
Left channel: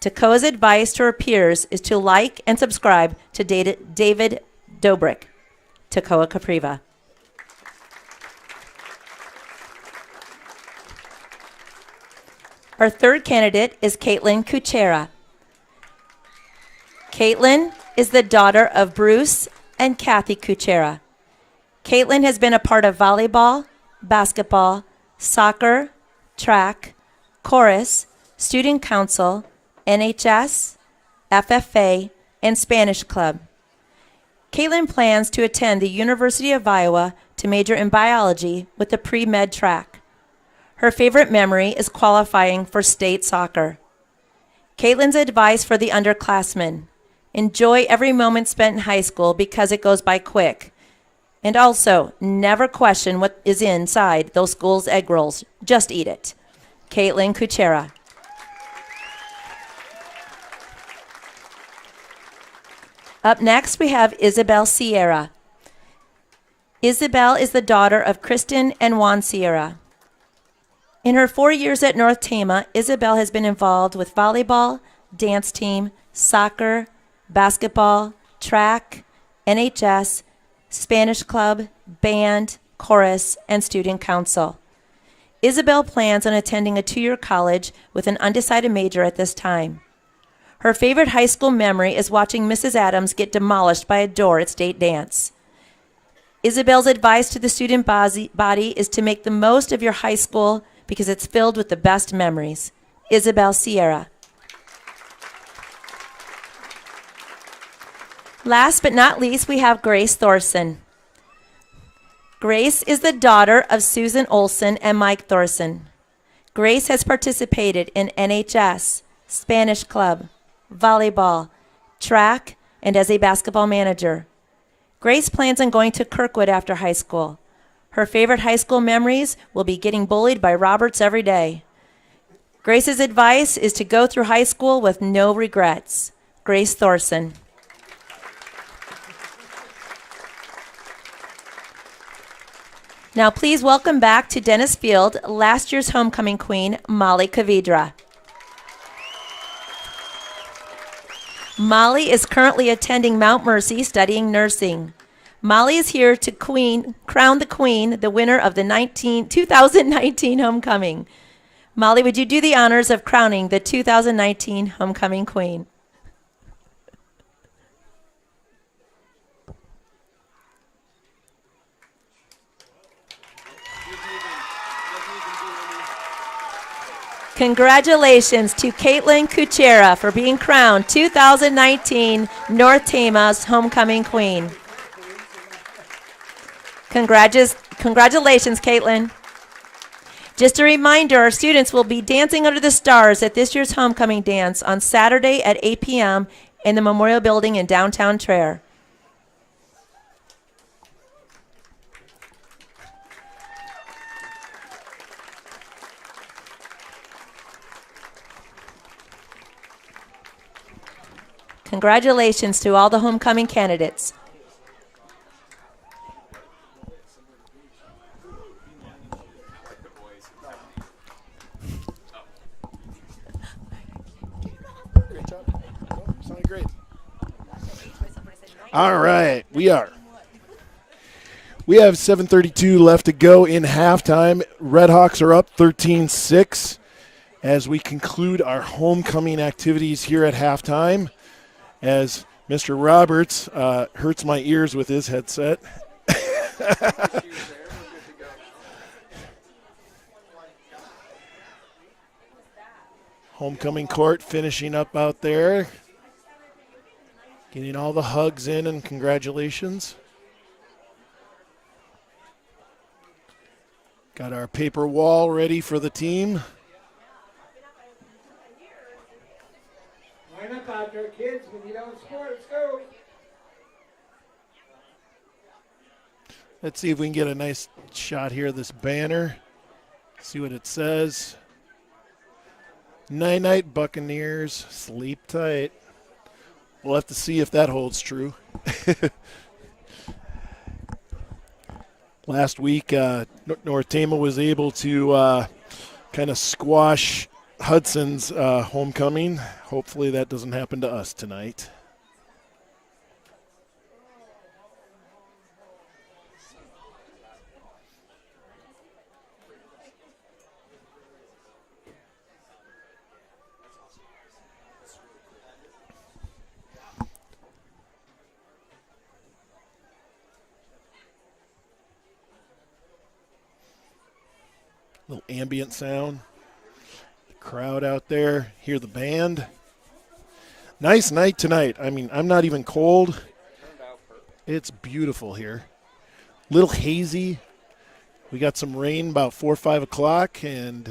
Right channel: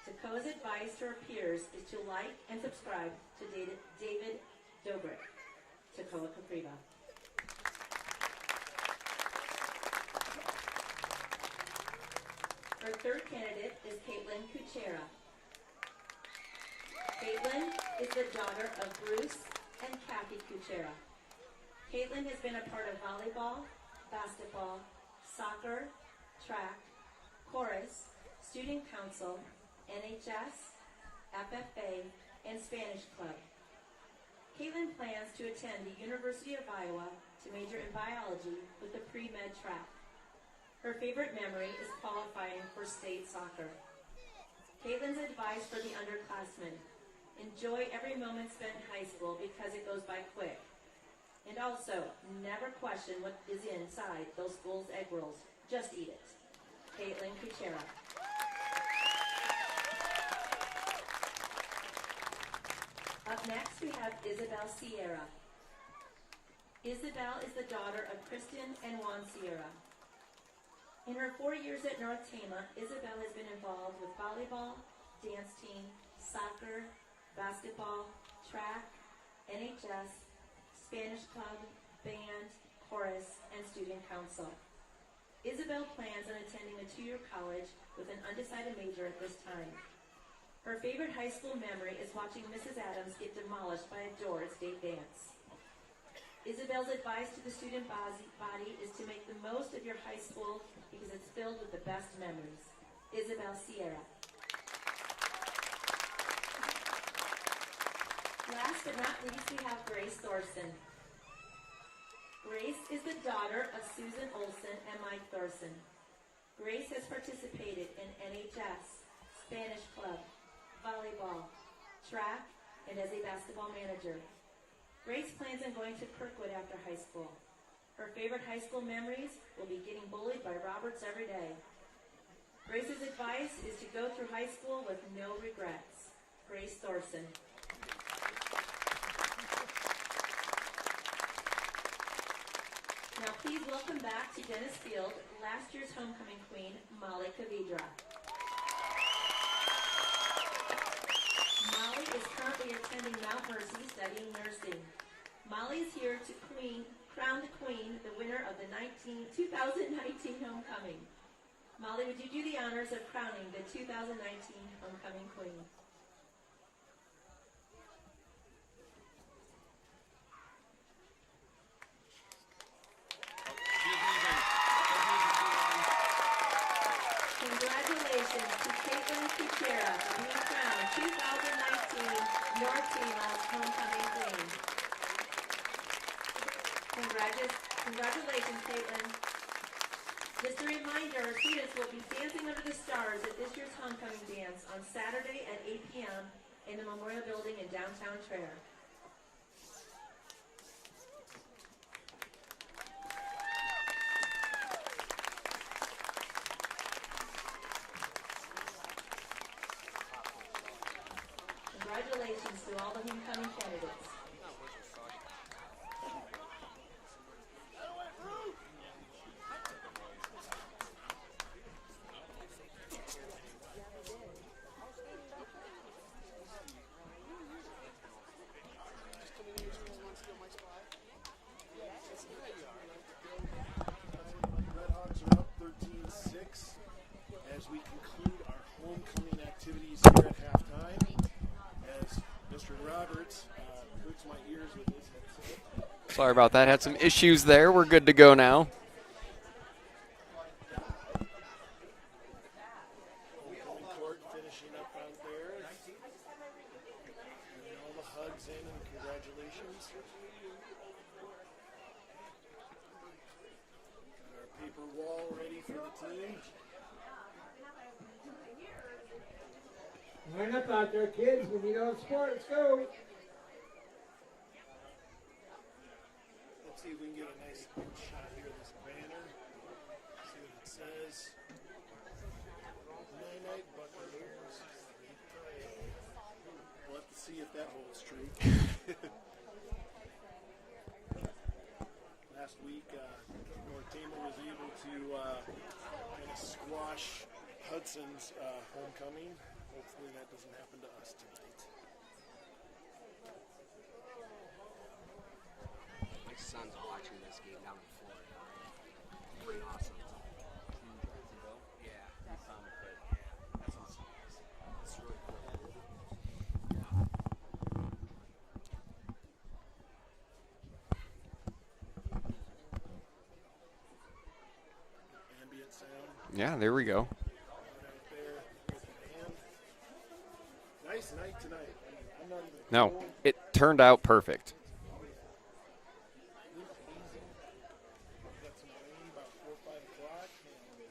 Takoa's advice to her peers is to like and subscribe to David Dobrik. Takoa Capriva. Our third candidate is Caitlin Kuchera. Caitlin is the daughter of Bruce and Kathy Kuchera. Caitlin has been a part of volleyball, basketball, soccer, track, chorus, student council, NHS, FFA, and Spanish club. Caitlin plans to attend the University of Iowa to major in biology with the pre-med track. Her favorite memory is qualifying for state soccer. Caitlin's advice for the underclassmen: enjoy every moment spent in high school because it goes by quick. And also, never question what is inside those school's egg rolls. Just eat it. Caitlin Kuchera. Up next, we have Isabel Sierra. Isabel is the daughter of Kristen and Juan Sierra. In her 4 years at North Tama, Isabel has been involved with volleyball, dance team, soccer, basketball, track, NHS, Spanish club, band, chorus, and student council. Isabel plans on attending a 2-year college with an undecided major at this time. Her favorite high school memory is watching Mrs. Adams get demolished by a door at state dance. Isabel's advice to the student body is to make the most of your high school because it's filled with the best memories. Isabel Sierra. Last but not least, we have Grace Thorson. Grace is the daughter of Susan Olson and Mike Thorson. Grace has participated in NHS, Spanish club, volleyball, track, and as a basketball manager. Grace plans on going to Kirkwood after high school. Her favorite high school memories will be getting bullied by Roberts every day. Grace's advice is to go through high school with no regrets. Grace Thorson. Now please welcome back to Dennis Field, last year's homecoming queen, Molly Kavidra. Molly is currently attending Mount Mercy studying nursing. Molly is here to crown the queen, the winner of the 2019 homecoming. Molly, would you do the honors of crowning the 2019 homecoming queen? Congratulations to Caitlin Kuchera for being crowned 2019 North Tama's homecoming queen. Congratulations, Caitlin. Just a reminder, our students will be dancing under the stars at this year's homecoming dance on Saturday at 8 p.m. in the Memorial Building in downtown Traer. Congratulations to all the homecoming candidates. All right, we have 7:32 left to go in halftime. Redhawks are up 13-6 as we conclude our homecoming activities here at halftime. As Mr. Roberts hurts my ears with his headset. Sorry about that. Had some issues there. We're good to go now. Homecoming court finishing up out there. Getting all the hugs in and congratulations. Got our paper wall ready for the team. Line up out there, kids. We need all the support. Let's go. Let's see if we can get a nice shot here of this banner. See what it says. Night-night, Buccaneers. Sleep tight. We'll have to see if that holds true. Last week, North Tama was able to kind of squash Hudson's homecoming. Hopefully that doesn't happen to us tonight. Little ambient sound. Yeah, there we go. Crowd out there. Hear the band. Nice night tonight. I mean, I'm not even cold. No, it turned out perfect. It's beautiful here. Little hazy. We got some rain about 4 or 5 o'clock, and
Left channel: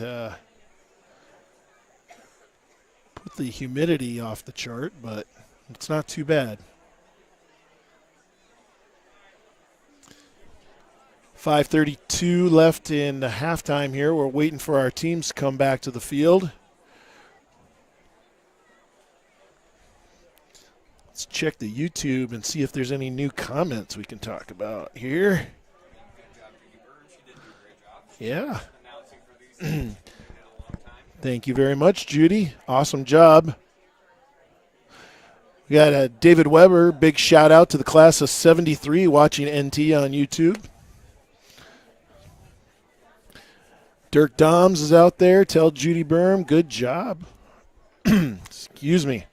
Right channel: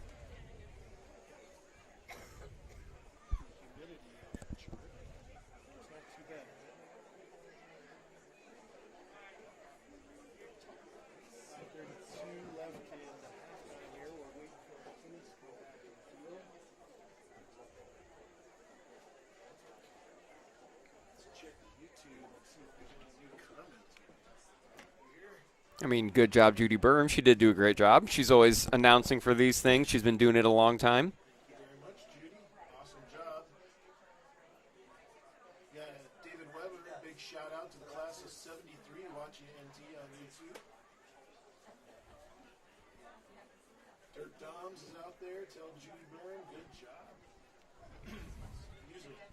put the humidity off the chart, but it's not too bad. 5:32 left in halftime here. We're waiting for our teams to come back to the field. Let's check the YouTube and see if there's any new comments we can talk about here. I mean, good job, Judy Burm. She did do a great job. She's always announcing for these things. She's been doing it a long time. Thank you very much, Judy. Awesome job. We got David Weber. Big shout out to the class of 73 watching NT on YouTube. Dirk Doms is out there. Tell Judy Burm, good job. Excuse me.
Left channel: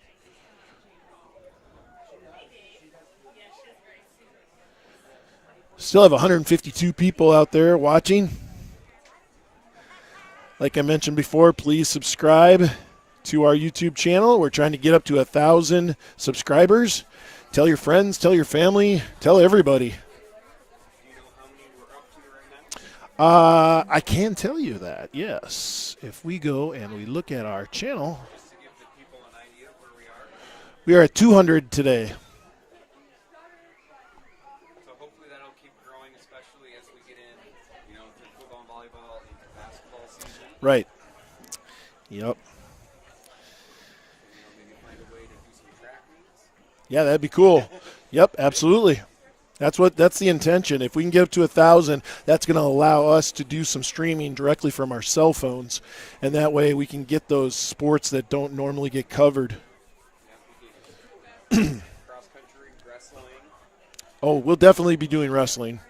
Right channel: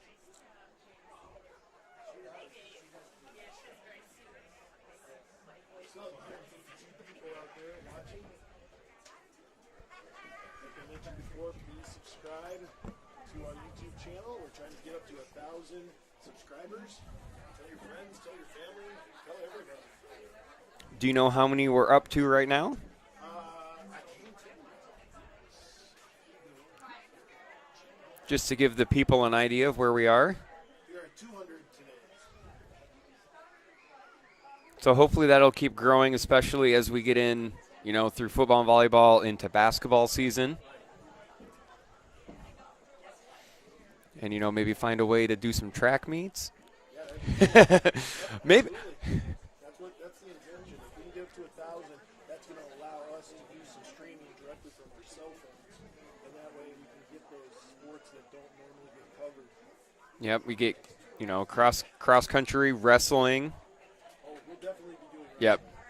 Still have 152 people out there watching. Like I mentioned before, please subscribe to our YouTube channel. We're trying to get up to 1,000 subscribers. Tell your friends, tell your family, tell everybody. Do you know how many we're up to right now? I can tell you that, yes. If we go and we look at our channel. Just to give the people an idea of where we are. We are at 200 today. So hopefully that'll keep growing, especially as we get in, you know, through football and volleyball into basketball season. Right. Yep. And, you know, maybe find a way to do some track meets. Yeah, that'd be cool. Yep, absolutely. That's the intention. If we can get up to 1,000, that's going to allow us to do some streaming directly from our cell phones, and that way we can get those sports that don't normally get covered. Yep, we get, you know, cross country, wrestling. Oh, we'll definitely be doing wrestling. Yep.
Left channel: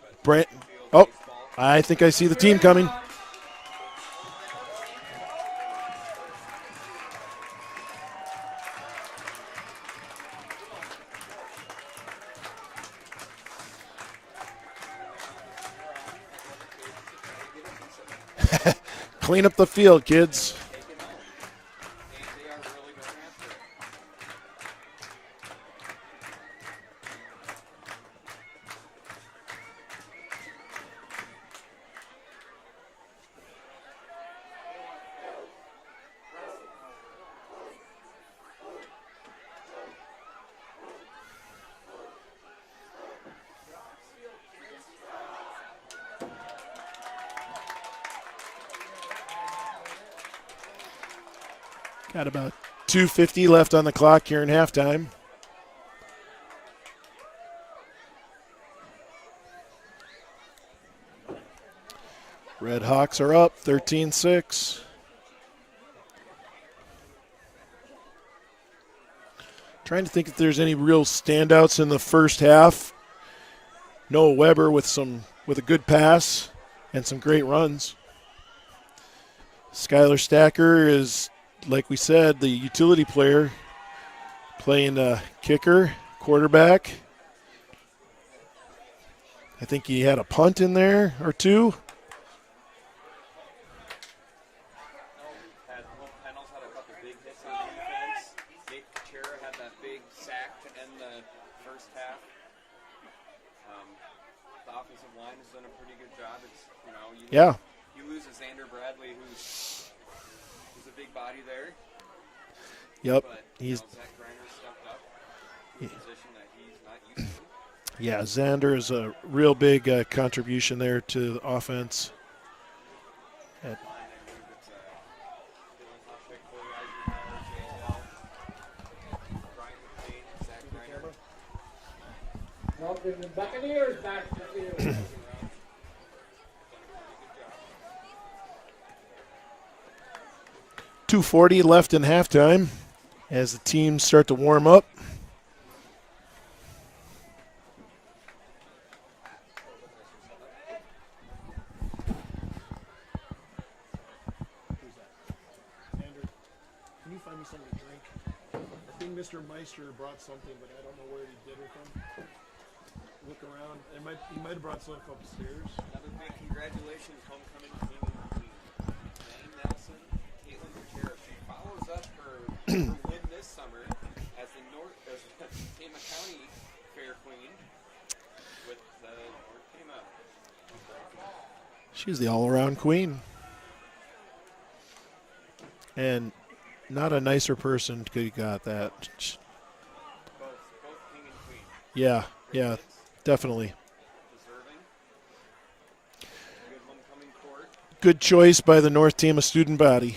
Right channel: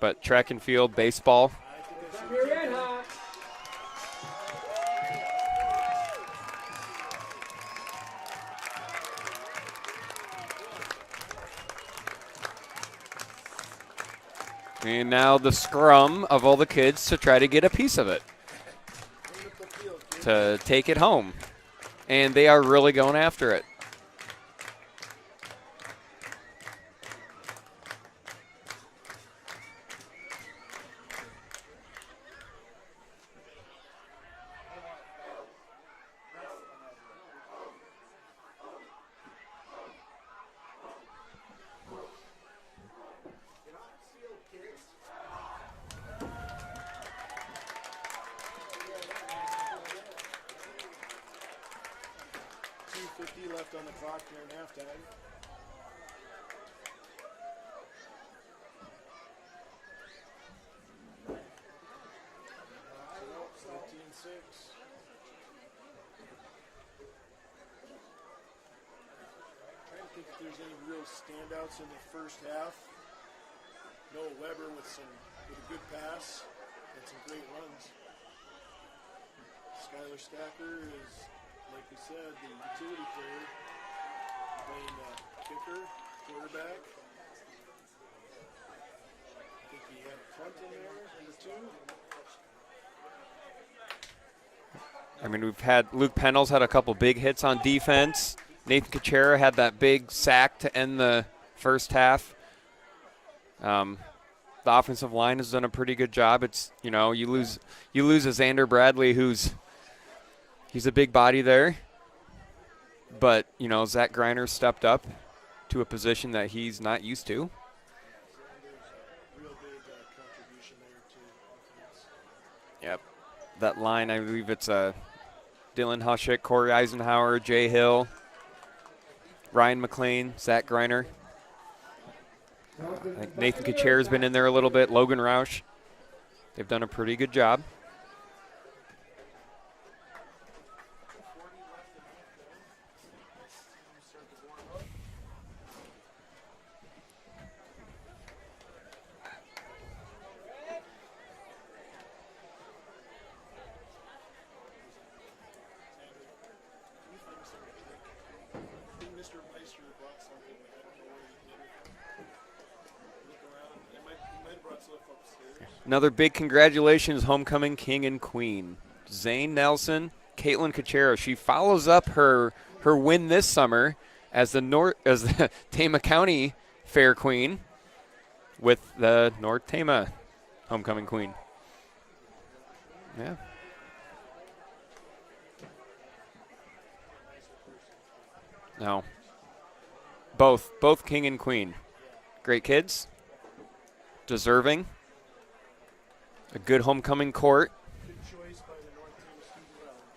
But track and field, baseball. I think I see the team coming. And now the scrum of all the kids to try to get a piece of it. Clean up the field, kids. To take it home. And they are really going after it. Got about 2:50 left on the clock here in halftime. Red Hawks are up 13-6. Trying to think if there's any real standouts in the first half. Noah Weber with a good pass and some great runs. Skylar Stacker is, like we said, the utility player, playing kicker, quarterback. I think he had a punt in there or two. I mean, we've had Luke Pennell's had a couple big hits on defense. Nathan Kachera had that big sack to end the first half. The offensive line has done a pretty good job. It's, you know, you lose a Xander Bradley he's a big body there. Yep. But, you know, Zach Griner stepped up to a position that he's not used to. Yeah, Xander is a real big contribution there to the offense. Yep. That line, I believe it's Dylan Huschick, Corey Eisenhower, Jay Hill, Ryan McLean, Zach Griner. Nathan Kachair's been in there a little bit. Logan Roush. They've done a pretty good job. 2:40 left in halftime as the teams start to warm up. Can you find me something to drink? I think Mr. Meister brought something, but I don't know where he did with it. Look around. He might have brought stuff upstairs. Another big congratulations, homecoming king and queen. Zane Nelson, Caitlin Cachero. She follows up her win this summer as the Tama County Fair Queen with the North Tama homecoming queen. She's the all-around queen. Yeah. And not a nicer person could have got that. No. Both king and queen. Yeah. Great yeah, kids. Definitely. Deserving. A good homecoming court. Good choice by the North Tama student body.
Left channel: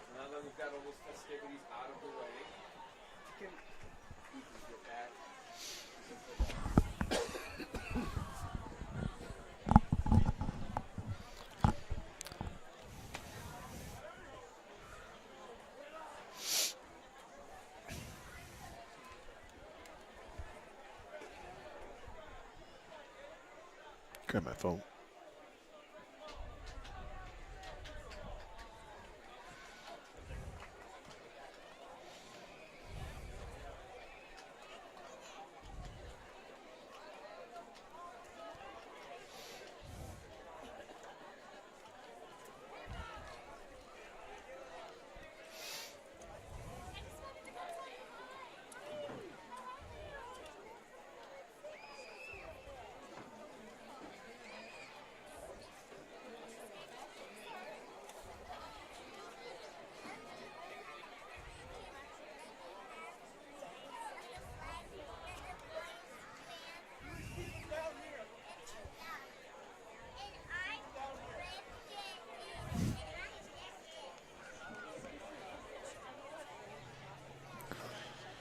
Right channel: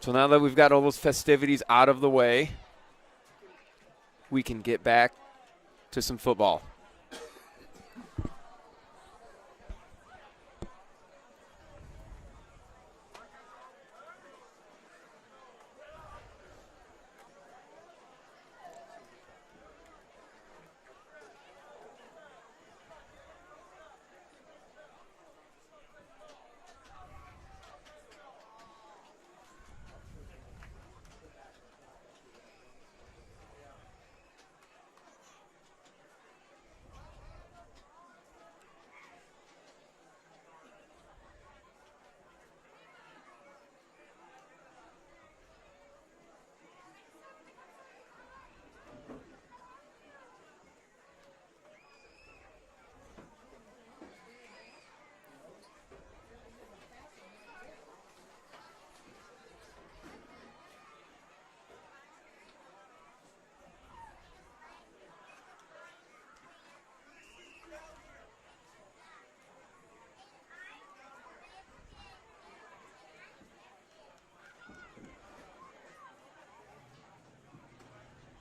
So now that we've got all those festivities out of the way, we can get back to some football. Grab my phone.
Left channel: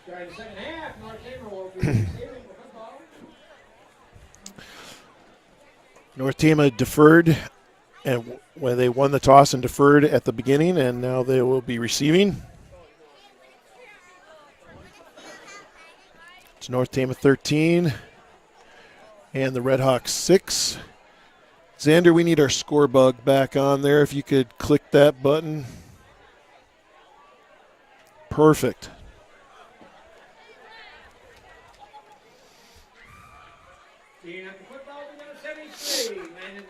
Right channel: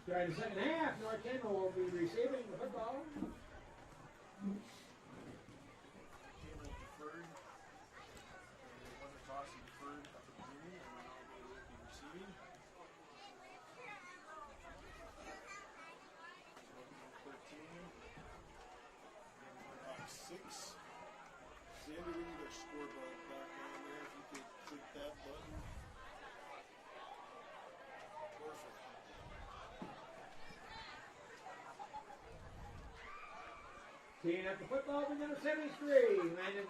During the second half, North Tama will be receiving the football. North Tama deferred, and when they won the toss and deferred at the beginning, and now they will be receiving. It's North Tama 13 and the Red Hawks 6. Xander, we need our score bug back on there. If you could click that button. Perfect. Teeing up the football to number 73. Landon.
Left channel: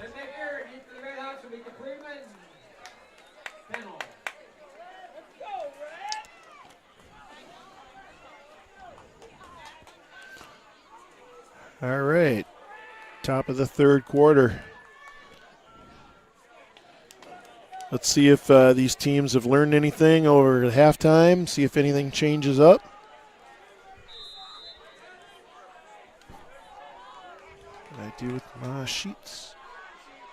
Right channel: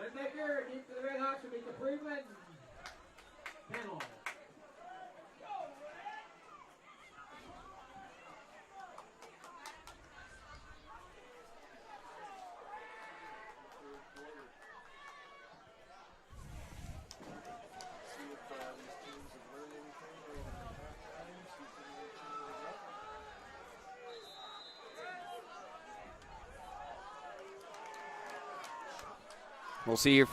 Let's take care. Deep for the Red Hawks will be Capriva and Pennell. Let's go, Red! All right. Top of the third quarter. Let's see if these teams have learned anything over at halftime, see if anything changes up. What I do with my sheets. We'll see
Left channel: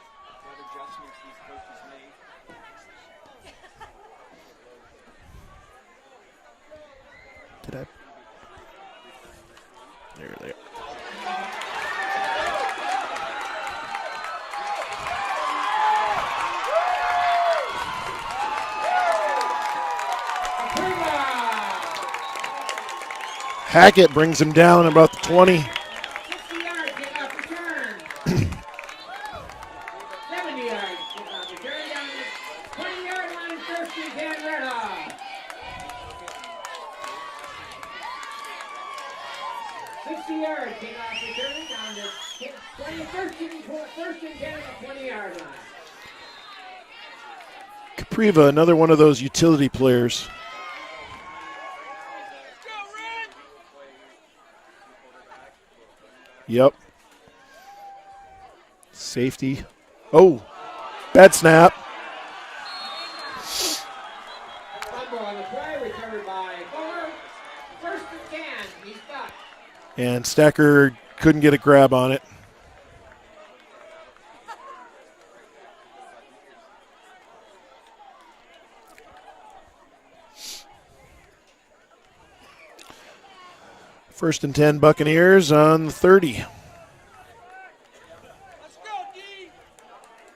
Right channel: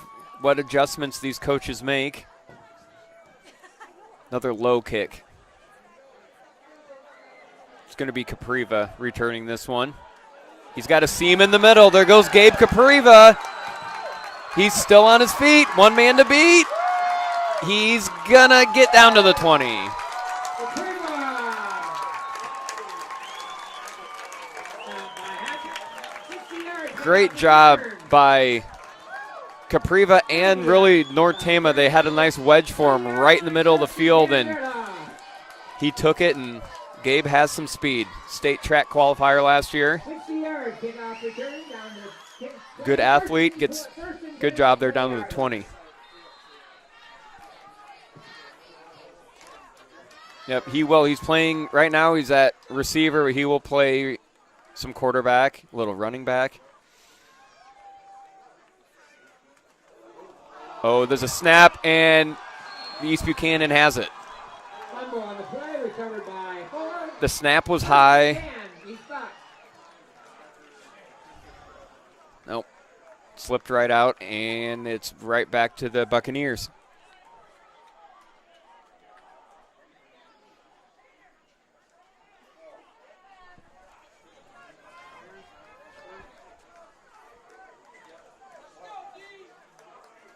what adjustments these coaches make. Another low kick. It's going to be Capriva returning this one. There. He's got a seam in the middle. There goes Gabe Capriva. He's still on his feet. One man to beat. He's going to get down to the 20. Hackett brings him down about the 20. Great job by Capriva and really North Tama. They had a nice wedge for him right in the middle of the field, and he took it, and Gabe has some speed. State track qualifier last year. Good athlete, gets good job there down to the 20. Capriva, another one of those utility players. Yep, he will. He's playing right now. He's at receiver. He will play some quarterback, a little running back. Yep. Safety. Oh, there's that a snap, and East Buchanan has it. The snap was high. And Stacker couldn't get a grab on it. Nope. Slipped right out, and it's right back to the Buccaneers. First and 10 Buccaneers on the 30.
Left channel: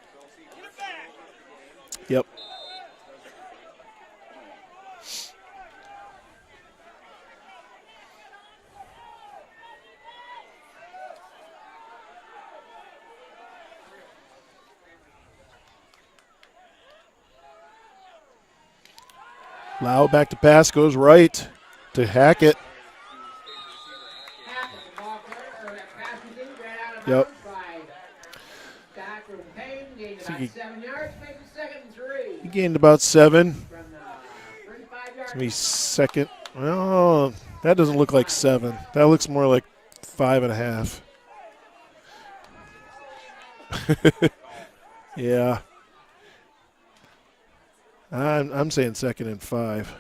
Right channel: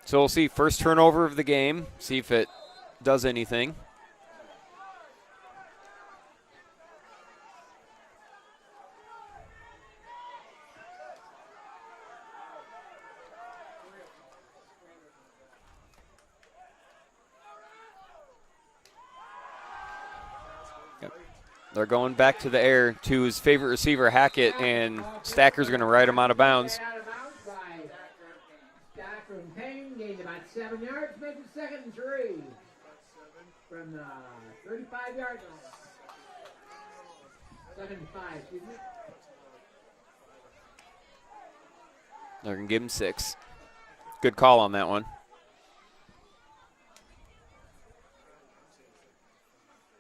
So we'll see first turnover of the game, see if it does anything. Lau back to pass, goes right. They're going back to the air to his favorite receiver, Hackett, and Stacker's going to ride him out of bounds. Yep. He gained about 7. It's going to be second. Well, that doesn't look like 7. That looks more like 5.5. They're going to give him 6. Good call on that one. Yeah. I'm saying second and 5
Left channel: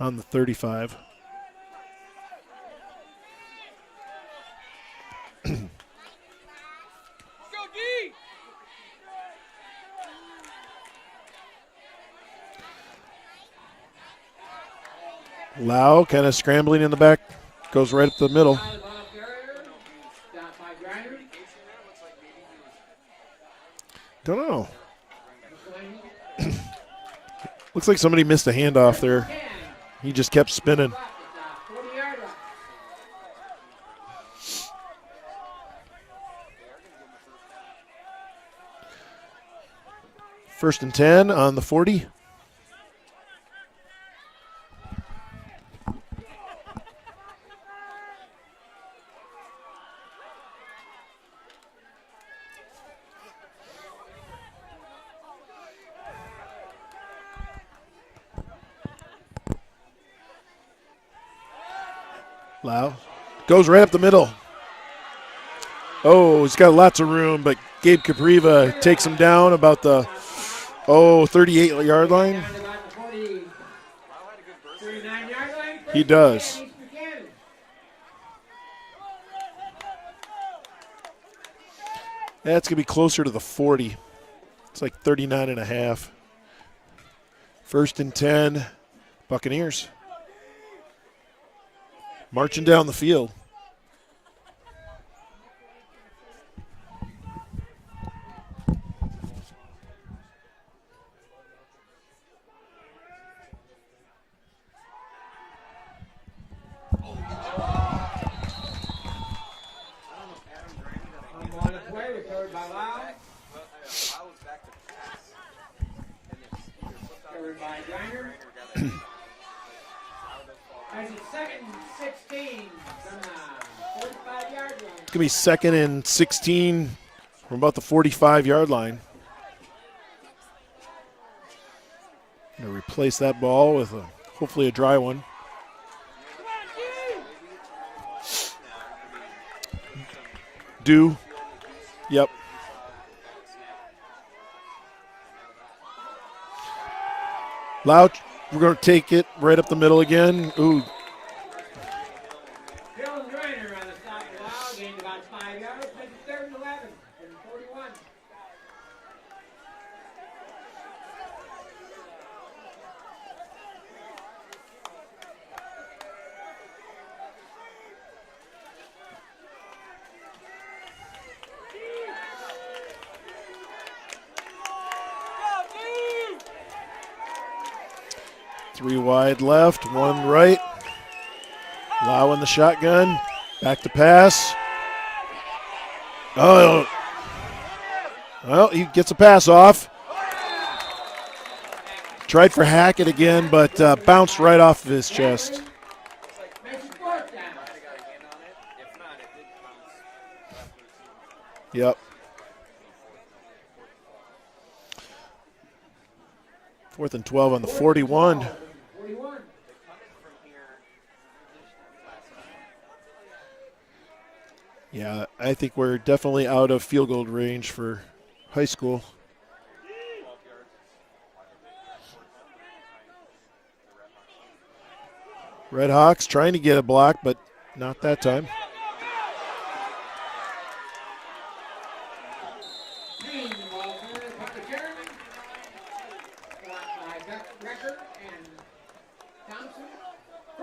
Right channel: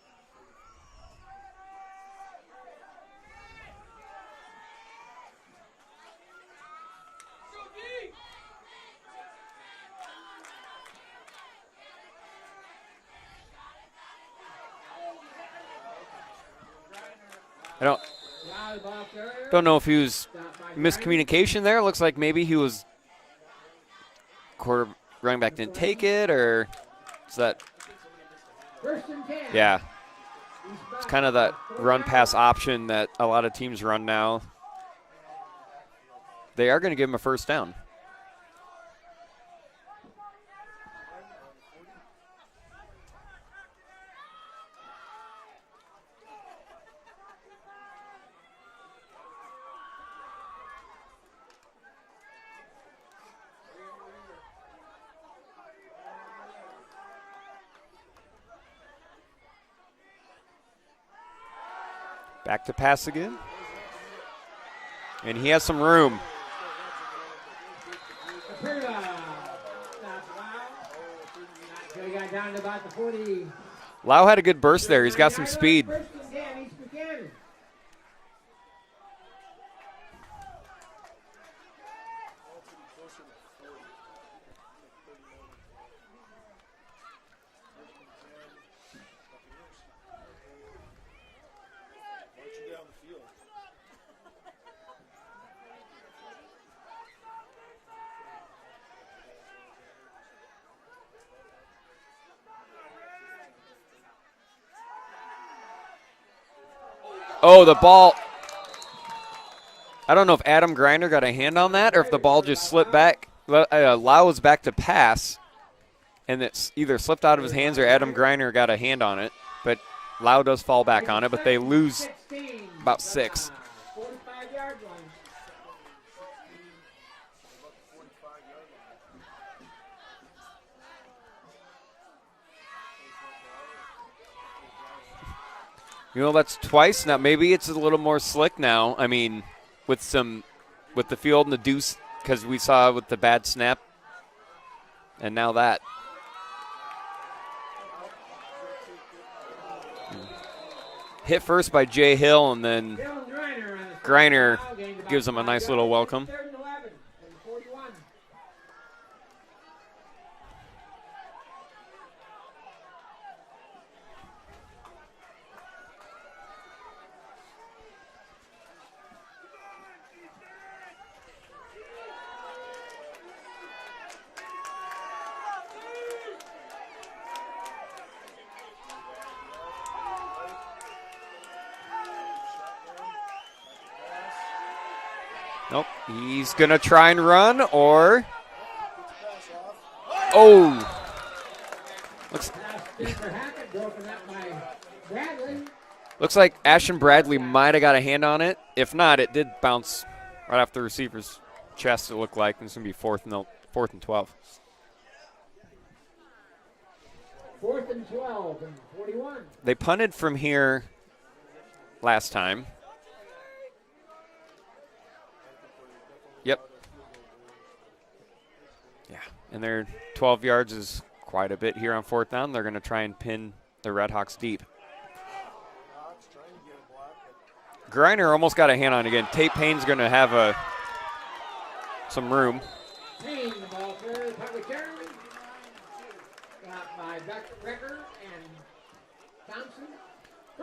on the 35. Lau kind of scrambling in the back, goes right up the middle. Don't know if he was miscommunication there. Looks like maybe he was. Don't know. Running back didn't take it, or is that? Looks like somebody missed a handoff there. Yeah. He just kept spinning. It's kind of that run pass option that a lot of teams run now. They are going to give him a first down. First and 10 on the 40. Back to pass again. Goes right up the middle. And he has some room. Oh, he's got lots of room, but Gabe Capriva takes him down about the, 38-yard line. Lau had a good burst there. He's got some speed. He does. That's going to be closer to the 40. It's like 39.5. First and 10, Buccaneers. Marching down the field. Oh, the ball. I don't know if Adam Griner got a hand on that or if the ball just slipped back. Lau was back to pass, and it's either slipped out of his hands or Adam Griner got a hand on it. But Lau does fall back on it, but they lose about 6. It's going to be second and 16 from about the 45-yard line. Going to replace that ball with hopefully a dry one. You know, that's twice now. Maybe it's a little more slick now. I mean, with some dew, with the field and the deuce, because we saw with the bad snap, and now that. Lau, we're going to take it right up the middle again. Ooh. Hit first by Jay Hill, and then Griner gives him a nice little welcome. Three wide left, one right. Lau in the shotgun. Back to pass. Nope. He's going to try and run, or? Well, he gets a pass off. Oh. Tried for Hackett again, but bounced right off of his chest. Looks like Ashton Bradley might have got a hand on it. If not, it did bounce right off the receiver's chest, it looked like. It's going to be fourth and 12. 4th and 12 on the 41. They punted from here last time. Yeah, I think we're definitely out of field goal range for high school. Yeah, and their 12 yards is quite a bit here on 4th down. They're going to try and pin the Red Hawks deep. Red Hawks trying to get a block, but not that Griner time. almost got a hand on it again. Tate Payne's going to have some room.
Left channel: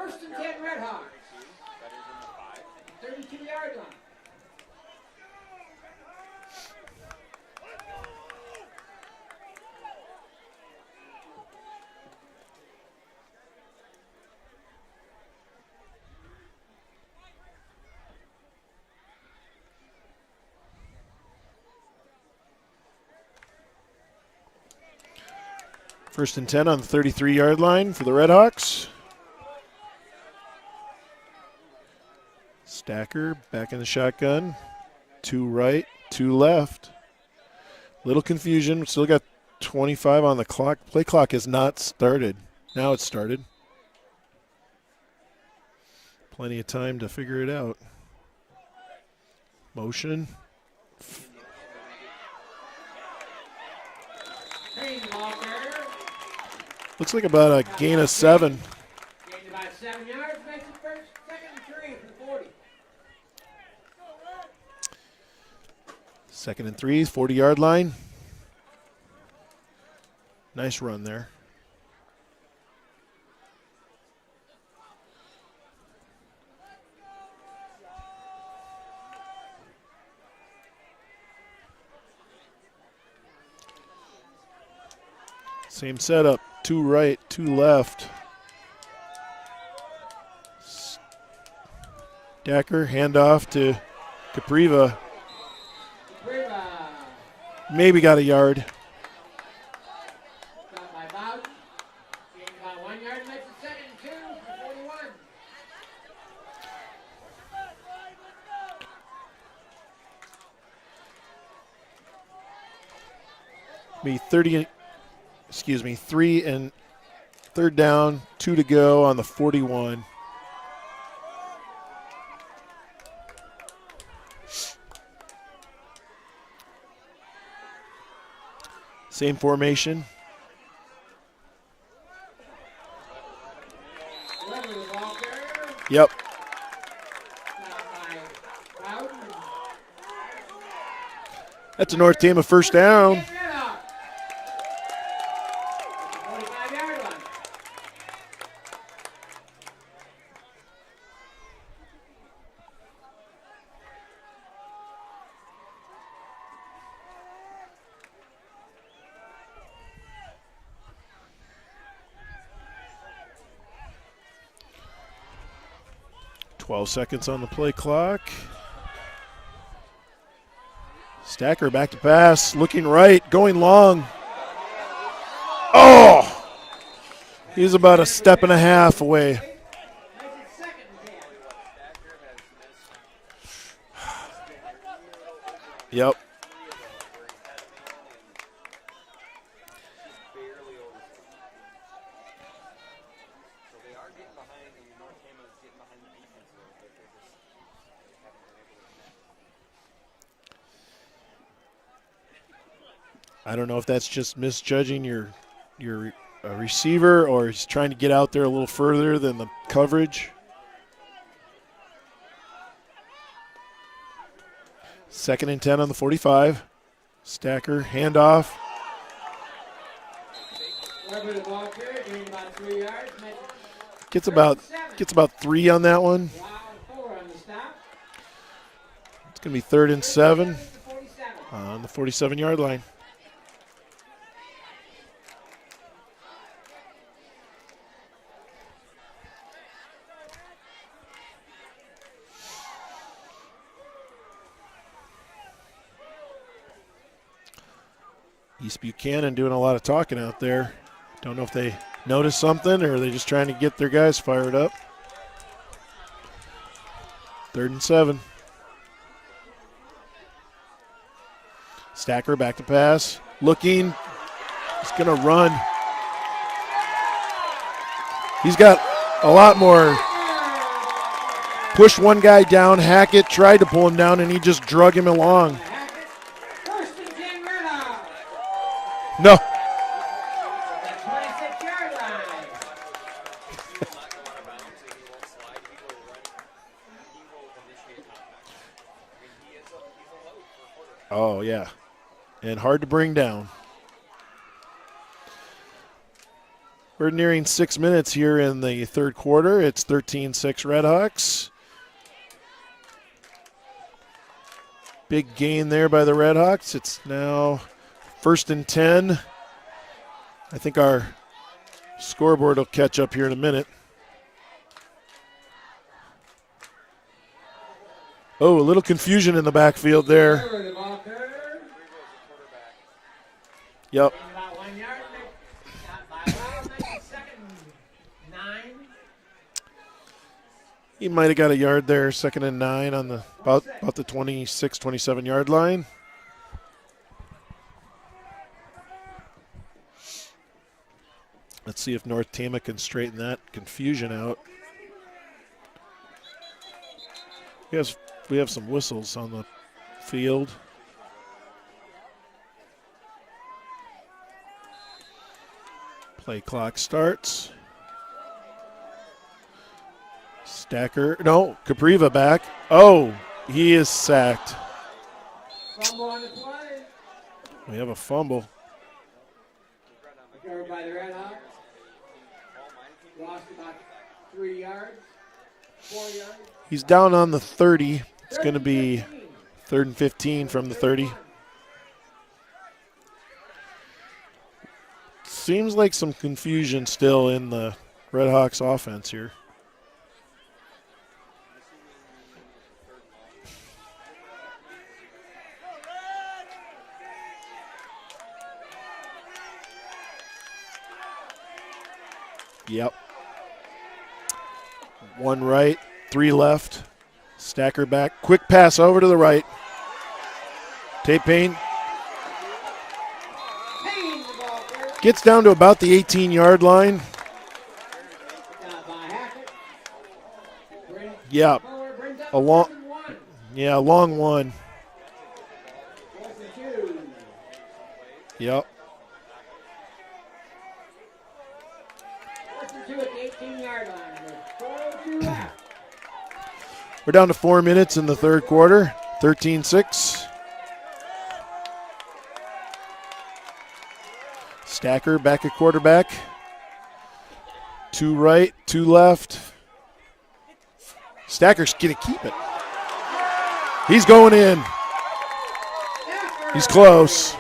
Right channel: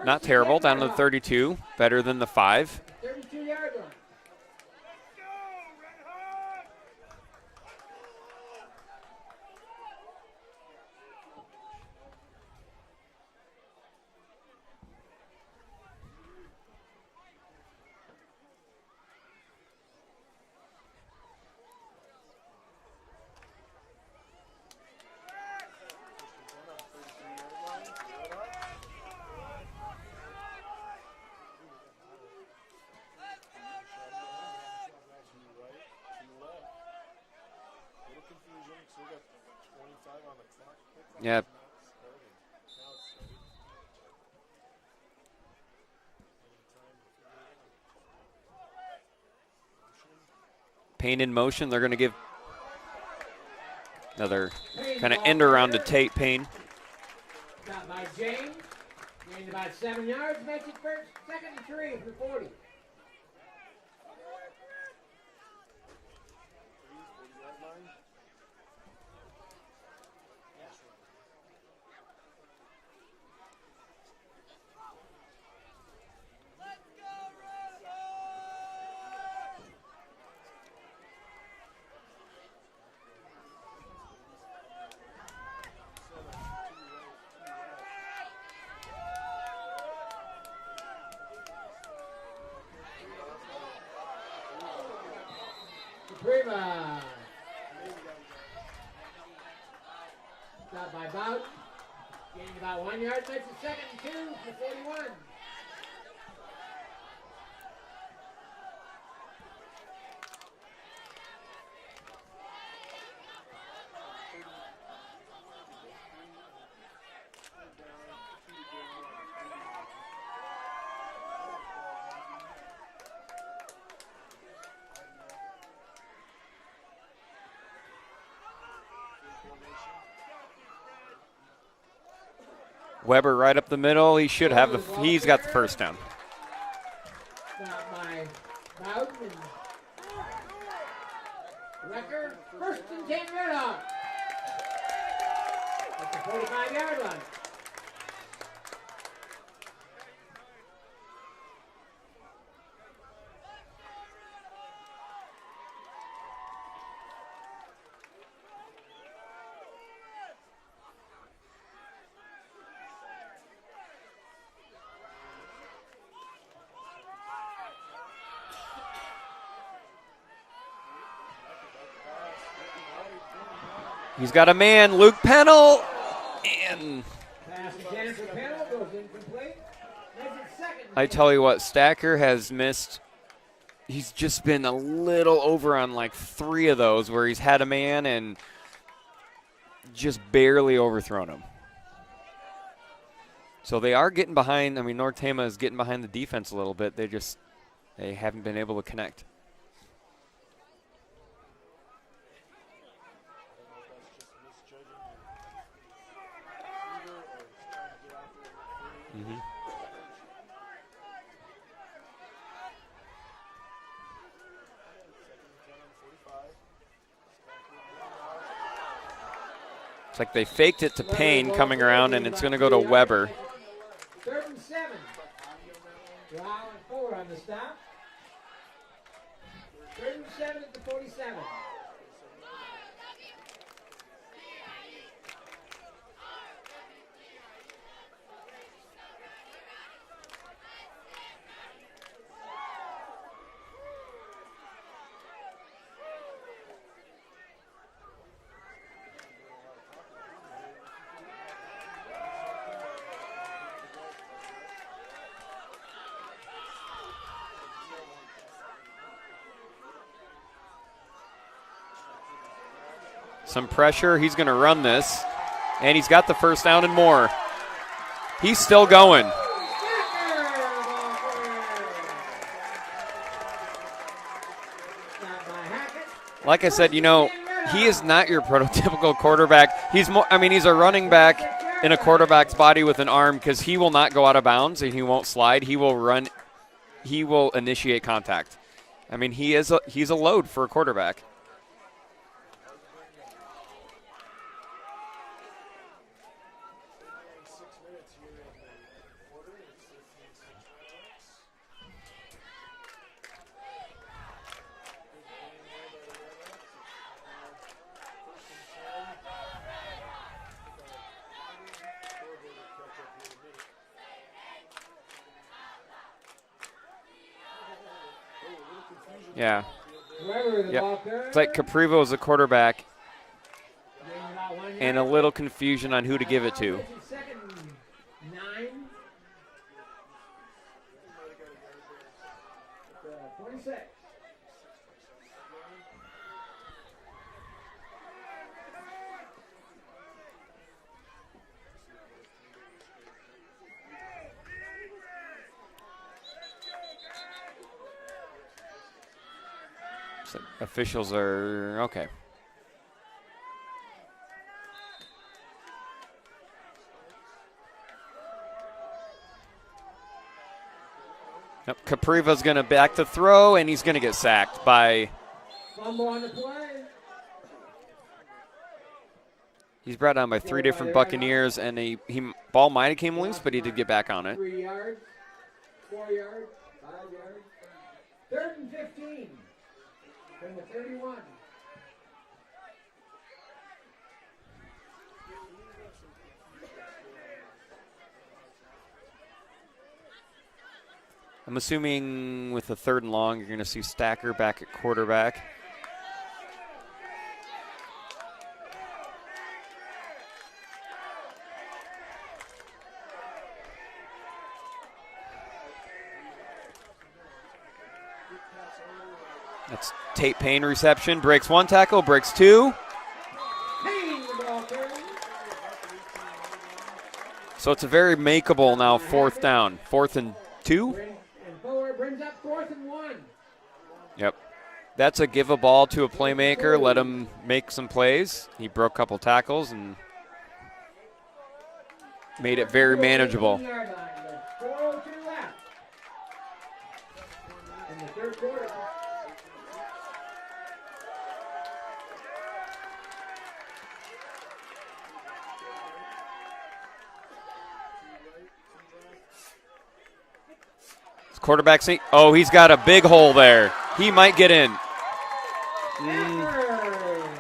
Not terrible, down to the 32, better than the 5. 32-yard line. First and 10 on the 33-yard line for the Redhawks. Stacker back in the shotgun. 2 right, 2 left. Little confusion. Still got 25 on the clock. Play clock has not started. Now it's started. Plenty of time to figure it out. Motion. Payne in motion. They're going to give another kind of end around to Tate Payne. Looks like about a gain of 7. Gained about 7 yards. Makes it first, 2nd and 3 from the 40. 2nd and 3, 40-yard line. Nice run there. Same setup, 2 right, 2 left. Stacker, handoff to Capriva. Maybe got a yard. Stopped by Bowden. Gained about 1 yard. Makes it 2nd and 2 for 41. Be 3 and 3rd down, 2 to go on the 41. Same formation. Weber right up the middle. He should have he's got the first down. Yep. That's a North Tama first down. 45-yard line. Seconds on the play clock. Stacker back to pass, looking right, going long. He's got a man, Luke Pennell. Oh! And he's about a step and a half away. I tell you what, Stacker has missed. He's just been a little over on like 3 of those where he's had a man and just barely overthrown him. So they are getting behind. I mean, North Tama is getting behind the defense a little bit. They haven't been able to connect. I don't know if that's just misjudging your receiver or he's trying to get out there a little further than the coverage. 2nd and 10 on the 45. Stacker, handoff. It's like they faked it to Payne coming around, and it's going to go to Weber. Gets about 3 on that one. It's going to be 3rd and 7 on the 47-yard line. East Buchanan doing a lot of talking out there. Don't know if they noticed something or are they just trying to get their guys fired up. 3rd and 7. Stacker back to pass. Looking. Some pressure. He's going to run this. He's going to run. And he's got the first down and more. He's still going. A lot more. Pushed one guy down. Hackett tried to pull him down, and he just drug him along. Like I said, you know, he is not your prototypical quarterback. No. He's more. I mean, he's a running back in a quarterback's body with an arm because he will not go out of bounds and he won't slide. He will run. He will initiate contact. I mean, he's a load for a quarterback. Oh yeah, and hard to bring down. We're nearing 6 minutes here in the third quarter. It's 13-6 Redhawks. Big gain there by the Redhawks. It's now 1st and 10. I think our scoreboard will catch up here in a minute. Oh, a little confusion in the backfield there. Yep. It's like Caprivo was the quarterback. Yep. And a little confusion on who to give it to. He might have got a yard there, 2nd and 9 on the about the 26, 27 yard line. Let's see if North Tama can straighten that confusion out. We have some whistles on the field. Officials are okay. Play clock starts. Stacker, no, Capriva back. Capriva's going to back to throw, and he's is going to get sacked by. Fumble on the play. We have a fumble. He's brought down by 3 different Buccaneers, and he ball might have came loose, but he did get back on it. 3 yards, 4 yards. He's down on the 30. It's going to be 3rd and 15 from the 30. Seems like some confusion still in the Redhawks offense here. I'm assuming with the 3rd and long, you're going to see Stacker back at quarterback. Yep. 1 right, 3 left. Stacker back. Quick pass over to the right. That's Tate Payne reception. Tate Breaks Payne. 1 tackle, breaks 2. Gets down to about the 18-yard line. So it's a very makeable now 4th down. 4th and 2. Yeah. A long Yep. one. That's a give a ball to a playmaker, let him make some plays. Yep. He broke a couple tackles and made it very manageable. We're down to 4 minutes in the third quarter, 13-6. Stacker back at quarterback. 2 right, 2 left. Stacker's Quarterback he's got a big hole there. He's He going might get in. He's close.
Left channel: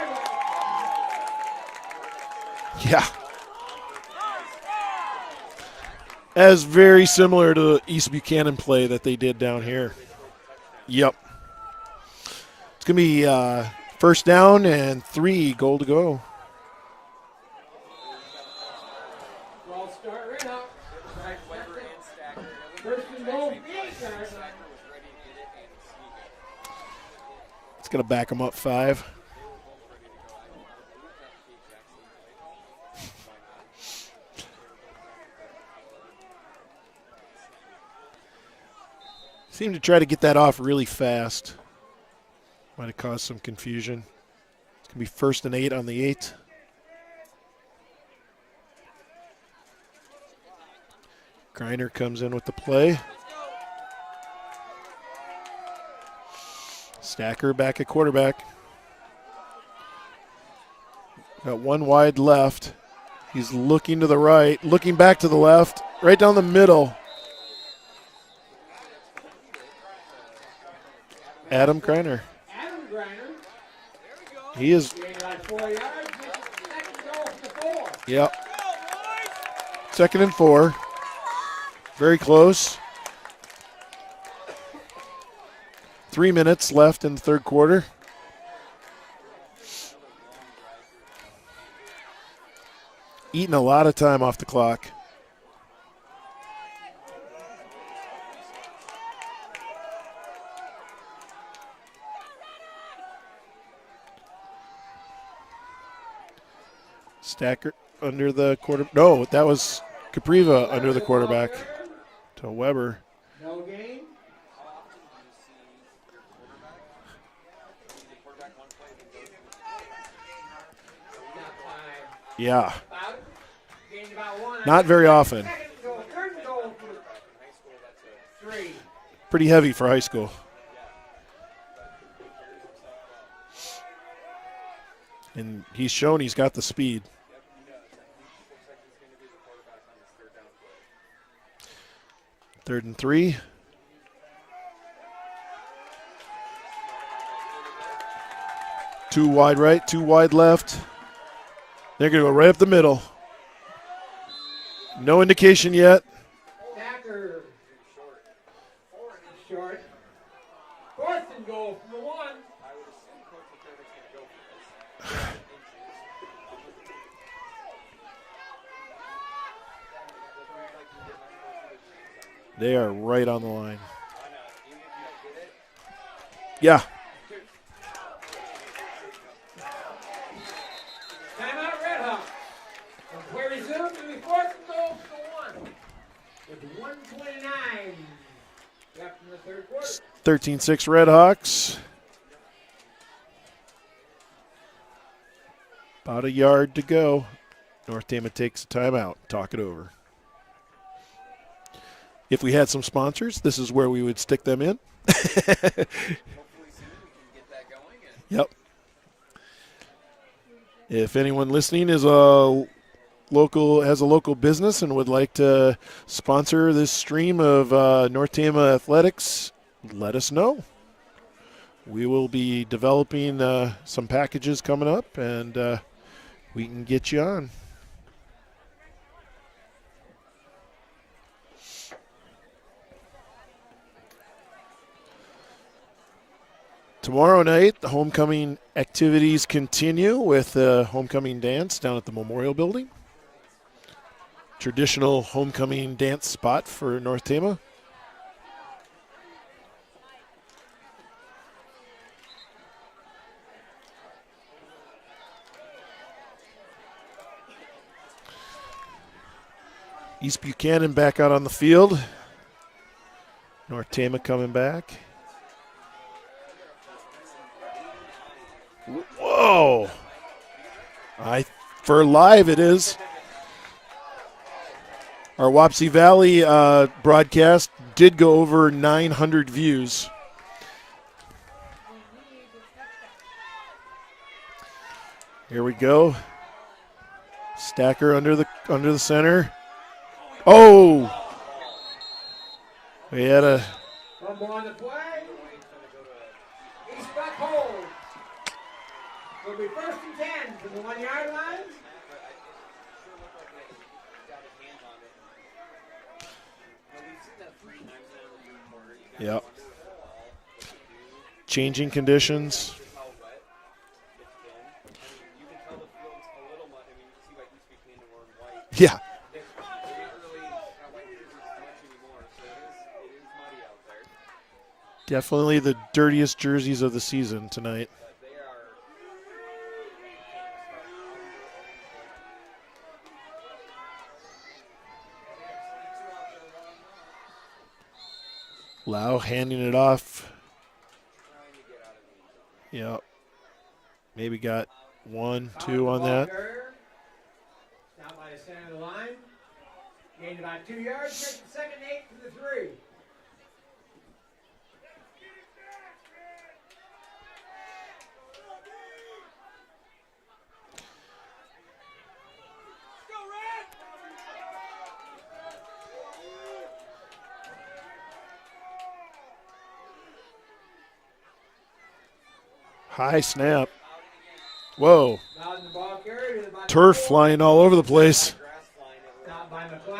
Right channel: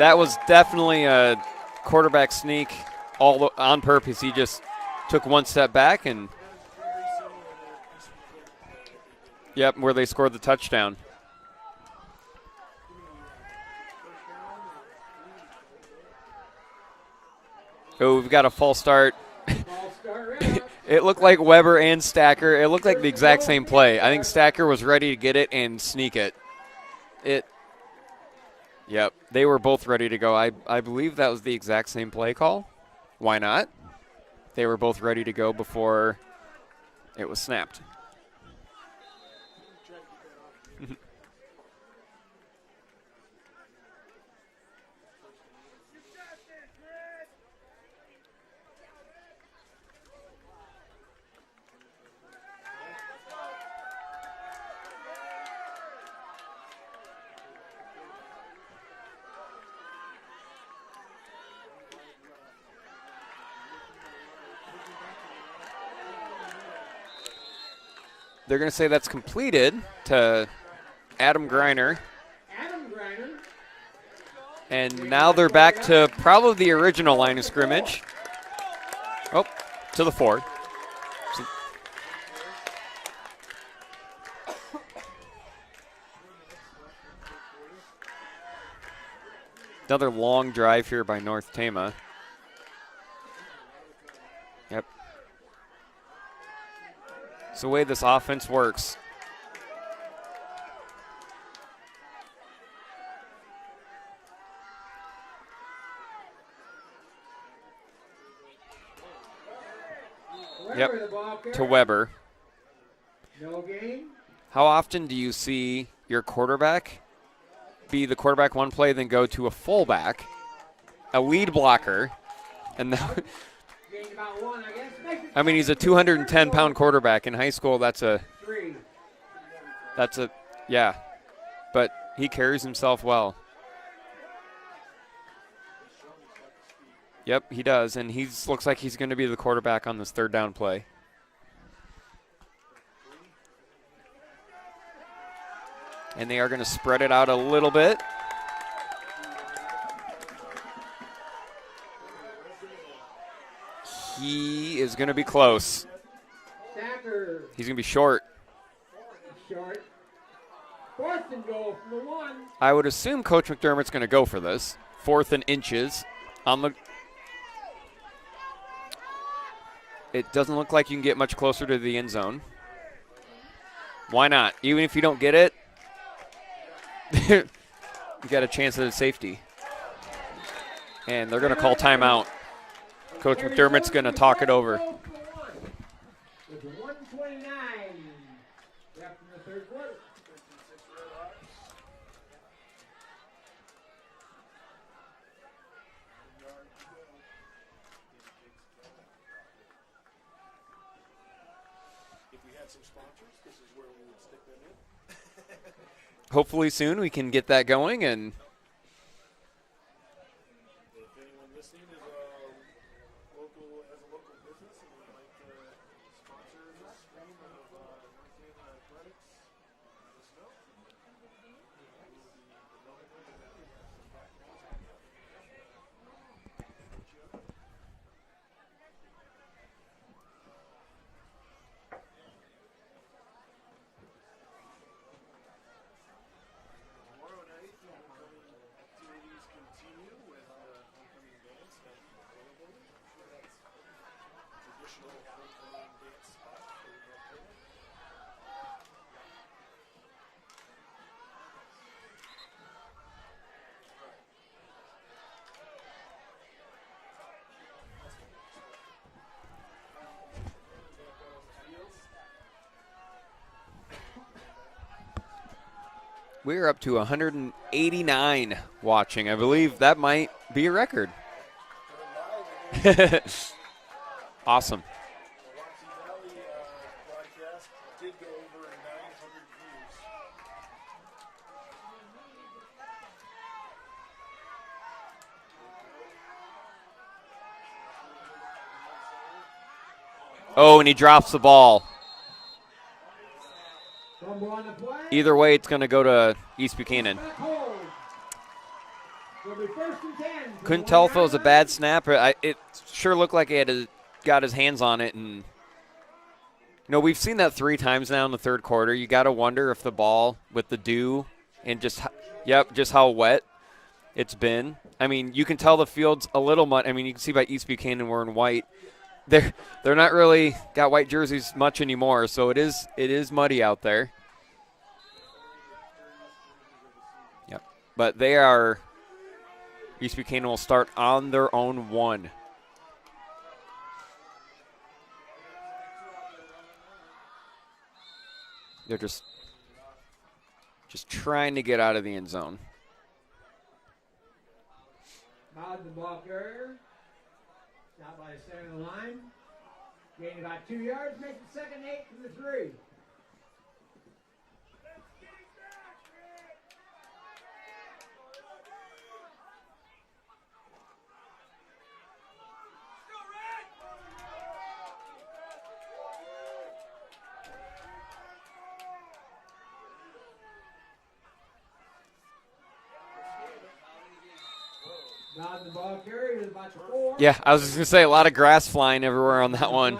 That was definitely a quarterback sneak. Yeah. All on purpose. He just took 1 step back and As very similar to the East Buchanan play that they did down here. where they scored the touchdown. Yep. It's going to be 1st down and 3, goal to go. Oh, we've got a false start. It looked like Weber and Stacker. It looked like the exact same play. I think Stacker was ready to get it and sneak it. It's going to back them up 5. Yep, they were both ready to go. I believe that was the exact same play call. Why not? They were both ready to go before it was snapped. Seemed to try to get that off really fast. Might have caused some confusion. It's going to be 1st and 8 on the 8. Griner comes in with the play. Stacker back at quarterback. Got 1 wide left. He's looking to the right, looking back to the left, right down the middle. They're going to say that's completed to Adam Griner. He is. And now they're back to probably the original line of scrimmage. Yep. Oh, 2nd and 4. Very close. 3 minutes left in the third quarter. Another long drive here by North Tama. Eating a lot of time off the clock. Yep. It's the way this offense works. Stacker under the quarter. No, that was Capriva under the quarterback. To Weber. To Weber. No game. How often do you see your quarterback be the quarterback one play, then go to a fullback, a lead blocker? Yeah. And Not very often. I mean, he's a 210-pound quarterback. In high school, that's a pretty heavy for high school. yeah, but he carries himself well. And he's shown he's got the speed. Yep, he does, and he looks like he's going to be the quarterback on this third down play. 3rd and 3. And they are going to spread it out a little bit. 2 wide right, 2 wide left. They're going to go right up the middle. He is going to be No indication close. yet. Stacker. He's going to be short. Short. 4th and goal from the 1. I would assume Coach McDermott's going to go for this. 4th and inches. It doesn't look like you can get much closer to the end zone. They are right on the line. Why not? Even if you don't get it, Yeah. you got a chance at a safety. And they're going to call timeout. Coach McDermott's going to talk it over. With 1:29 left in the 3rd quarter. 13-6 Redhawks. About a yard to go. North Tama takes a timeout. Talk it over. If we had some sponsors, this is where we would stick them in. Hopefully soon we can get that going. And Yep. If anyone listening is has a local business and would like to sponsor this stream of North Tama athletics, let us know. We will be developing some packages coming up, and we can get you on. Tomorrow night, the homecoming activities continue with the homecoming dance down at the Memorial Building. Traditional homecoming dance spot for North Tama. East Buchanan back out on the field. North Tama coming back. we're up to 189 watching. I Whoa. believe that might be a record. For live, it is. Awesome. Our Wapsie Valley broadcast did go over 900 views. Here we go. Stacker under the center. Oh, and he drops the ball. We had a Either way, it's going to go to East Buchanan. Couldn't tell if it was a bad snap. It sure looked like he had got his hands on it. And we've seen that 3 times now in the third quarter. You got to wonder if the ball with the dew. changing conditions. Just how wet it's been. I mean, you can tell the field's a little mud. I mean, you can see by East Buchanan wearing white. Yeah. They're not really got white jerseys much anymore, so it is muddy out there. Definitely the dirtiest jerseys of the season tonight. But East Buchanan will start on their own 1. Lau handing it off. Just trying to get out of the end zone. Yep. Maybe got 1, 2 on that. Down by the center of the line. Gained about 2 yards. Makes the second 8 from the 3. High snap. Whoa. Turf flying all over the place. A lot of grass flying everywhere on that one.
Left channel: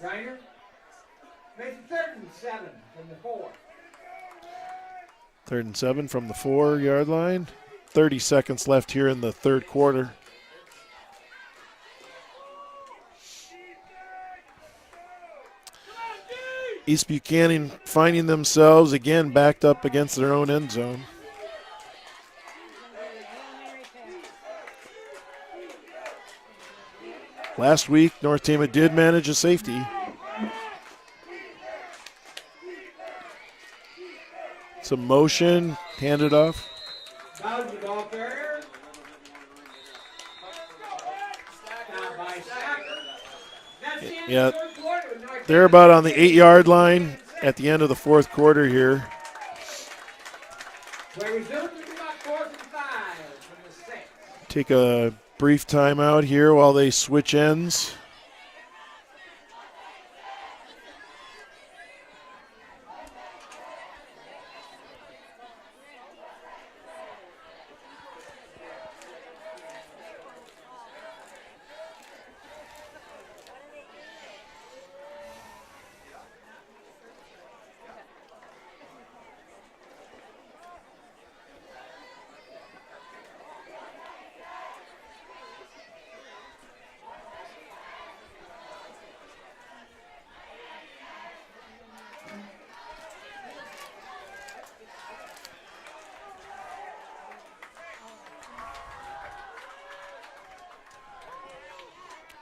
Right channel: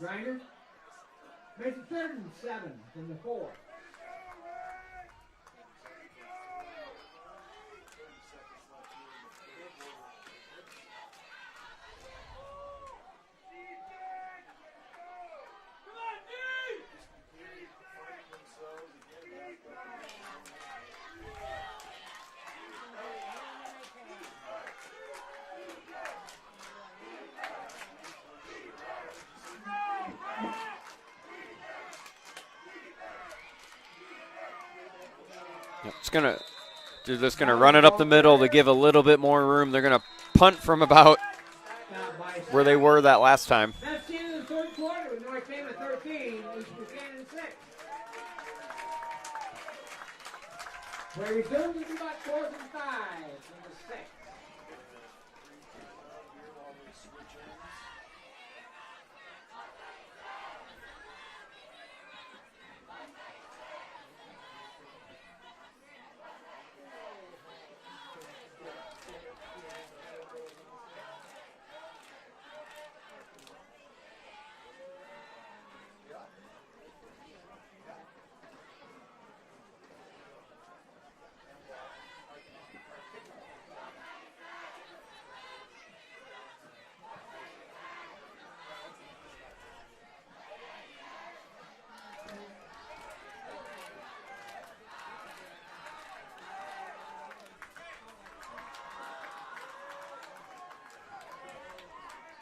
Griner makes it 3rd and 7 from the 4. 3rd and 7 from the 4-yard line. 30 seconds left here in the third quarter. East Buchanan finding themselves again backed up against their own end zone. Last week, North Tama did manage a safety. Some motion, handed off. They're just going to run it up the middle to give a little bit more room. They're going to punt from about where they were that last time. Yeah, they're about on the 8-yard line at the end of the fourth quarter here. Take a brief timeout here while they switch ends.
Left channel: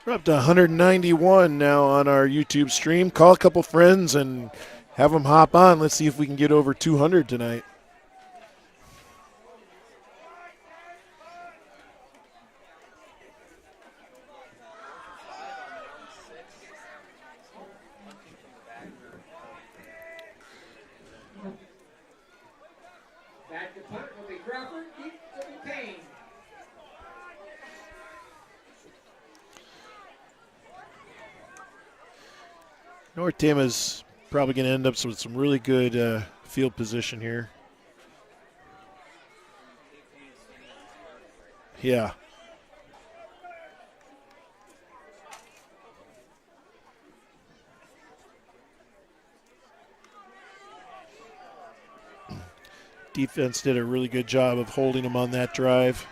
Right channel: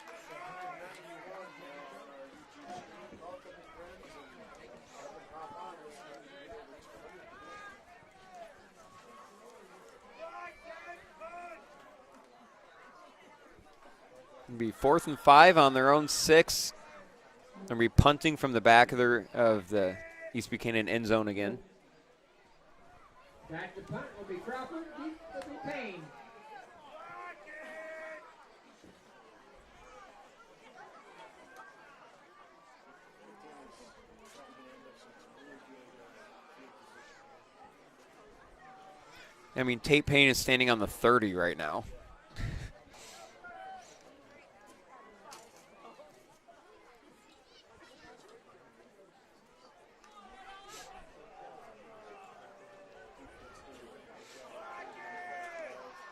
We're up to 191 now on our YouTube stream. Call a couple friends and have them hop on. Let's see if we can get over 200 tonight. It'll be 4th and 5 on their own 6. They'll be punting from the back of the East Buchanan end zone again. Back to punt will be Crawford. Deep will be Payne. North Tama's probably going to end up with some really good field position here. I mean, Tate Payne is standing on the 30 right now. Yeah. Defense did a really good job of holding him on that drive.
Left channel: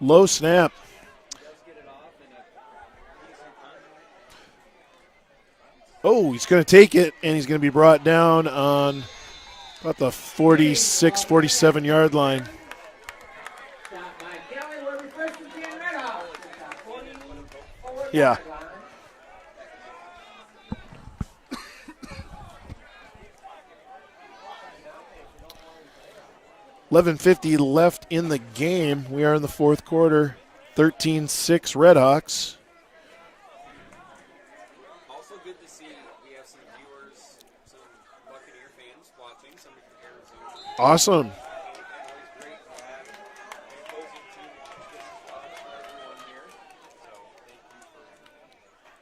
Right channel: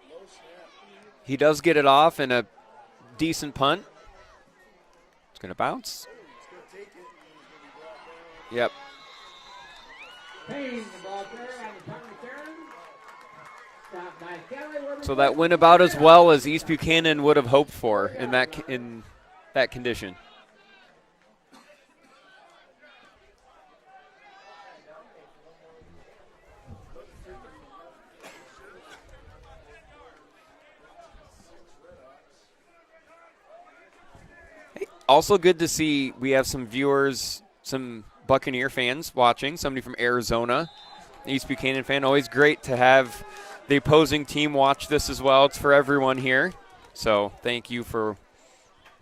Low snap. He does get it off in a decent punt. It's going to bounce. Oh, he's going to take it, and he's going to be brought down on about the 46, 47-yard line. So that went about as well as East Buchanan would have hoped for in that condition. $11:50 left in the game. We are in the fourth quarter. 13-6 Redhawks. Also good to see we have some viewers, some Buccaneer fans watching, somebody from Arizona. Awesome. East Buchanan fan. Always great to have the opposing team watch this as well. It's for everyone here. So thank you for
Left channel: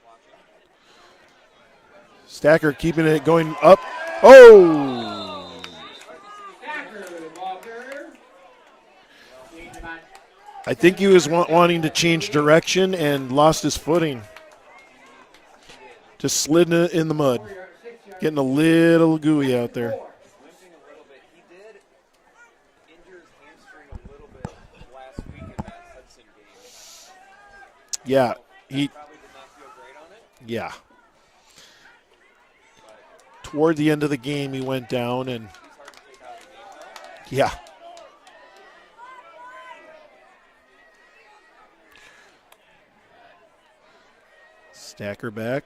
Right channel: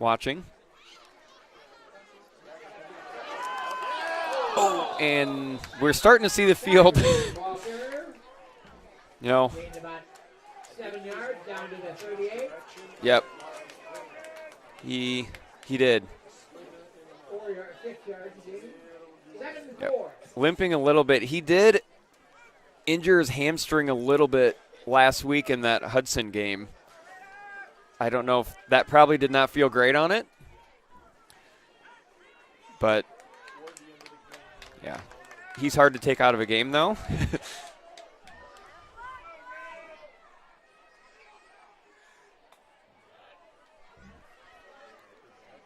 watching. Stacker keeping it going up. Oh! And we're starting to see the field. You know, I think he was wanting to change direction and lost his footing. He did. Just slid in the mud. Getting a little gooey out there. Limping a little bit. He did injure his hamstring a little bit last week in that Hudson game. I don't know if that probably did not feel great on it. Yeah. But toward the end of the game, he went down. And he's hard to take out of a game, though. Yeah. Stacker back.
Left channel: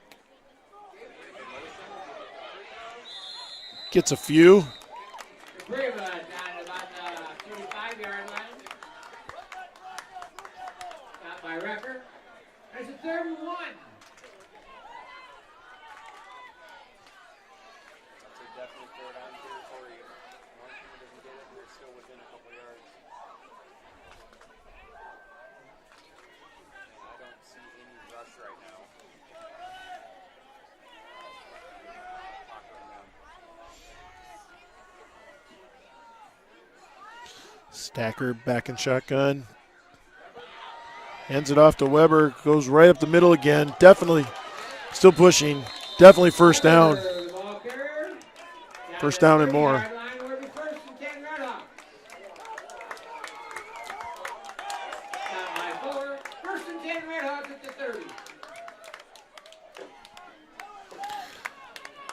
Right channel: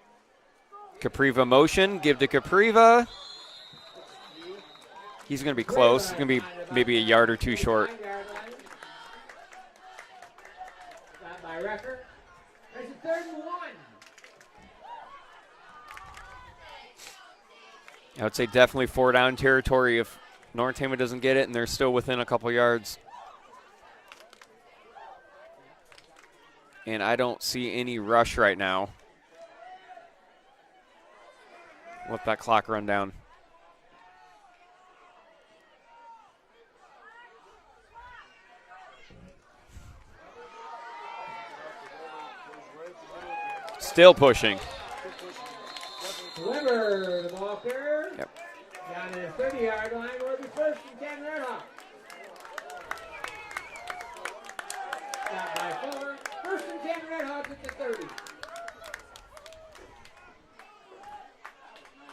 Capriva motion. Give to Capriva. Gets a few. He's going to be close. He's going to be maybe a yard or two short. By Rucker. That's a 3rd and 1. I would say definitely 4-down territory if North Tama doesn't get it and they're still within a couple yards. And I don't see any rush right now. Let that clock run down. Stacker back in shotgun. Hands it off to Weber. Goes right up the middle again. Definitely still pushing. Still pushing. Definitely first down. First down and more.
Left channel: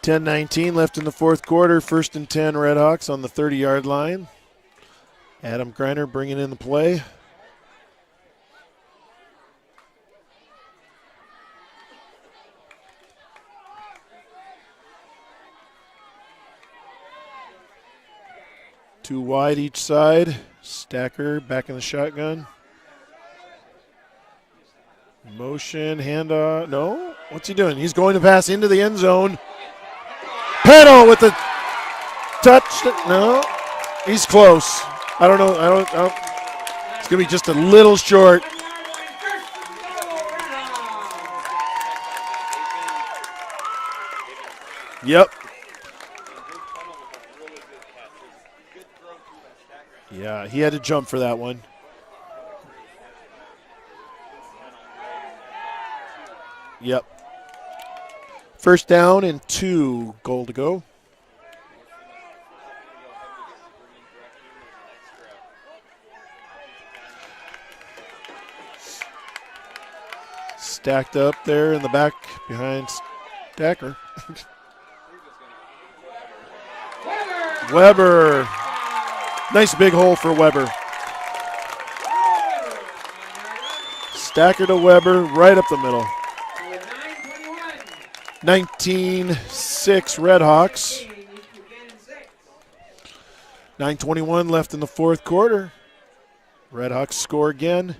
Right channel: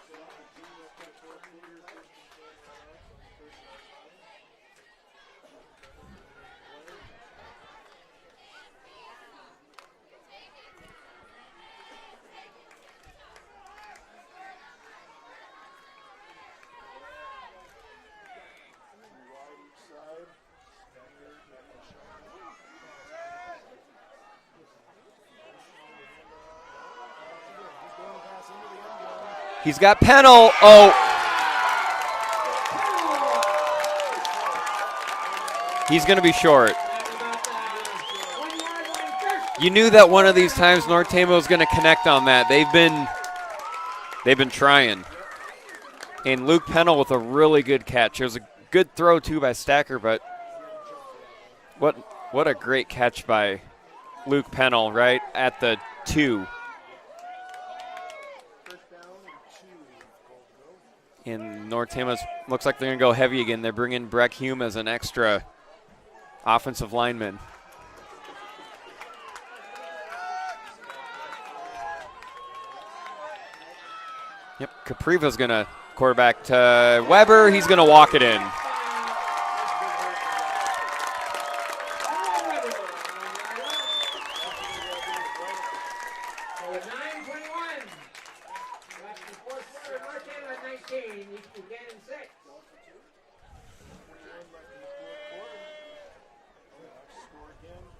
$10:19 left in the fourth quarter. 1st and 10 Redhawks on the 30-yard line. Adam Greiner bringing in the play. Two wide each side. Stacker back in the shotgun. Motion, handoff. No. What's he doing? He's going to pass into the end zone. He's got Pennell. Pennell with the touch. No, he's close. I don't know. He's going to be short. It's going to be just a little short. You knew that one of these times North Tama was going to connect on that. They've been trying. Yep. And Luke Pennell with a really good catch. It was a good throw too by Stacker, but yeah, he had to jump for that one. What a great catch by Luke Pennell right at the 2. Yep. First down and 2, goal to go. And North Tama looks like they're going to go heavy again. They're bringing Breck Hume as an extra offensive lineman. Stacked up there in the back behind Stacker. Yep, Capriva's going to quarterback to Weber. He's going to walk it in. Nice big hole for Weber. Stacker to Weber, right up the middle. 19-6 Redhawks. 9:21 left in the fourth quarter. Redhawks score again.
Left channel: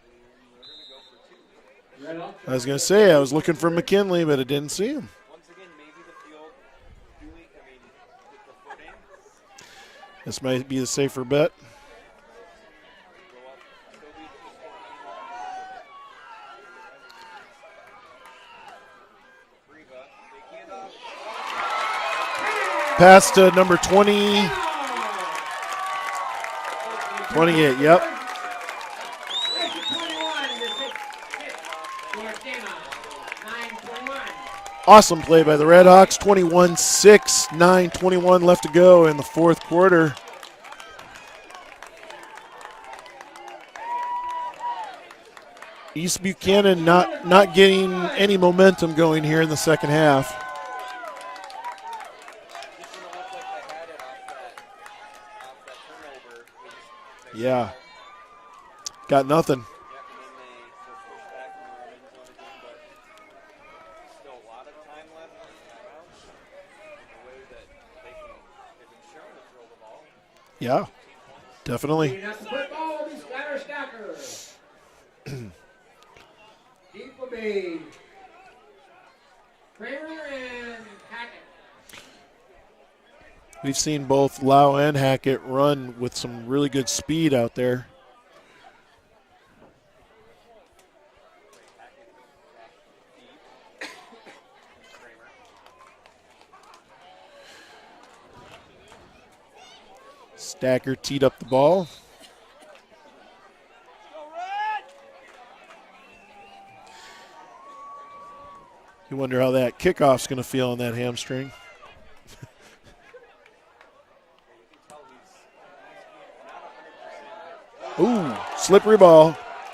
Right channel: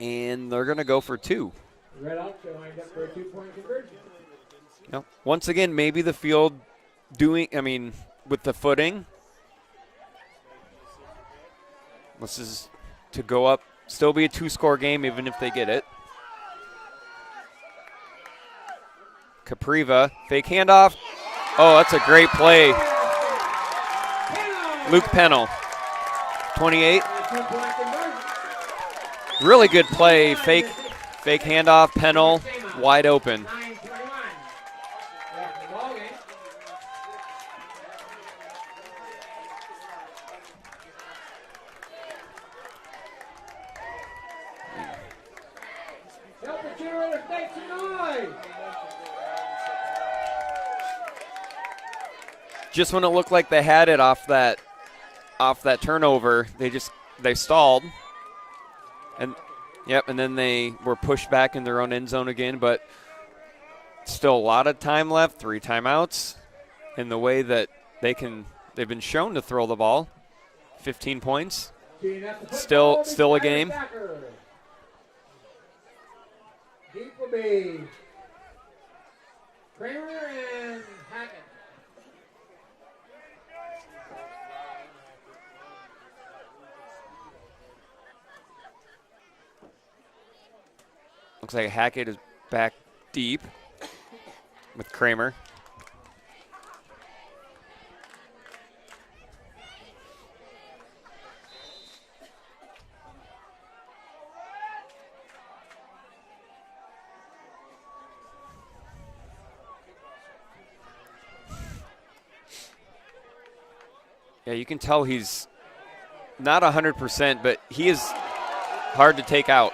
And they're going to go for 2. I was going to say, I was looking for McKinley, but I didn't see him. Once again, maybe the field with the footing. This might be the safer bet. This is to go up, still be a 2-score game even if they get it. Capriva, fake handoff. Oh, that's a great play. Pass to number 20. Luke Pennell. 28? 28, yep. Really good play. Fake handoff, Pennell, wide open. Awesome play by the Redhawks. 21-6, 9:21 left to go in the fourth quarter. East Buchanan not getting any momentum going here in the second half. Just when it looked like they had it off that turnover, they stalled. Got nothing. Yep, and then they were pushed back in their own end zone again, but still a lot of time left, 3 timeouts, in the way that they've been shown to throw the ball. Yeah. 15 points. Definitely. Still a game. Deep will be Kramer and Hackett. We've seen both Lau and Hackett run with some really good speed out there. Looks like Hackett is back deep with Kramer. Stacker teed up the ball. You wonder how that kickoff's going to feel on that hamstring. Yeah, you can tell he's not 100%, but he is slippery hard ball to take out.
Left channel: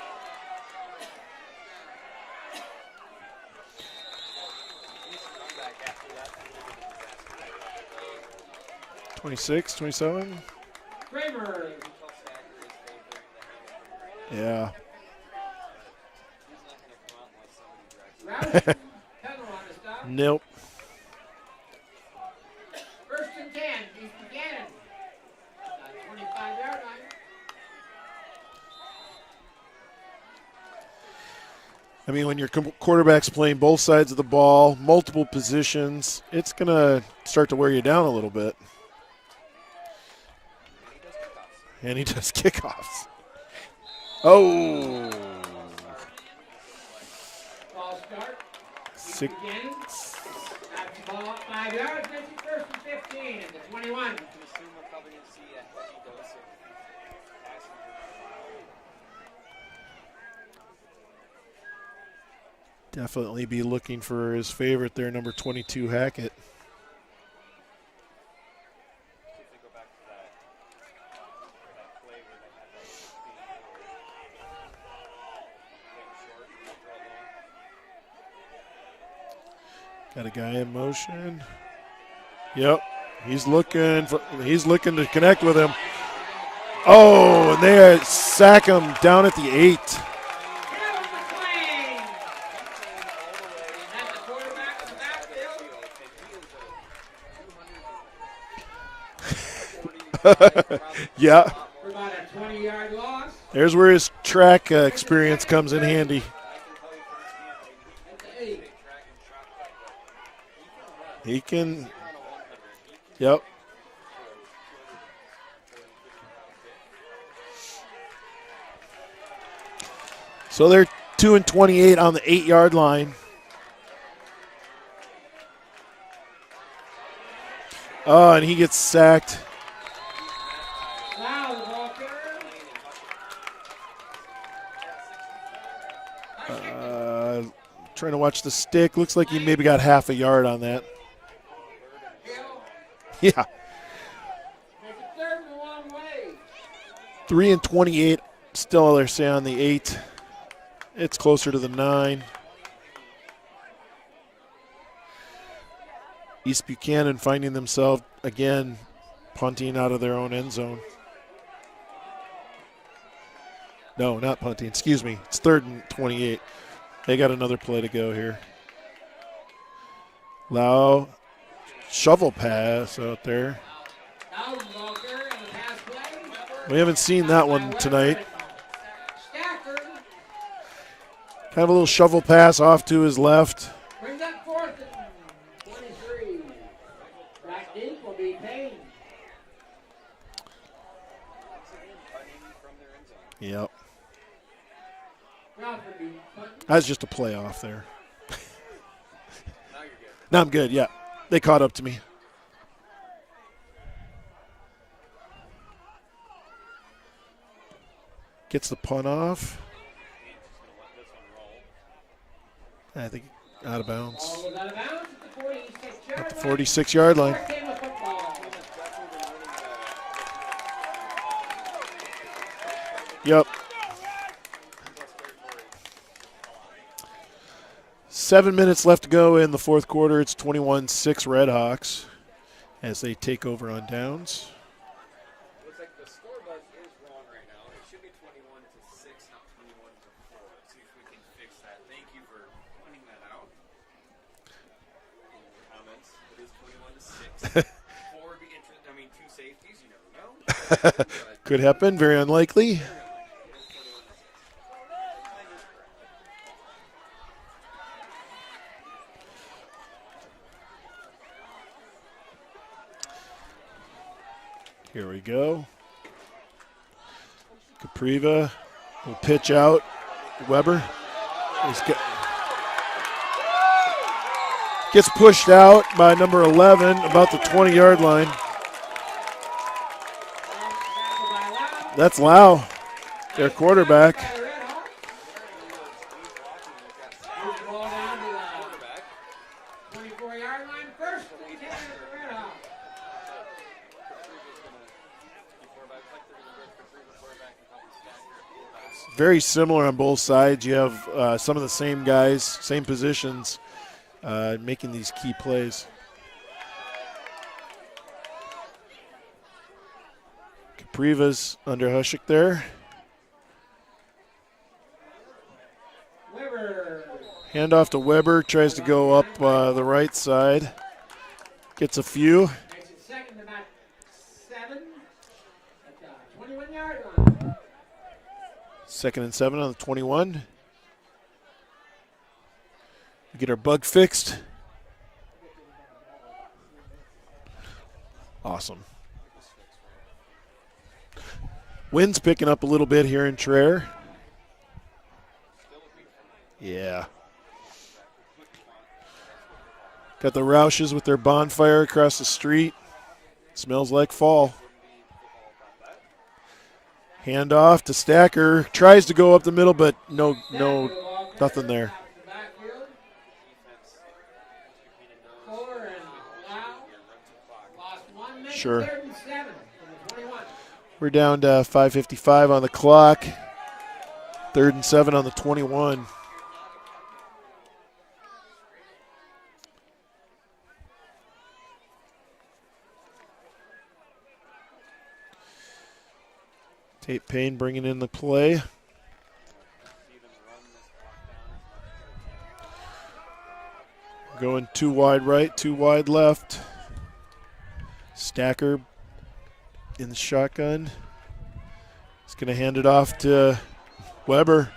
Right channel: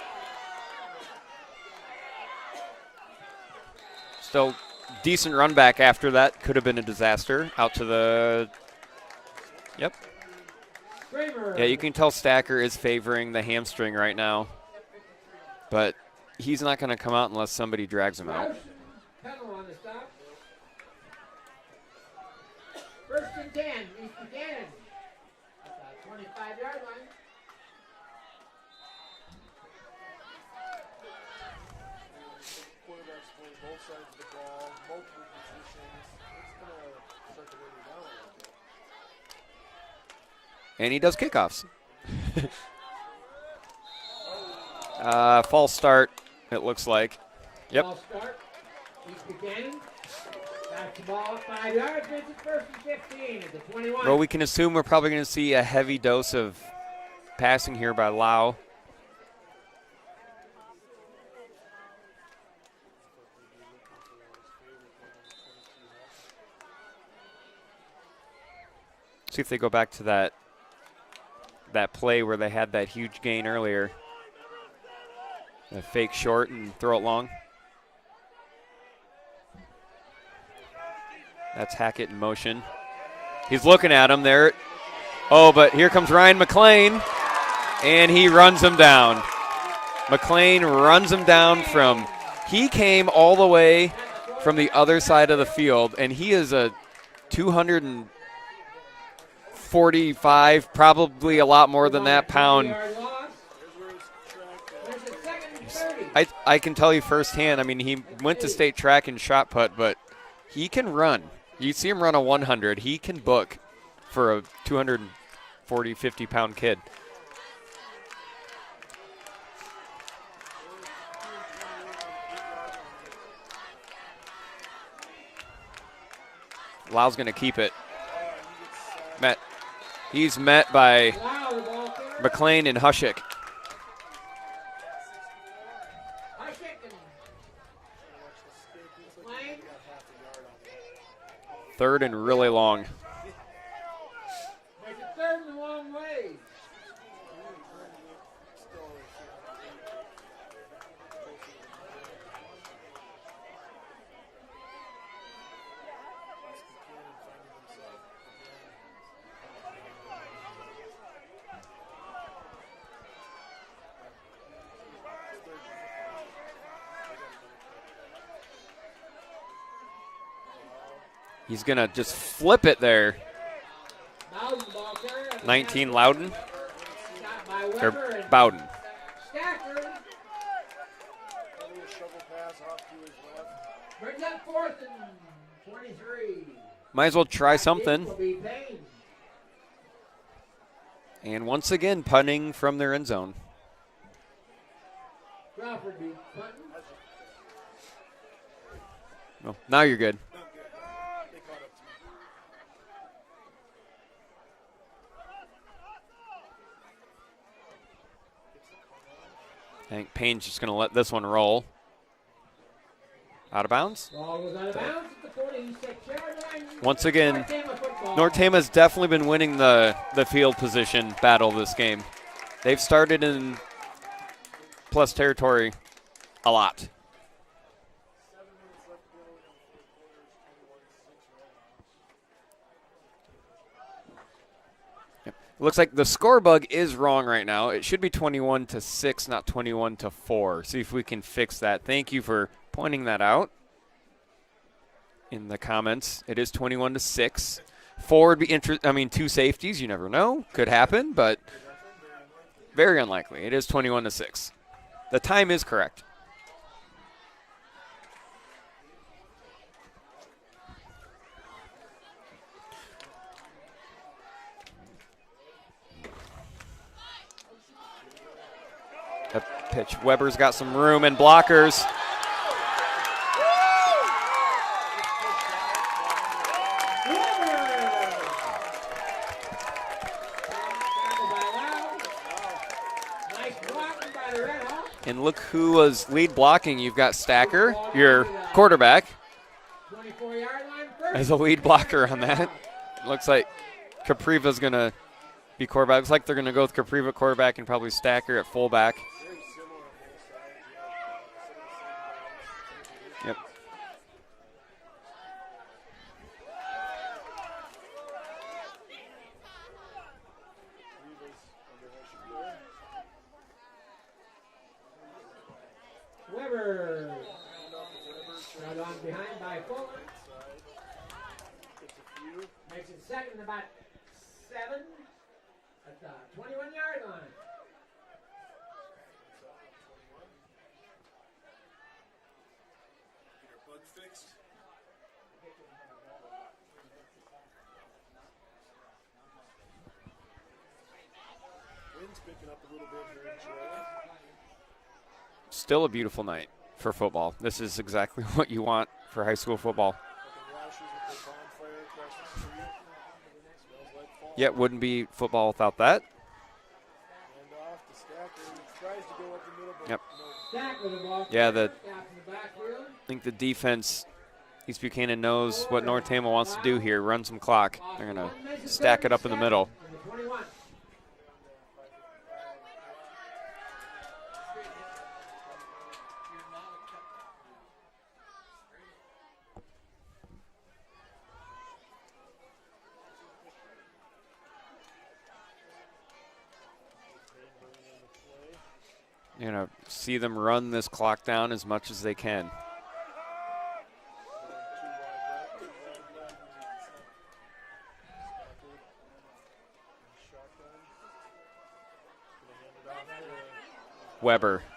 Still decent run back after that. Could have been a disaster. Out to the 26, 27. Kramer. Yeah, you can tell Stacker is favoring the hamstring right now. Yeah. But he's not going to come out unless somebody drags him out. Nope. First and 10, East Buchanan. 25-yard line. I mean, when your quarterback's playing both sides of the ball, multiple positions, it's going to start to wear you down a little bit. And he does kickoffs. Oh. False start, it looks like. Yep. False start. Six. That's the ball up 5 yards. This is first and 15 at the 21. Well, we can assume we're probably going to see a heavy dose of passing here by Lau. Definitely be looking for his favorite there, number 22, Hackett. See if they go back to that play where they had that huge gain earlier. A fake short and throw it long. Got a guy in motion. That's Hackett in motion. Yep. He's looking at him there. He's looking to connect with him. but here comes Ryan McLean. Oh, and he runs him down at the 8. McLean runs him down he came all the way from the other side of the field, and he is a 245, probably a lot more than that pound There's where his track experience comes in handy. I can tell you firsthand. I mean, he went to state track and shot put, but he can run. He can. You see him run a 100. He can book for a 240, 50-pound kid. So they're 2 and 28 on the 8-yard line. Lau's going to keep it. Oh, and he gets sacked. He's met by McLean and Hushik. Trying to watch the stick. Looks like he maybe got half a yard on that. 3rd and really long. Yeah. 3 and 28. Still, they're saying on the 8. It's closer to the 9. East Buchanan finding themselves again punting out of their own end zone. No, not punting. Excuse me. It's 3rd and 28. They got another play to go here. Lau. He's going to just shovel flip it out there. 19 Loudon. We haven't seen that one tonight. Bowden. Kind of a little shovel pass off to his left. Might as well try something. And once again, punting from their end zone. Yep. That was just a play off there. No, now you're good. Now I'm good, yeah. They caught up to me. Gets the punt off. I think Payne's just going to let this one roll. I think out of bounds. At the 46-yard Once again, line. North Tama has definitely been winning the field position battle this game. They've started in plus territory a lot. 7 minutes left to go in the fourth quarter. It's 21-6 Redhawks as they take over on downs. Looks like the score bug is wrong right now. It should be 21-6, not 21-4. See if we can fix that. Thank you for pointing that out in the comments. It is 21-6. 4 would be two safeties. You never know. Could happen, but could happen. Very unlikely. Very unlikely. It is 21-6. The time is correct. Here we go. Capriva will pitch out. Weber's got some room and blockers. Gets pushed out by number 11, about the 20-yard line. That's Lau, their quarterback. And look who was lead blocking. You've got Stacker, your quarterback, as a lead blocker on that. Looks like Capriva's going to be quarterback. Looks like they're going to go with Capriva quarterback and probably Stacker at fullback. Very similar on both sides. You have some of the same guys, same positions, making these key plays. Capriva's under Hushik there. Handoff to Weber, tries to go up the right side. Gets a few. Second and 7 on the 21. We get our bug fixed. Awesome. Wind's picking up a little bit here in Traer. Still a beautiful night for football. This is exactly what you want for high school football. Got the Roushes with their bonfire across the street. Smells like fall. Yeah, it wouldn't be football without that. Handoff to Stacker. Tries to go up the middle, but nothing there. I think the defense, East Buchanan knows what North Tama wants to do here, run some clock. They're going to stack it up in the middle. We're down to 5:55 on the clock. 3rd and 7 on the 21. Tate Payne bringing in the play. You're going to see them run this clock down as much as they can. Going 2 wide right, 2 wide left. Stacker in the shotgun. He's going to hand it off to Weber.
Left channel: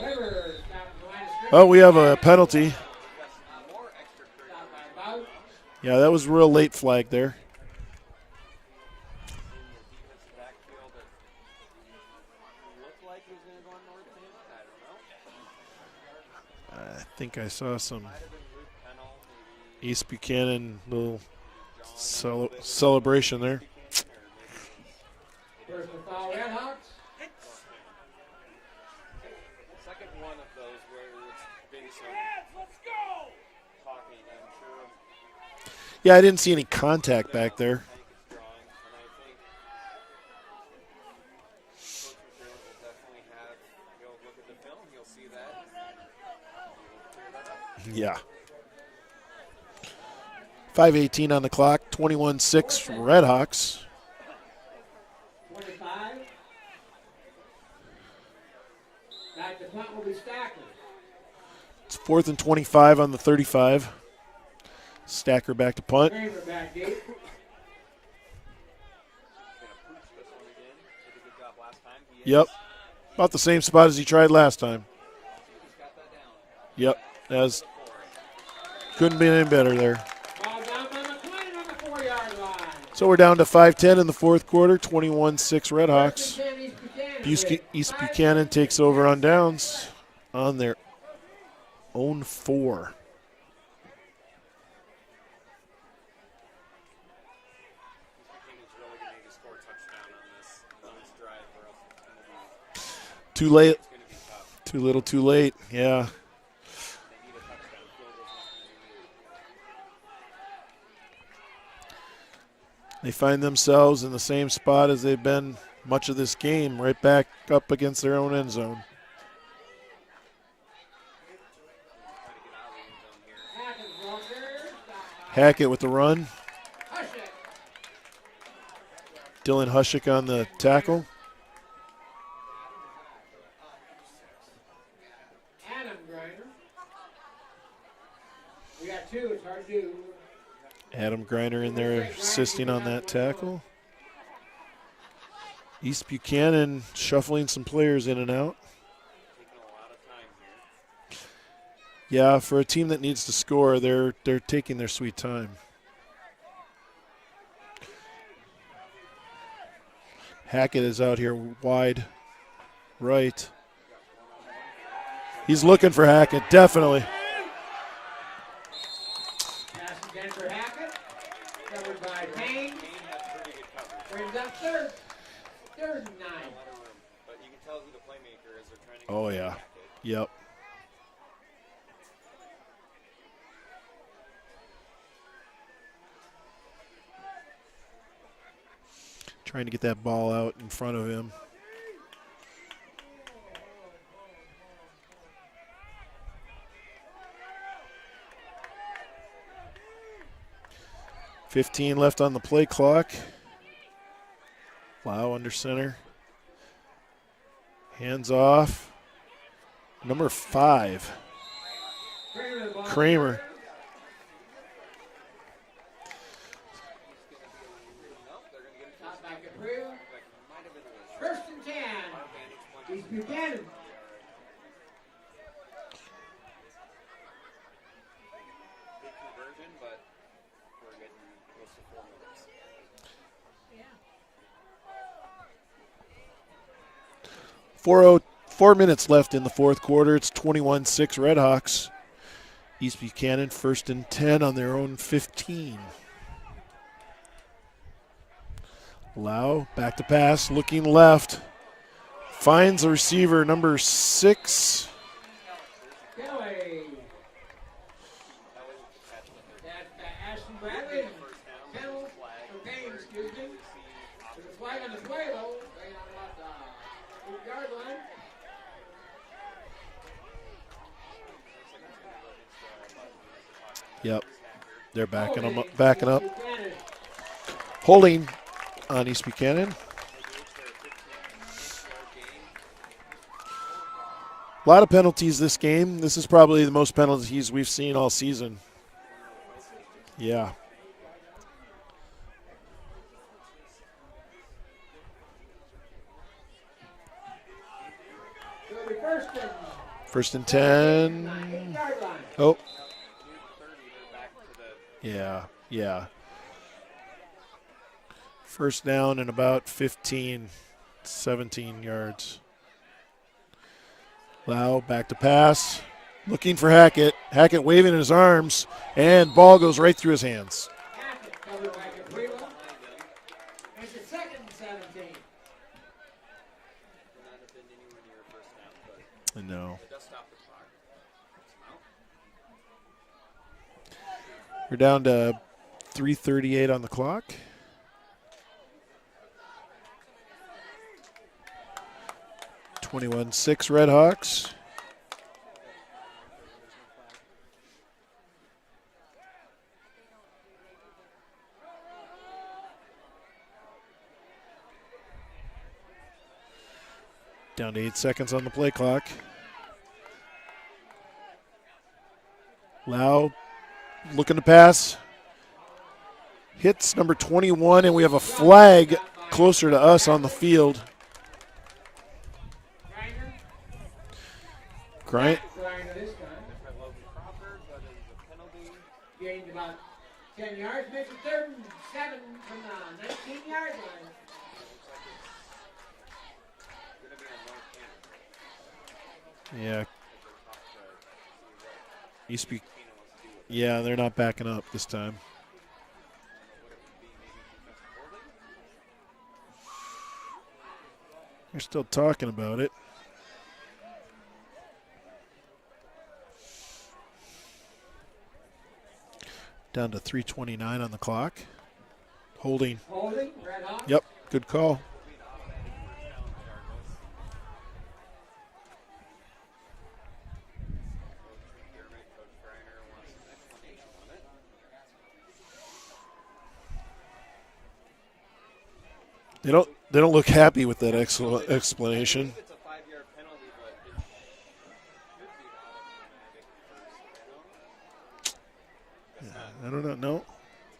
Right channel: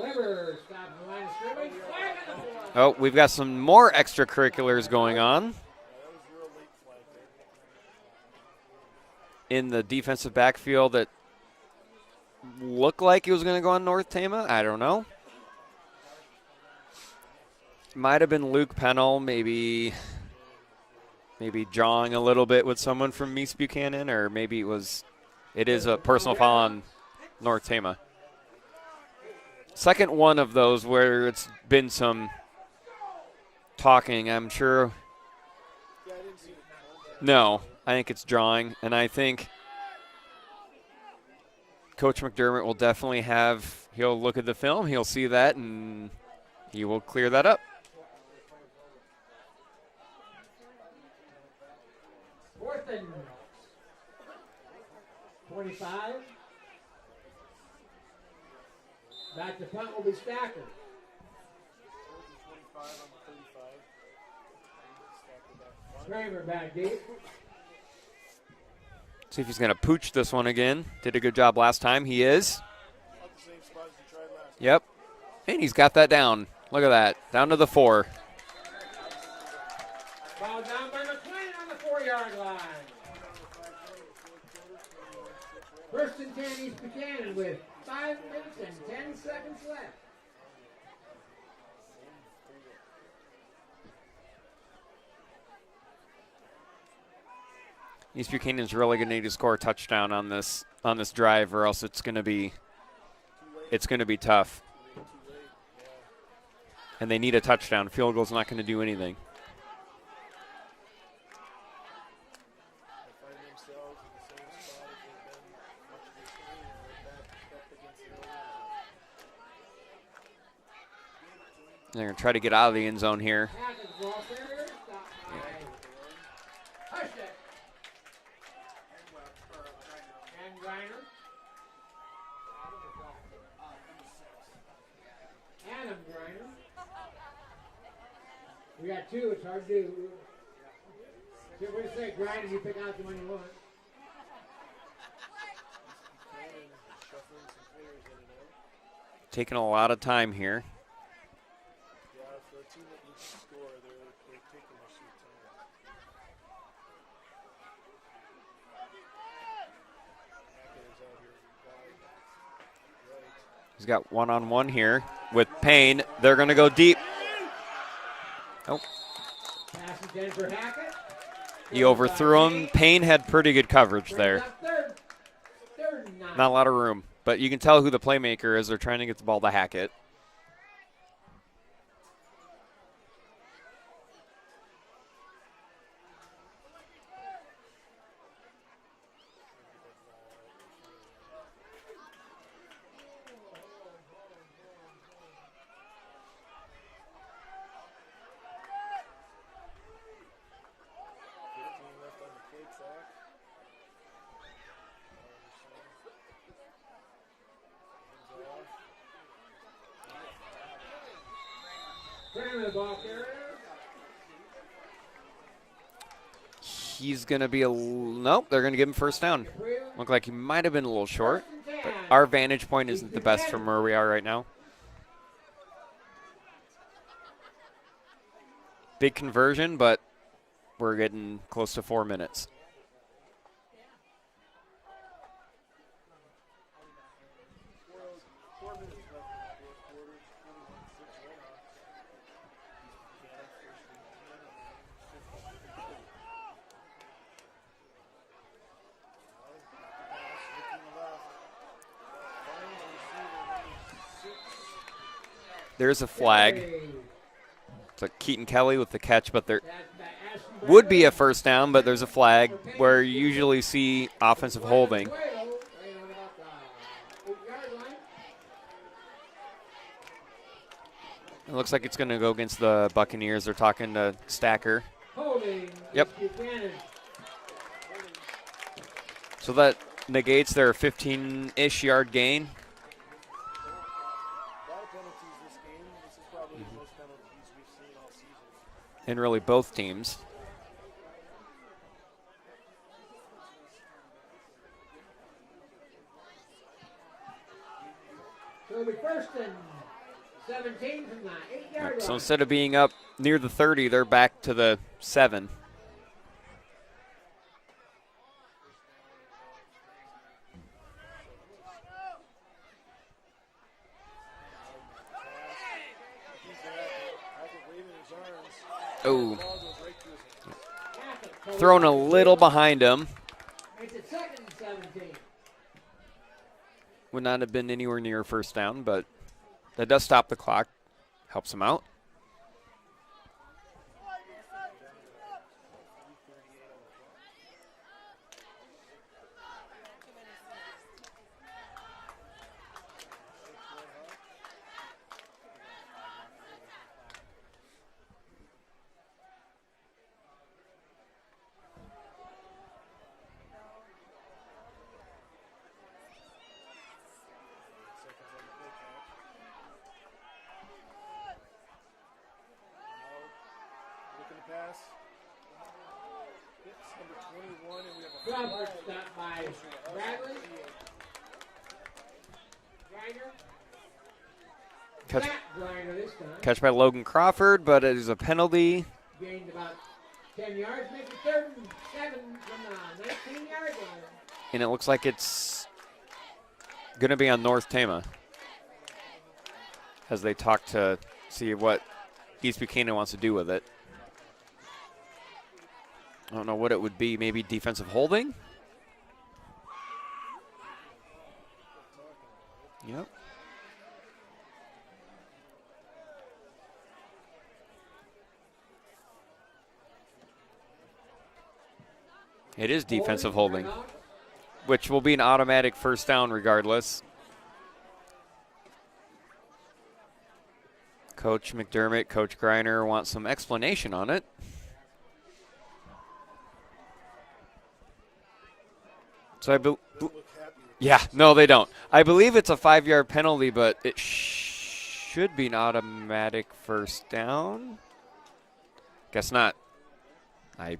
Weber stopped the line of scrimmage. Oh, we have a penalty. Oh, we've got some more extracurriculars going on Yeah, that was a real late flag there. in the defensive backfield that looked like it was going to go on North Tama. I don't know. I think I saw some Might have been Luke Pennell, maybe East Buchanan little. maybe jawing a little bit with someone from celebration East there. Buchanan, or maybe it is a personal foul on North Tama. Second one of those where it's been some talking, I'm sure. Yeah, I didn't see any contact No, back there. I think it's drawing, and I think Coach McDermott will definitely he'll look at the film, he'll see that, and he will clear that up. Yeah. 5:18 on the clock, 21-6 Redhawks. 25. Back to punt will be Stacker. It's 4th and 25 on the 35. Stacker back to punt. Kramer back deep. See if he's going to pooch this one again. Did a good job last time. He is. About the same spot as he tried last time. Yep. And he's got that down. Look at that. Down to the 4. Couldn't be any better there. Ball down by McLean on the 4-yard line. So we're down to 5:10 in the fourth quarter, 21-6 Redhawks. First and 10 East Buchanan. East Buchanan takes over on downs on their own 4. East Buchanan's really going to need to score a touchdown on this drive, or else it's going to be Too late. It's going to be tough. Too little, too late. Yeah. And they need a touchdown. Field goal's not going to do anything. They find themselves in the same spot as they've been much of this game, right back up against their own end zone. They're going to try to get out of the end zone here. Hackett with the run. Dylan Hushik on the tackle. Adam Griner. We got 2. It's hard to do. Adam Griner in there assisting on that tackle. East Buchanan shuffling some players in and out. Taking a lot of time here. Yeah, for a team that needs to score, they're taking their sweet time. Hackett is out here wide right. He's got one-on-one here with He's Payne. looking for Hackett, They're going to definitely. go deep. Oh. Pass intended for Hackett. He overthrew him. Payne had pretty good coverage there. Third and 9. Not a lot of room, but you can tell who the playmaker is. They're trying to get the ball to Hackett. Yep. Trying to get that ball out in front of him. $15 left on the play clock. Lau under center. Hands off. Number 5. Kramer. He's going to be nope, they're going to give him first down. Looked like he might have been a little short. But our vantage point isn't the best from where we are right now. Big conversion, but we're getting close to 4 minutes. Four minutes left in the fourth quarter. It's 21-6 Redhawks. East Buchanan 1st and 10 on their own 15. Lau back to pass, looking left. Finds a receiver, number 6. There's a flag. It's like Keaton Kelly with the catch, but there would be a first down, but there's a flag where you usually see offensive holding. It looks like it's going to go against the Buccaneers. They're talking to Stacker. They're backing them up, up. Holding on East Buchanan. So that negates their 15-ish yard gain. A lot of penalties this game. This is probably the most penalties we've seen all season. And really both teams. Yeah. First and 10. So instead of being up near the 30, they're back to the 7. Yeah. First down and about 15, 17 yards. Lau back to pass. Looking for Hackett. Hackett waving his arms, and ball goes right through his hands. Thrown a little behind him. It's a second and 17. Would not have been anywhere near first down, but No. that does stop the clock. Helps him out. We're down to 3:38 on the clock. (21-6) Redhawks. Down to 8 seconds on the play clock. Lau looking to pass. Hits number 21, and we have a flag closer to us on the field. Right. Catch by Logan Crawford, but it is a penalty. Gained about 10 yards, makes it 3rd and 7 from the 19-yard line. And it looks like it's going to be on North Tama Yeah. as they talk to see what East Buchanan wants to do with it. Yeah, they're not backing up this time. I don't know what it would be. Maybe defensive holding? They're still talking about it. Yep. Down to 3:29 on the clock. Holding. It is defensive holding, Yep, good call. which will be an automatic first down regardless. Coach McDermott, Coach Greiner want some explanation on it. They don't look happy with that. No, they don't. I believe it's a 5-yard penalty, but it should be an automatic first down. Guess not. I don't know. I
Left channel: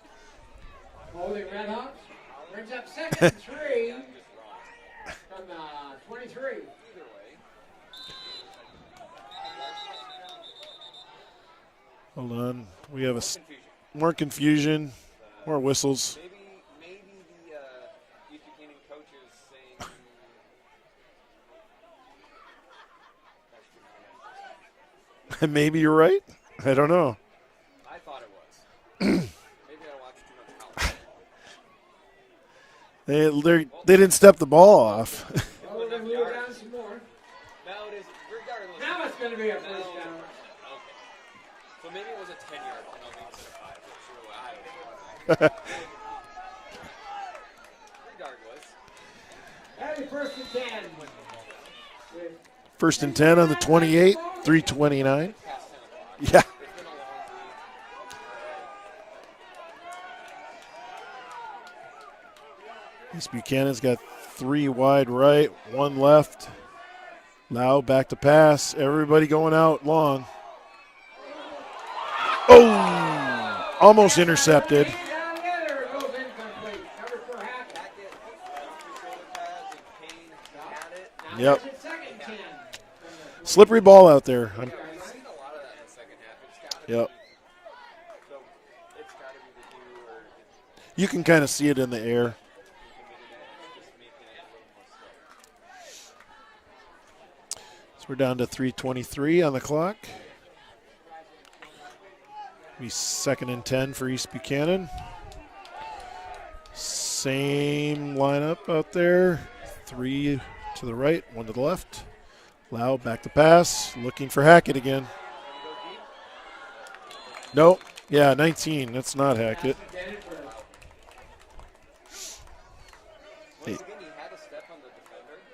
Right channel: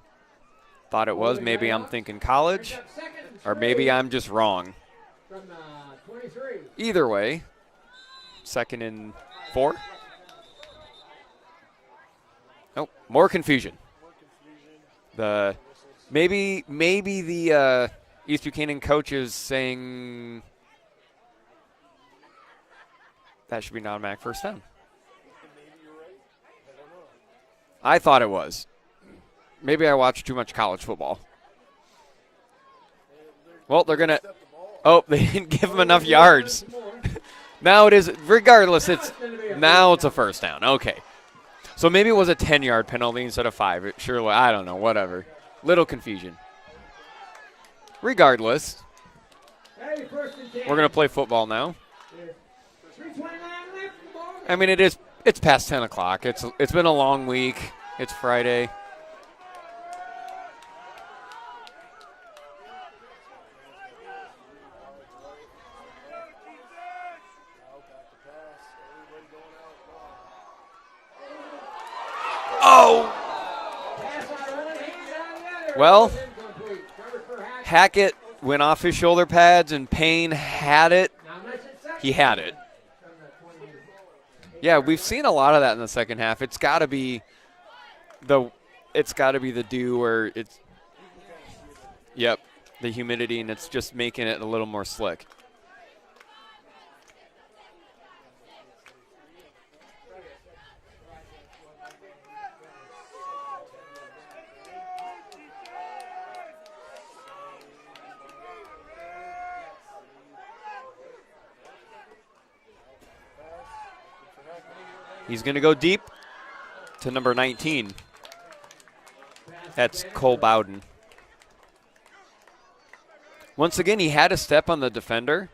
thought it was. Maybe I'm thinking college, or maybe I'm just wrong. From 23. Either way, 2nd and 4. Hold on. Nope. We have More confusion. More confusion. More whistles. Maybe the East Buchanan coach is saying that should be an automatic first down. Maybe you're right. I don't know. I thought it was. Maybe I watched too much college football. They didn't step the ball off. They didn't give him enough yards. Now it is, regardless, it's a first down. Okay. So maybe it was a 10-yard penalty instead of 5. It surely, I don't know, whatever. Little confusion. Regardless, we're going to play football now. 1st and 10 on the 28. I mean, $3:29. it's past 10 o'clock. It's been a long week. It's Friday. East Buchanan's got 3 wide right, 1 left. Lau back to pass. Everybody going out long. Oh! Almost intercepted. Well, Hackett went off his shoulder pads, and Payne had it. Yep. He had it. Slippery ball out there. Yeah, we've seen a lot of that in the second half. It's got to be the dew where it's. You can kind of see it in the air. Yep, the humidity, and it's just making it a little more slick. So we're down to 3:23 on the clock. Be 2nd and 10 for East Buchanan. Same lineup out there. 3 to the right, 1 to the left. Lau back to pass, looking for Hackett again. He's going to go deep to number 19. Nope. Yeah, 19. That's not Hackett. That's Cole Bowden. Once again, he had a step on the defender.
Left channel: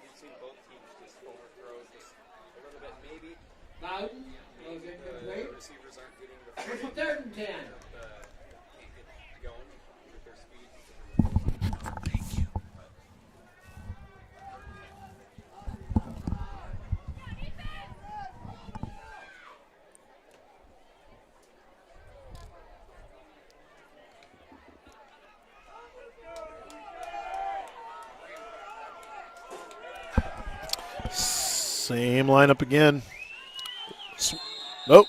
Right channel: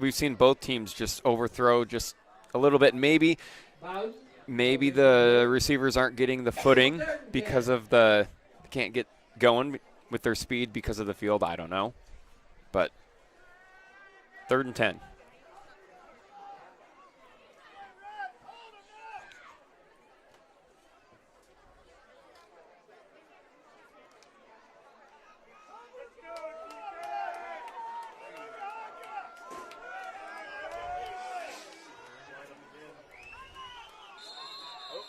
We've seen both teams just overthrow just a little bit. Maybe the receivers aren't getting the footing because of can't get going with their speed because of the field. I don't know. But 3rd and 10. Same lineup again. Nope.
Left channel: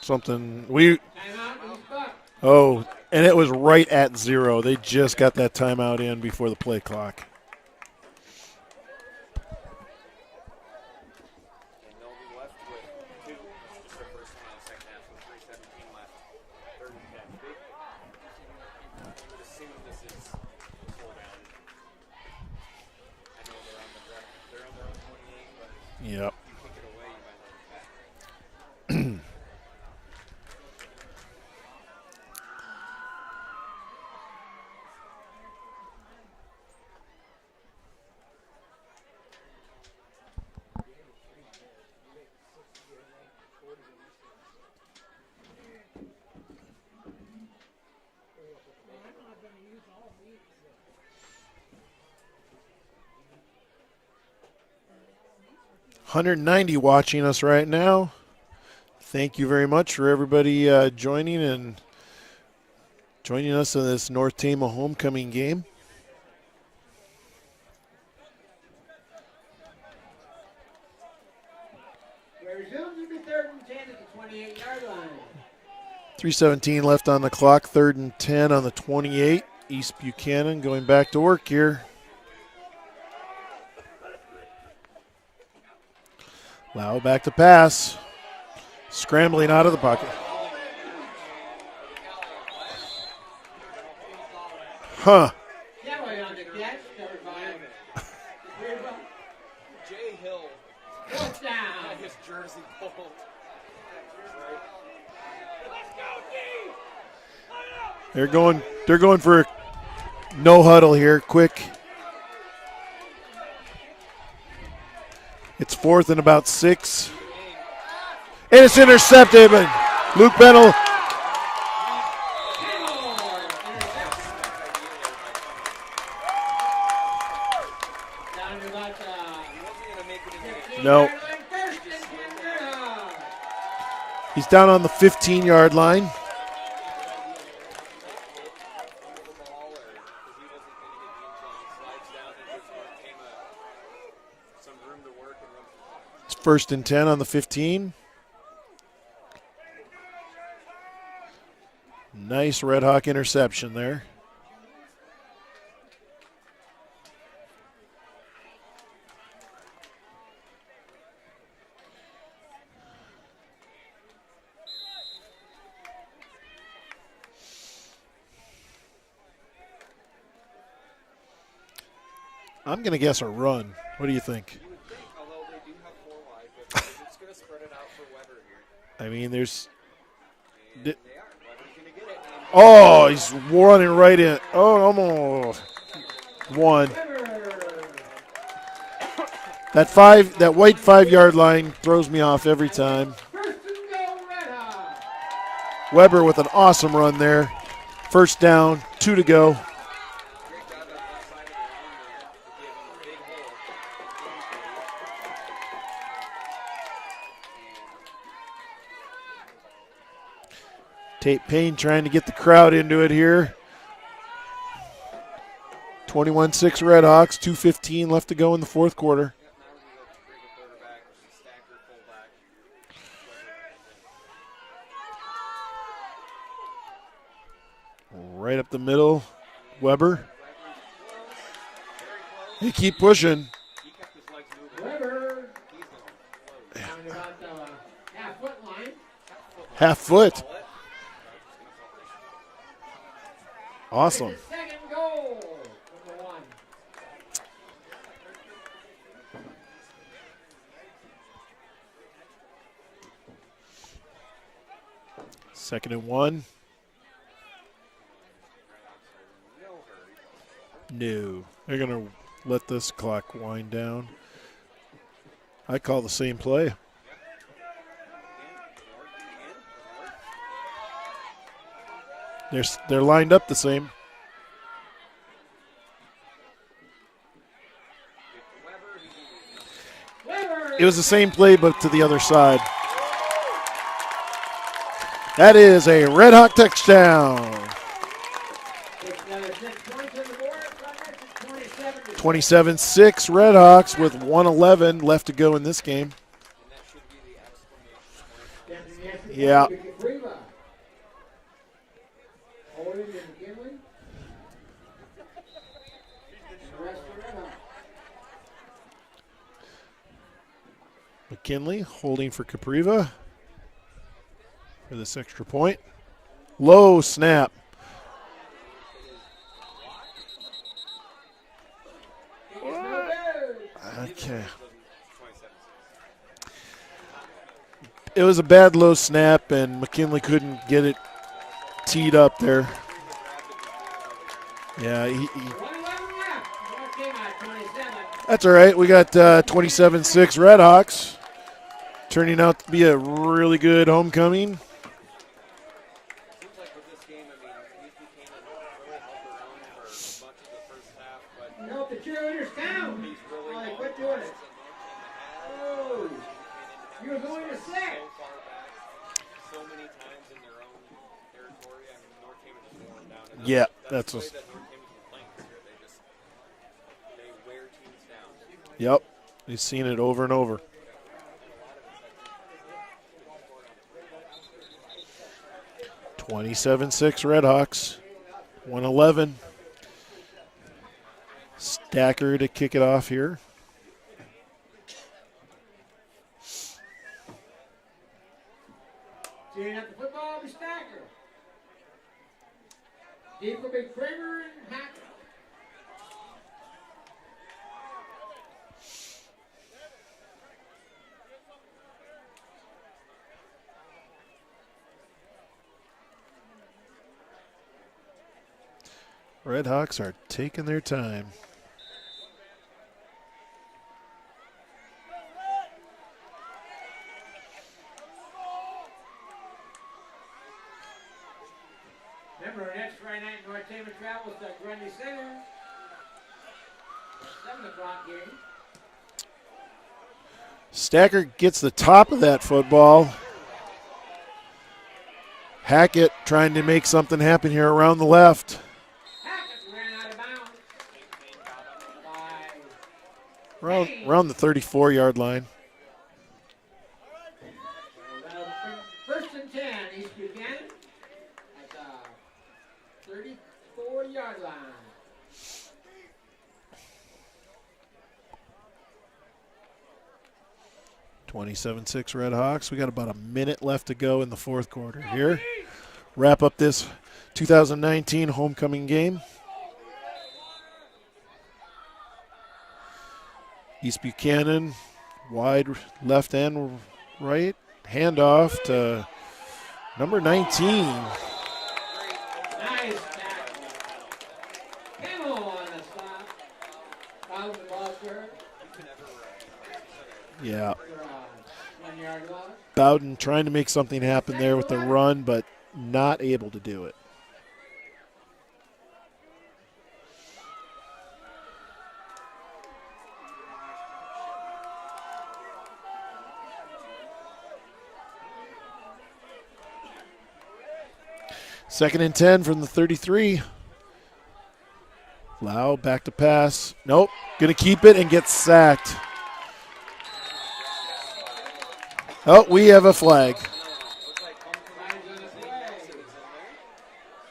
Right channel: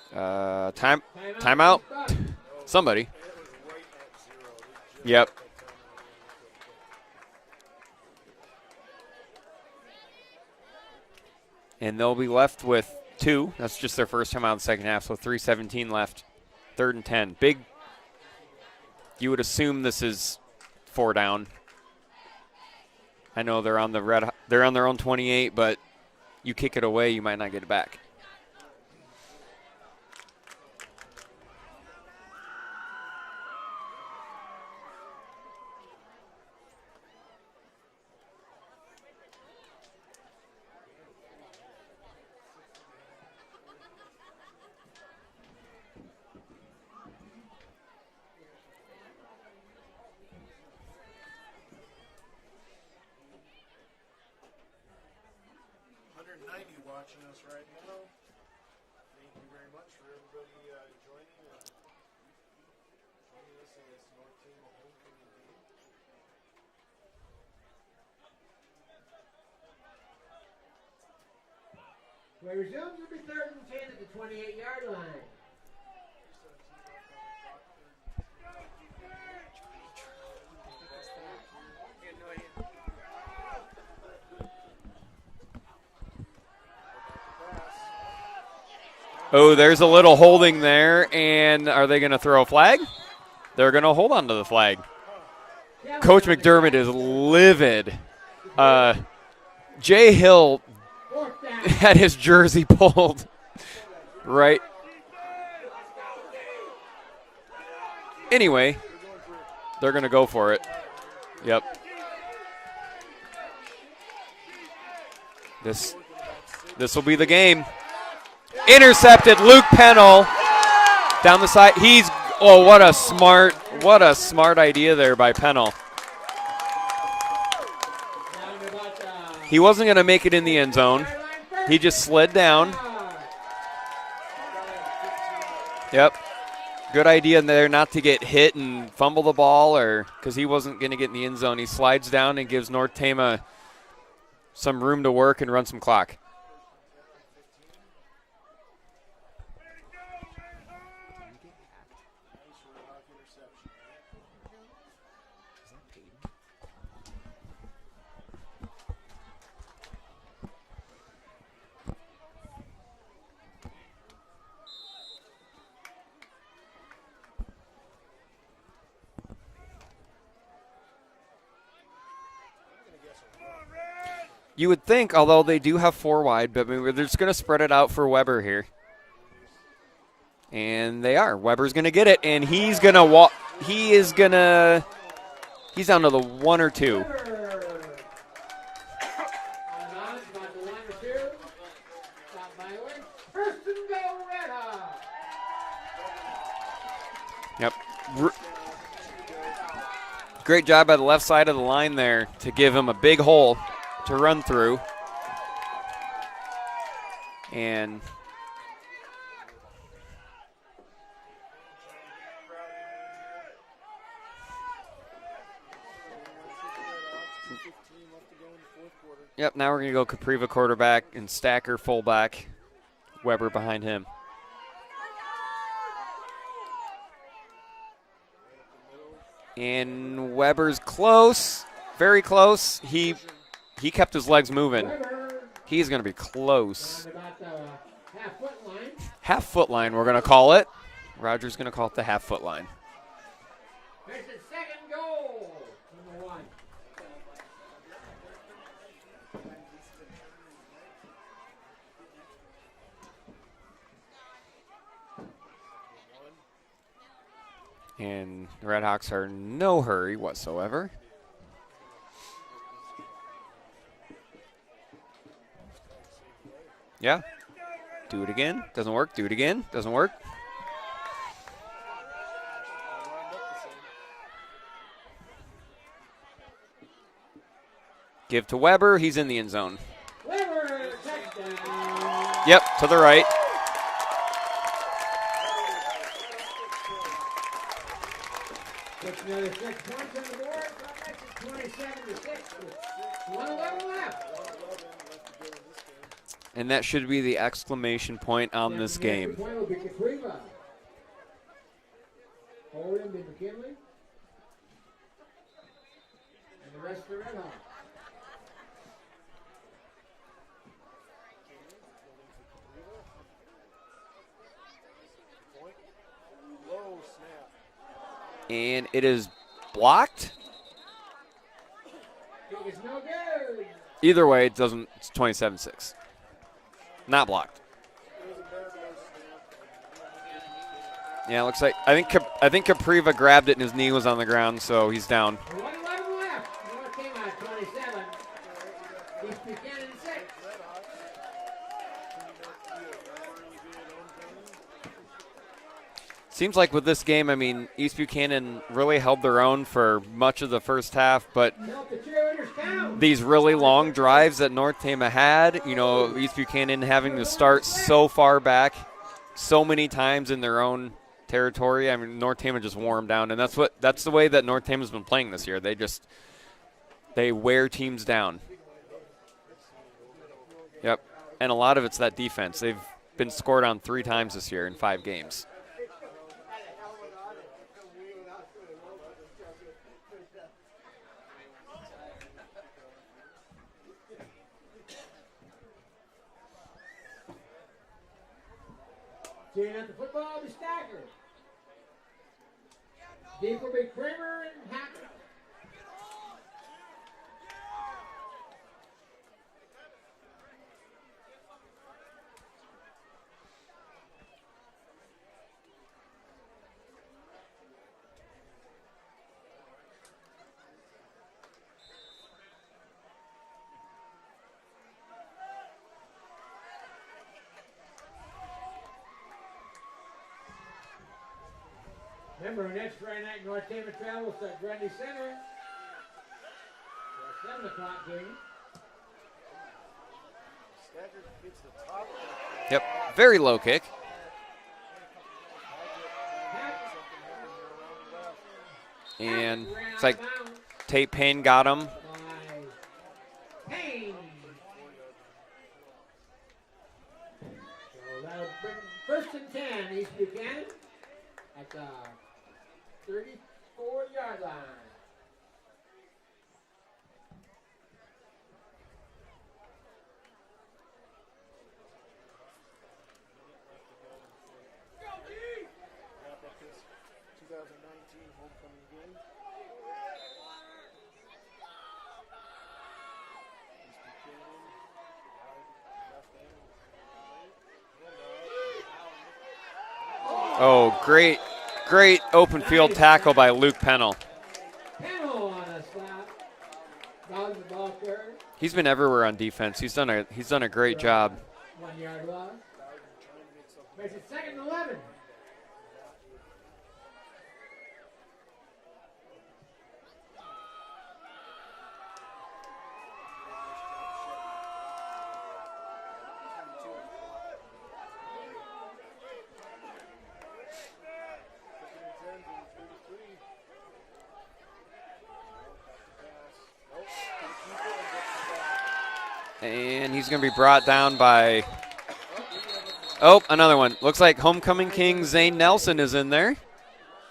Something. Timeout. Oh, somebody. And it was right at 0. They just Yep. got that timeout in before the play clock. And they'll be left with 2. That's just their first time out in the second half, so 3:17 left. 3rd and 10. Big. You would assume this is 4 down. I know they're on they're on their own 28, but yep. You kick it away, you might not get it back. 190 watching us right now. Thank you very much for everybody joining us in this North Tama homecoming game. Resumes will be 3rd and 10 at the 28-yard line. 3:17 left on the clock. 3rd and 10 on the 28. East Buchanan going back to work here. Lau back to pass. Scrambling. Oh, there's a little holding there, and are they going to throw a flag? They're going to hold on to the flag. Huh. Coach McDermott is livid. Jay Hill had his jersey pulled right. They're going for they're going to go for no it. huddle here. Quick. Yep. It's 4th and about 6. This will be the game. And it's intercepted. Luke Pennell. Luke Pennell. Down the side. What a smart idea there by Pennell. He wasn't going to make it in the end zone. Nope. He just slid down. He's down on the 15-yard line. Yep. Good idea there not to get hit and fumble the ball, or because he wasn't going to get in the end zone. He slides down and gives North Tama some room to work and run some clock. It's 1st and 10 on the 15. Nice Red Hawk interception there. I'm going to guess a run. What do you think? You would think, although they do have 4 wide, but they're just going to spread it out for Weber here. I mean, there's... And they are. Weber's going to get it, and he's going to walk. Running right in. Almost. He's down to the 1 or 2. That white 5-yard line throws me off every time. Weber with an awesome run there. Yep. 1st down, 2 to go. Great job by the left side of the line there to give him a big hole to run through. And Tate Payne trying to get the crowd into it here. 21-6 Redhawks, 2:15 left to go in the 4th quarter. Yep, now we're going to go Capriva quarterback and Stacker fullback. Weber behind him. Right up the middle. And Weber's close, very close. He keep pushing. He kept his legs moving. He's going to be close. Half-foot line, we're going to call it. Roger's going to call it the half-foot line. Awesome. Second goal from the 1. Second and 1. And the Redhawks are in no hurry whatsoever. No. They're going to let this clock wind down. I call the same play. Yeah. Do it again. Doesn't work. Do it again. Doesn't work. They're lined up the same. Give to Weber. He's in the end zone. It was the same play, but to the other side. Yep, to the right. That is a Red Hawk touchdown. Another 6 points on the board. 27-6 Redhawks with 1:11 left to go in this game. And that should be the exclamation point on this game. Yeah. Holding to McKinley. Rest for Redhawks. McKinley holding for Capriva for this extra point. Low snap. And it is blocked. It's no good. Either way, it's 27-6. Not blocked. It was a bad low snap, and McKinley couldn't get it. Yeah, it looks like Teed up I think there. Capriva grabbed it and his knee was on the ground, so Yeah, he's down. 1:11 left. North Tama 27. That's all right. We got 27-6 Redhawks. Turning out to be a really good homecoming. Seems like with this game, I mean, East Buchanan really held their own for much of the first half, but Nope, the cheerleaders count. these really long drives that North Tama had, you know, East Buchanan having to start so far back so many times in their own territory. I mean, North Tama just wore them down, and that's the way that North Tama's been playing this year. They wear teams down. Yep. We've seen it over and over. Yep. And a lot of it's that defense. They've been scored on 3 times this year in 5 games. 27-6 Redhawks. 1:11. Stacker to kick it off here. Tearing up the football, the Stacker. Deep will be Kramer and Hackett. Redhawks are taking their time. Remember, next Friday night, North Tama travels to Grundy Center. 7 o'clock game. Stacker gets the top of that football. Yep. Very low kick. Hackett trying to make something happen here around the left. And it's like Tate Payne got him. Around the 34-yard line. First and 10, East Buchanan at the 34-yard line. (27-6 Redhawks). We got about a minute left to go in the fourth quarter here. Wrap up this 2019 homecoming game. East Buchanan, wide left and right. Handoff to number 19. Oh, great open field tackle by Luke Pennell. Pennell on the stop. Bowden the ball square. He's been everywhere on defense. He's done a great job. 1 yard loss. Bowden trying to make something happen there with the run, but not able to do it. Second and 10 from the 33. Lau back to pass. Nope. Going to keep it and get sacked. And he's going to be brought down by... Oh, we have a flag. Oh, another one. Looks like homecoming king Zane Nelson is in there.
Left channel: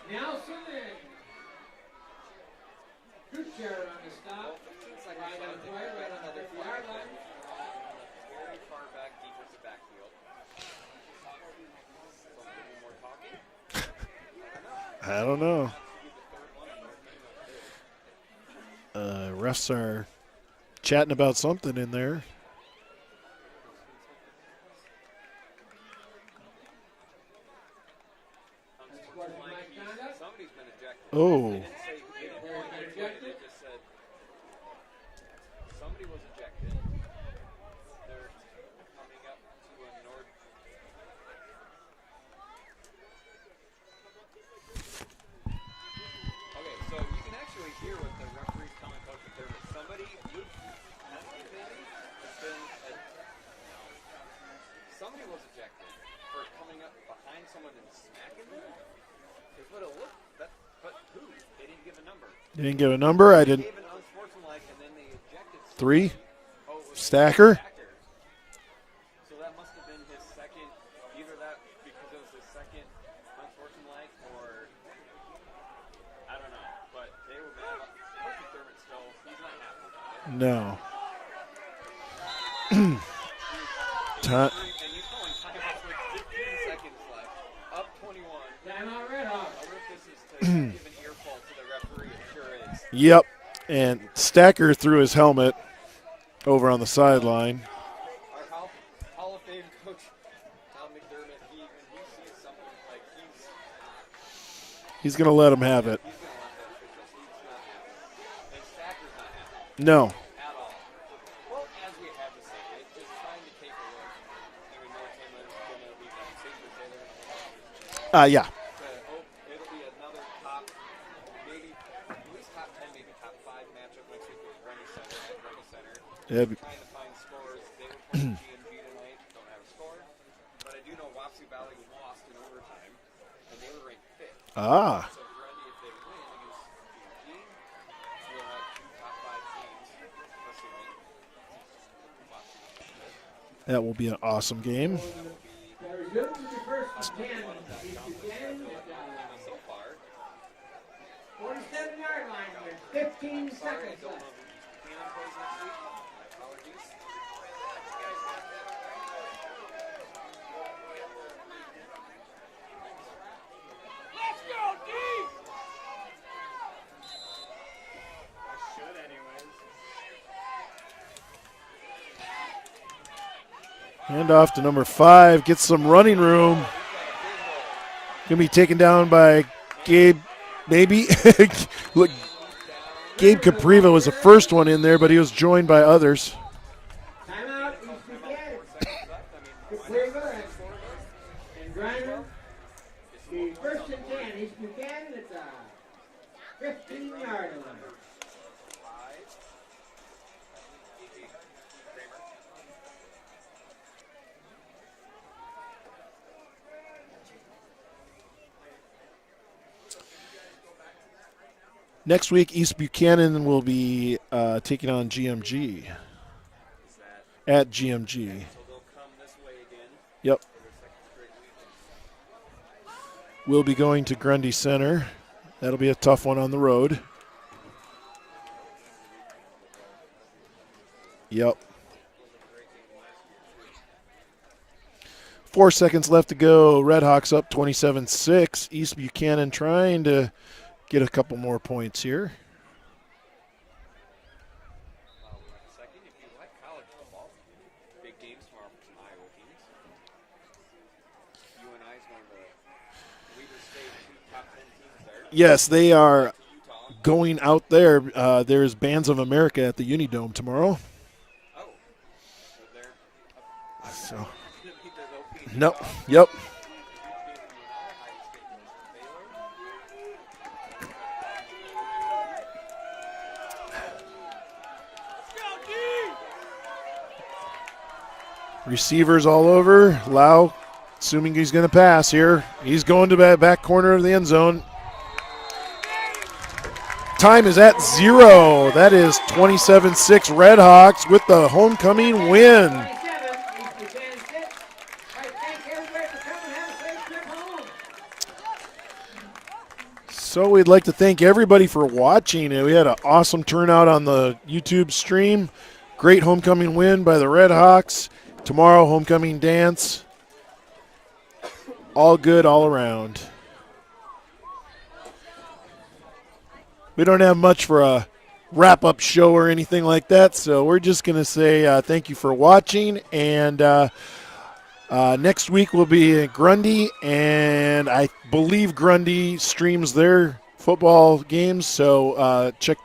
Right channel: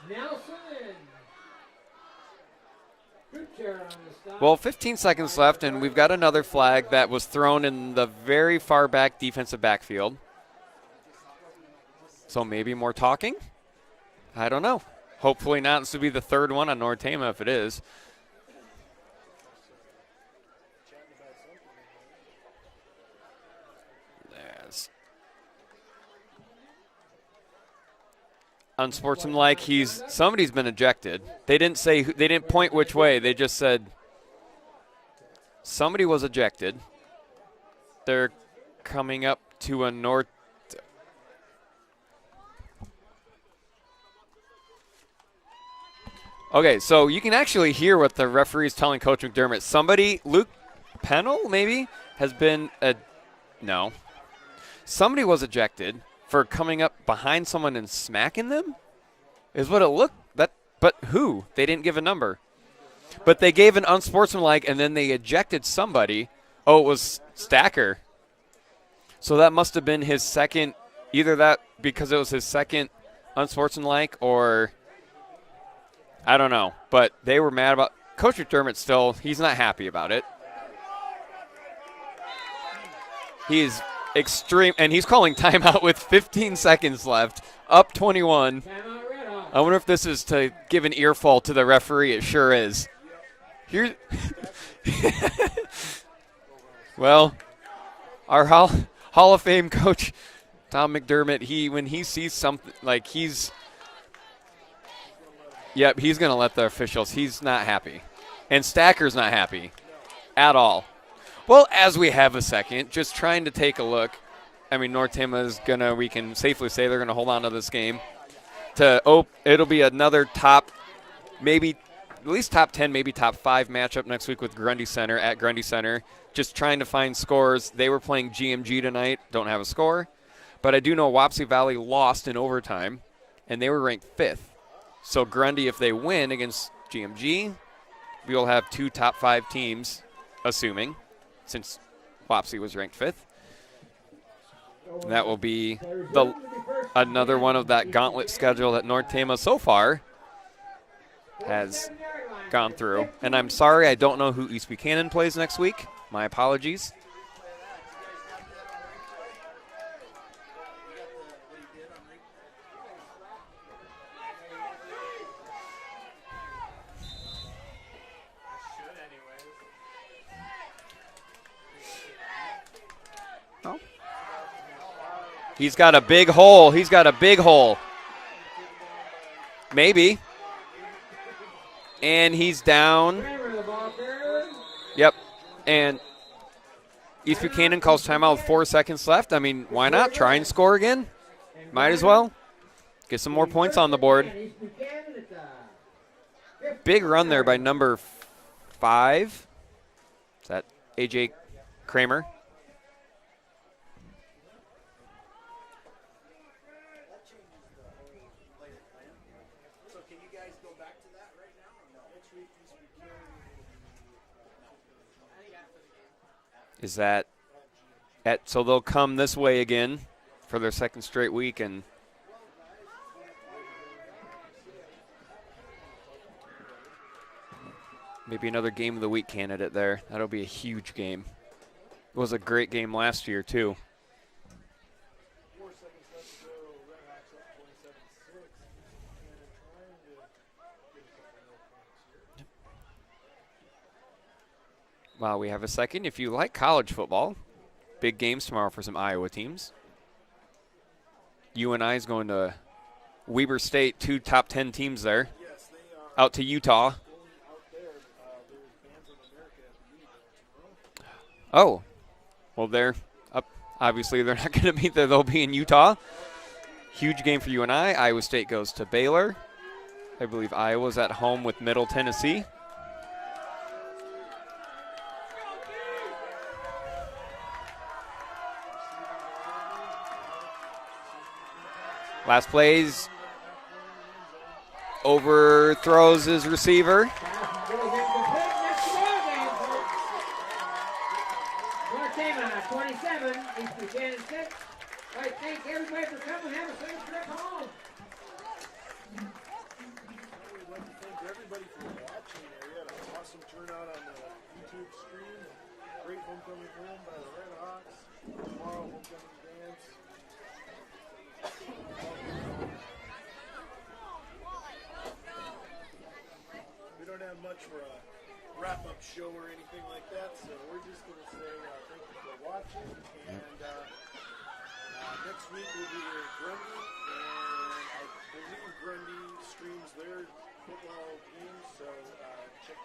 Nelson and Gutierrez on the stop. Well, 15 seconds left, and we've got another flag that was thrown in the very far back defensive backfield. So maybe more talking? I don't know. Hopefully not. This would be the third one on North Tama if it is. Refs are chatting about something in there. Yes. Unsportsmanlike. Somebody's been ejected. Oh. They didn't point which way. They just said somebody was ejected. They're coming up to a North. Okay, so you can actually hear what the referee is telling Coach McDermott. Luke Pennell maybe, has been no. Somebody was ejected for coming up behind someone and smacking them, is what it looked. But who? They didn't give a number. They didn't give a number. But they gave an unsportsmanlike, and then they ejected somebody. Oh, it was Stacker. So that must have been his second, either that because it was his second unsportsmanlike or I don't know. But they were mad about Coach McDermott still. He's not happy about it. No. He's extreme, and he's calling timeout with 15 seconds left, up 21. I wonder if this is to give an earful to the referee. It sure is. Yep. And Stacker threw his helmet over on the sideline. Our Hall of Fame coach, Tom McDermott, when he sees something, like he's going to let him have it. Yep, he's going to let the officials. He's not happy. And Stacker's not happy. No. At all. Well, as we have a second, just trying to take a look. I mean, North Tama is we can safely say they're going to hold on to this game. Yeah. It'll be another top, maybe at least top 10, maybe top 5 matchup next week with Grundy Center at Grundy Center. Just trying to find scores. They were playing GMG tonight. Don't have a score. But I do know Wapsie Valley lost in overtime, and they were ranked 5th. So Grundy, if they win against GMG, we'll have 2 top 5 teams, assuming, since Wapsie was ranked 5th. That will be an awesome game. That will be another one of that gauntlet schedule that North Tama so far has gone through. And I'm sorry, I don't know who East Buchanan plays next week. My apologies. Hand off to number 5. Gets some running room. He's got a big hole. He's got a big hole. Going to be taken down by maybe. Look, and he's down. Gabe Capriva was the first one in there, but he was joined by others. East Buchanan calls timeout with 4 seconds left. I mean, why not? Try and score again. Might as well. Get some more points on the board. Big run there by number 5. Is that A.J. Kramer? Next week, East Buchanan will be taking on GMG. Is that at GMG? So they'll come this way again. Yep. For their second straight week, and we'll be going to Grundy Center. That'll be a tough one on the road. Maybe another game of the week candidate there. That'll be a huge game. Yep. It was a great game last year too. 4 seconds left to go. Redhawks up 27-6. East Buchanan trying to get a couple more points here. Well, we have a second. If you like college football, big games tomorrow for some Iowa teams. UNI is going to Weber State, 2 top 10 teams there. Yes, they are out to Utah. Going out there. There's Bands of America at the Unidome tomorrow. Oh, well, they're up. Obviously, they're not going to be there. They'll be in Utah. Yep. Huge game for UNI. Iowa State goes to Baylor. I believe Iowa's at home with Middle Tennessee. Receivers all over. Lau, assuming he's going to pass here. Last plays. He's going to the back corner of the end zone. Overthrows his receiver. Time is at 0. That is 27-6 Redhawks with the homecoming win. So we'd like to thank everybody for watching. We had an awesome turnout on the YouTube stream. Great homecoming win by the Redhawks. Tomorrow, homecoming dance. All good all around. We don't have much for a wrap-up show or anything like that, so we're just going to say thank you for watching. And next week will be Grundy, and I believe Grundy streams their football games, so check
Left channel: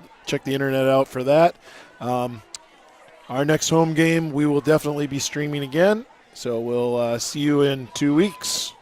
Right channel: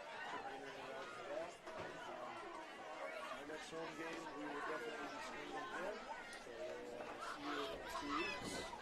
the internet out for that. Our next home game we will definitely be streaming again, so we'll see you in 2 weeks.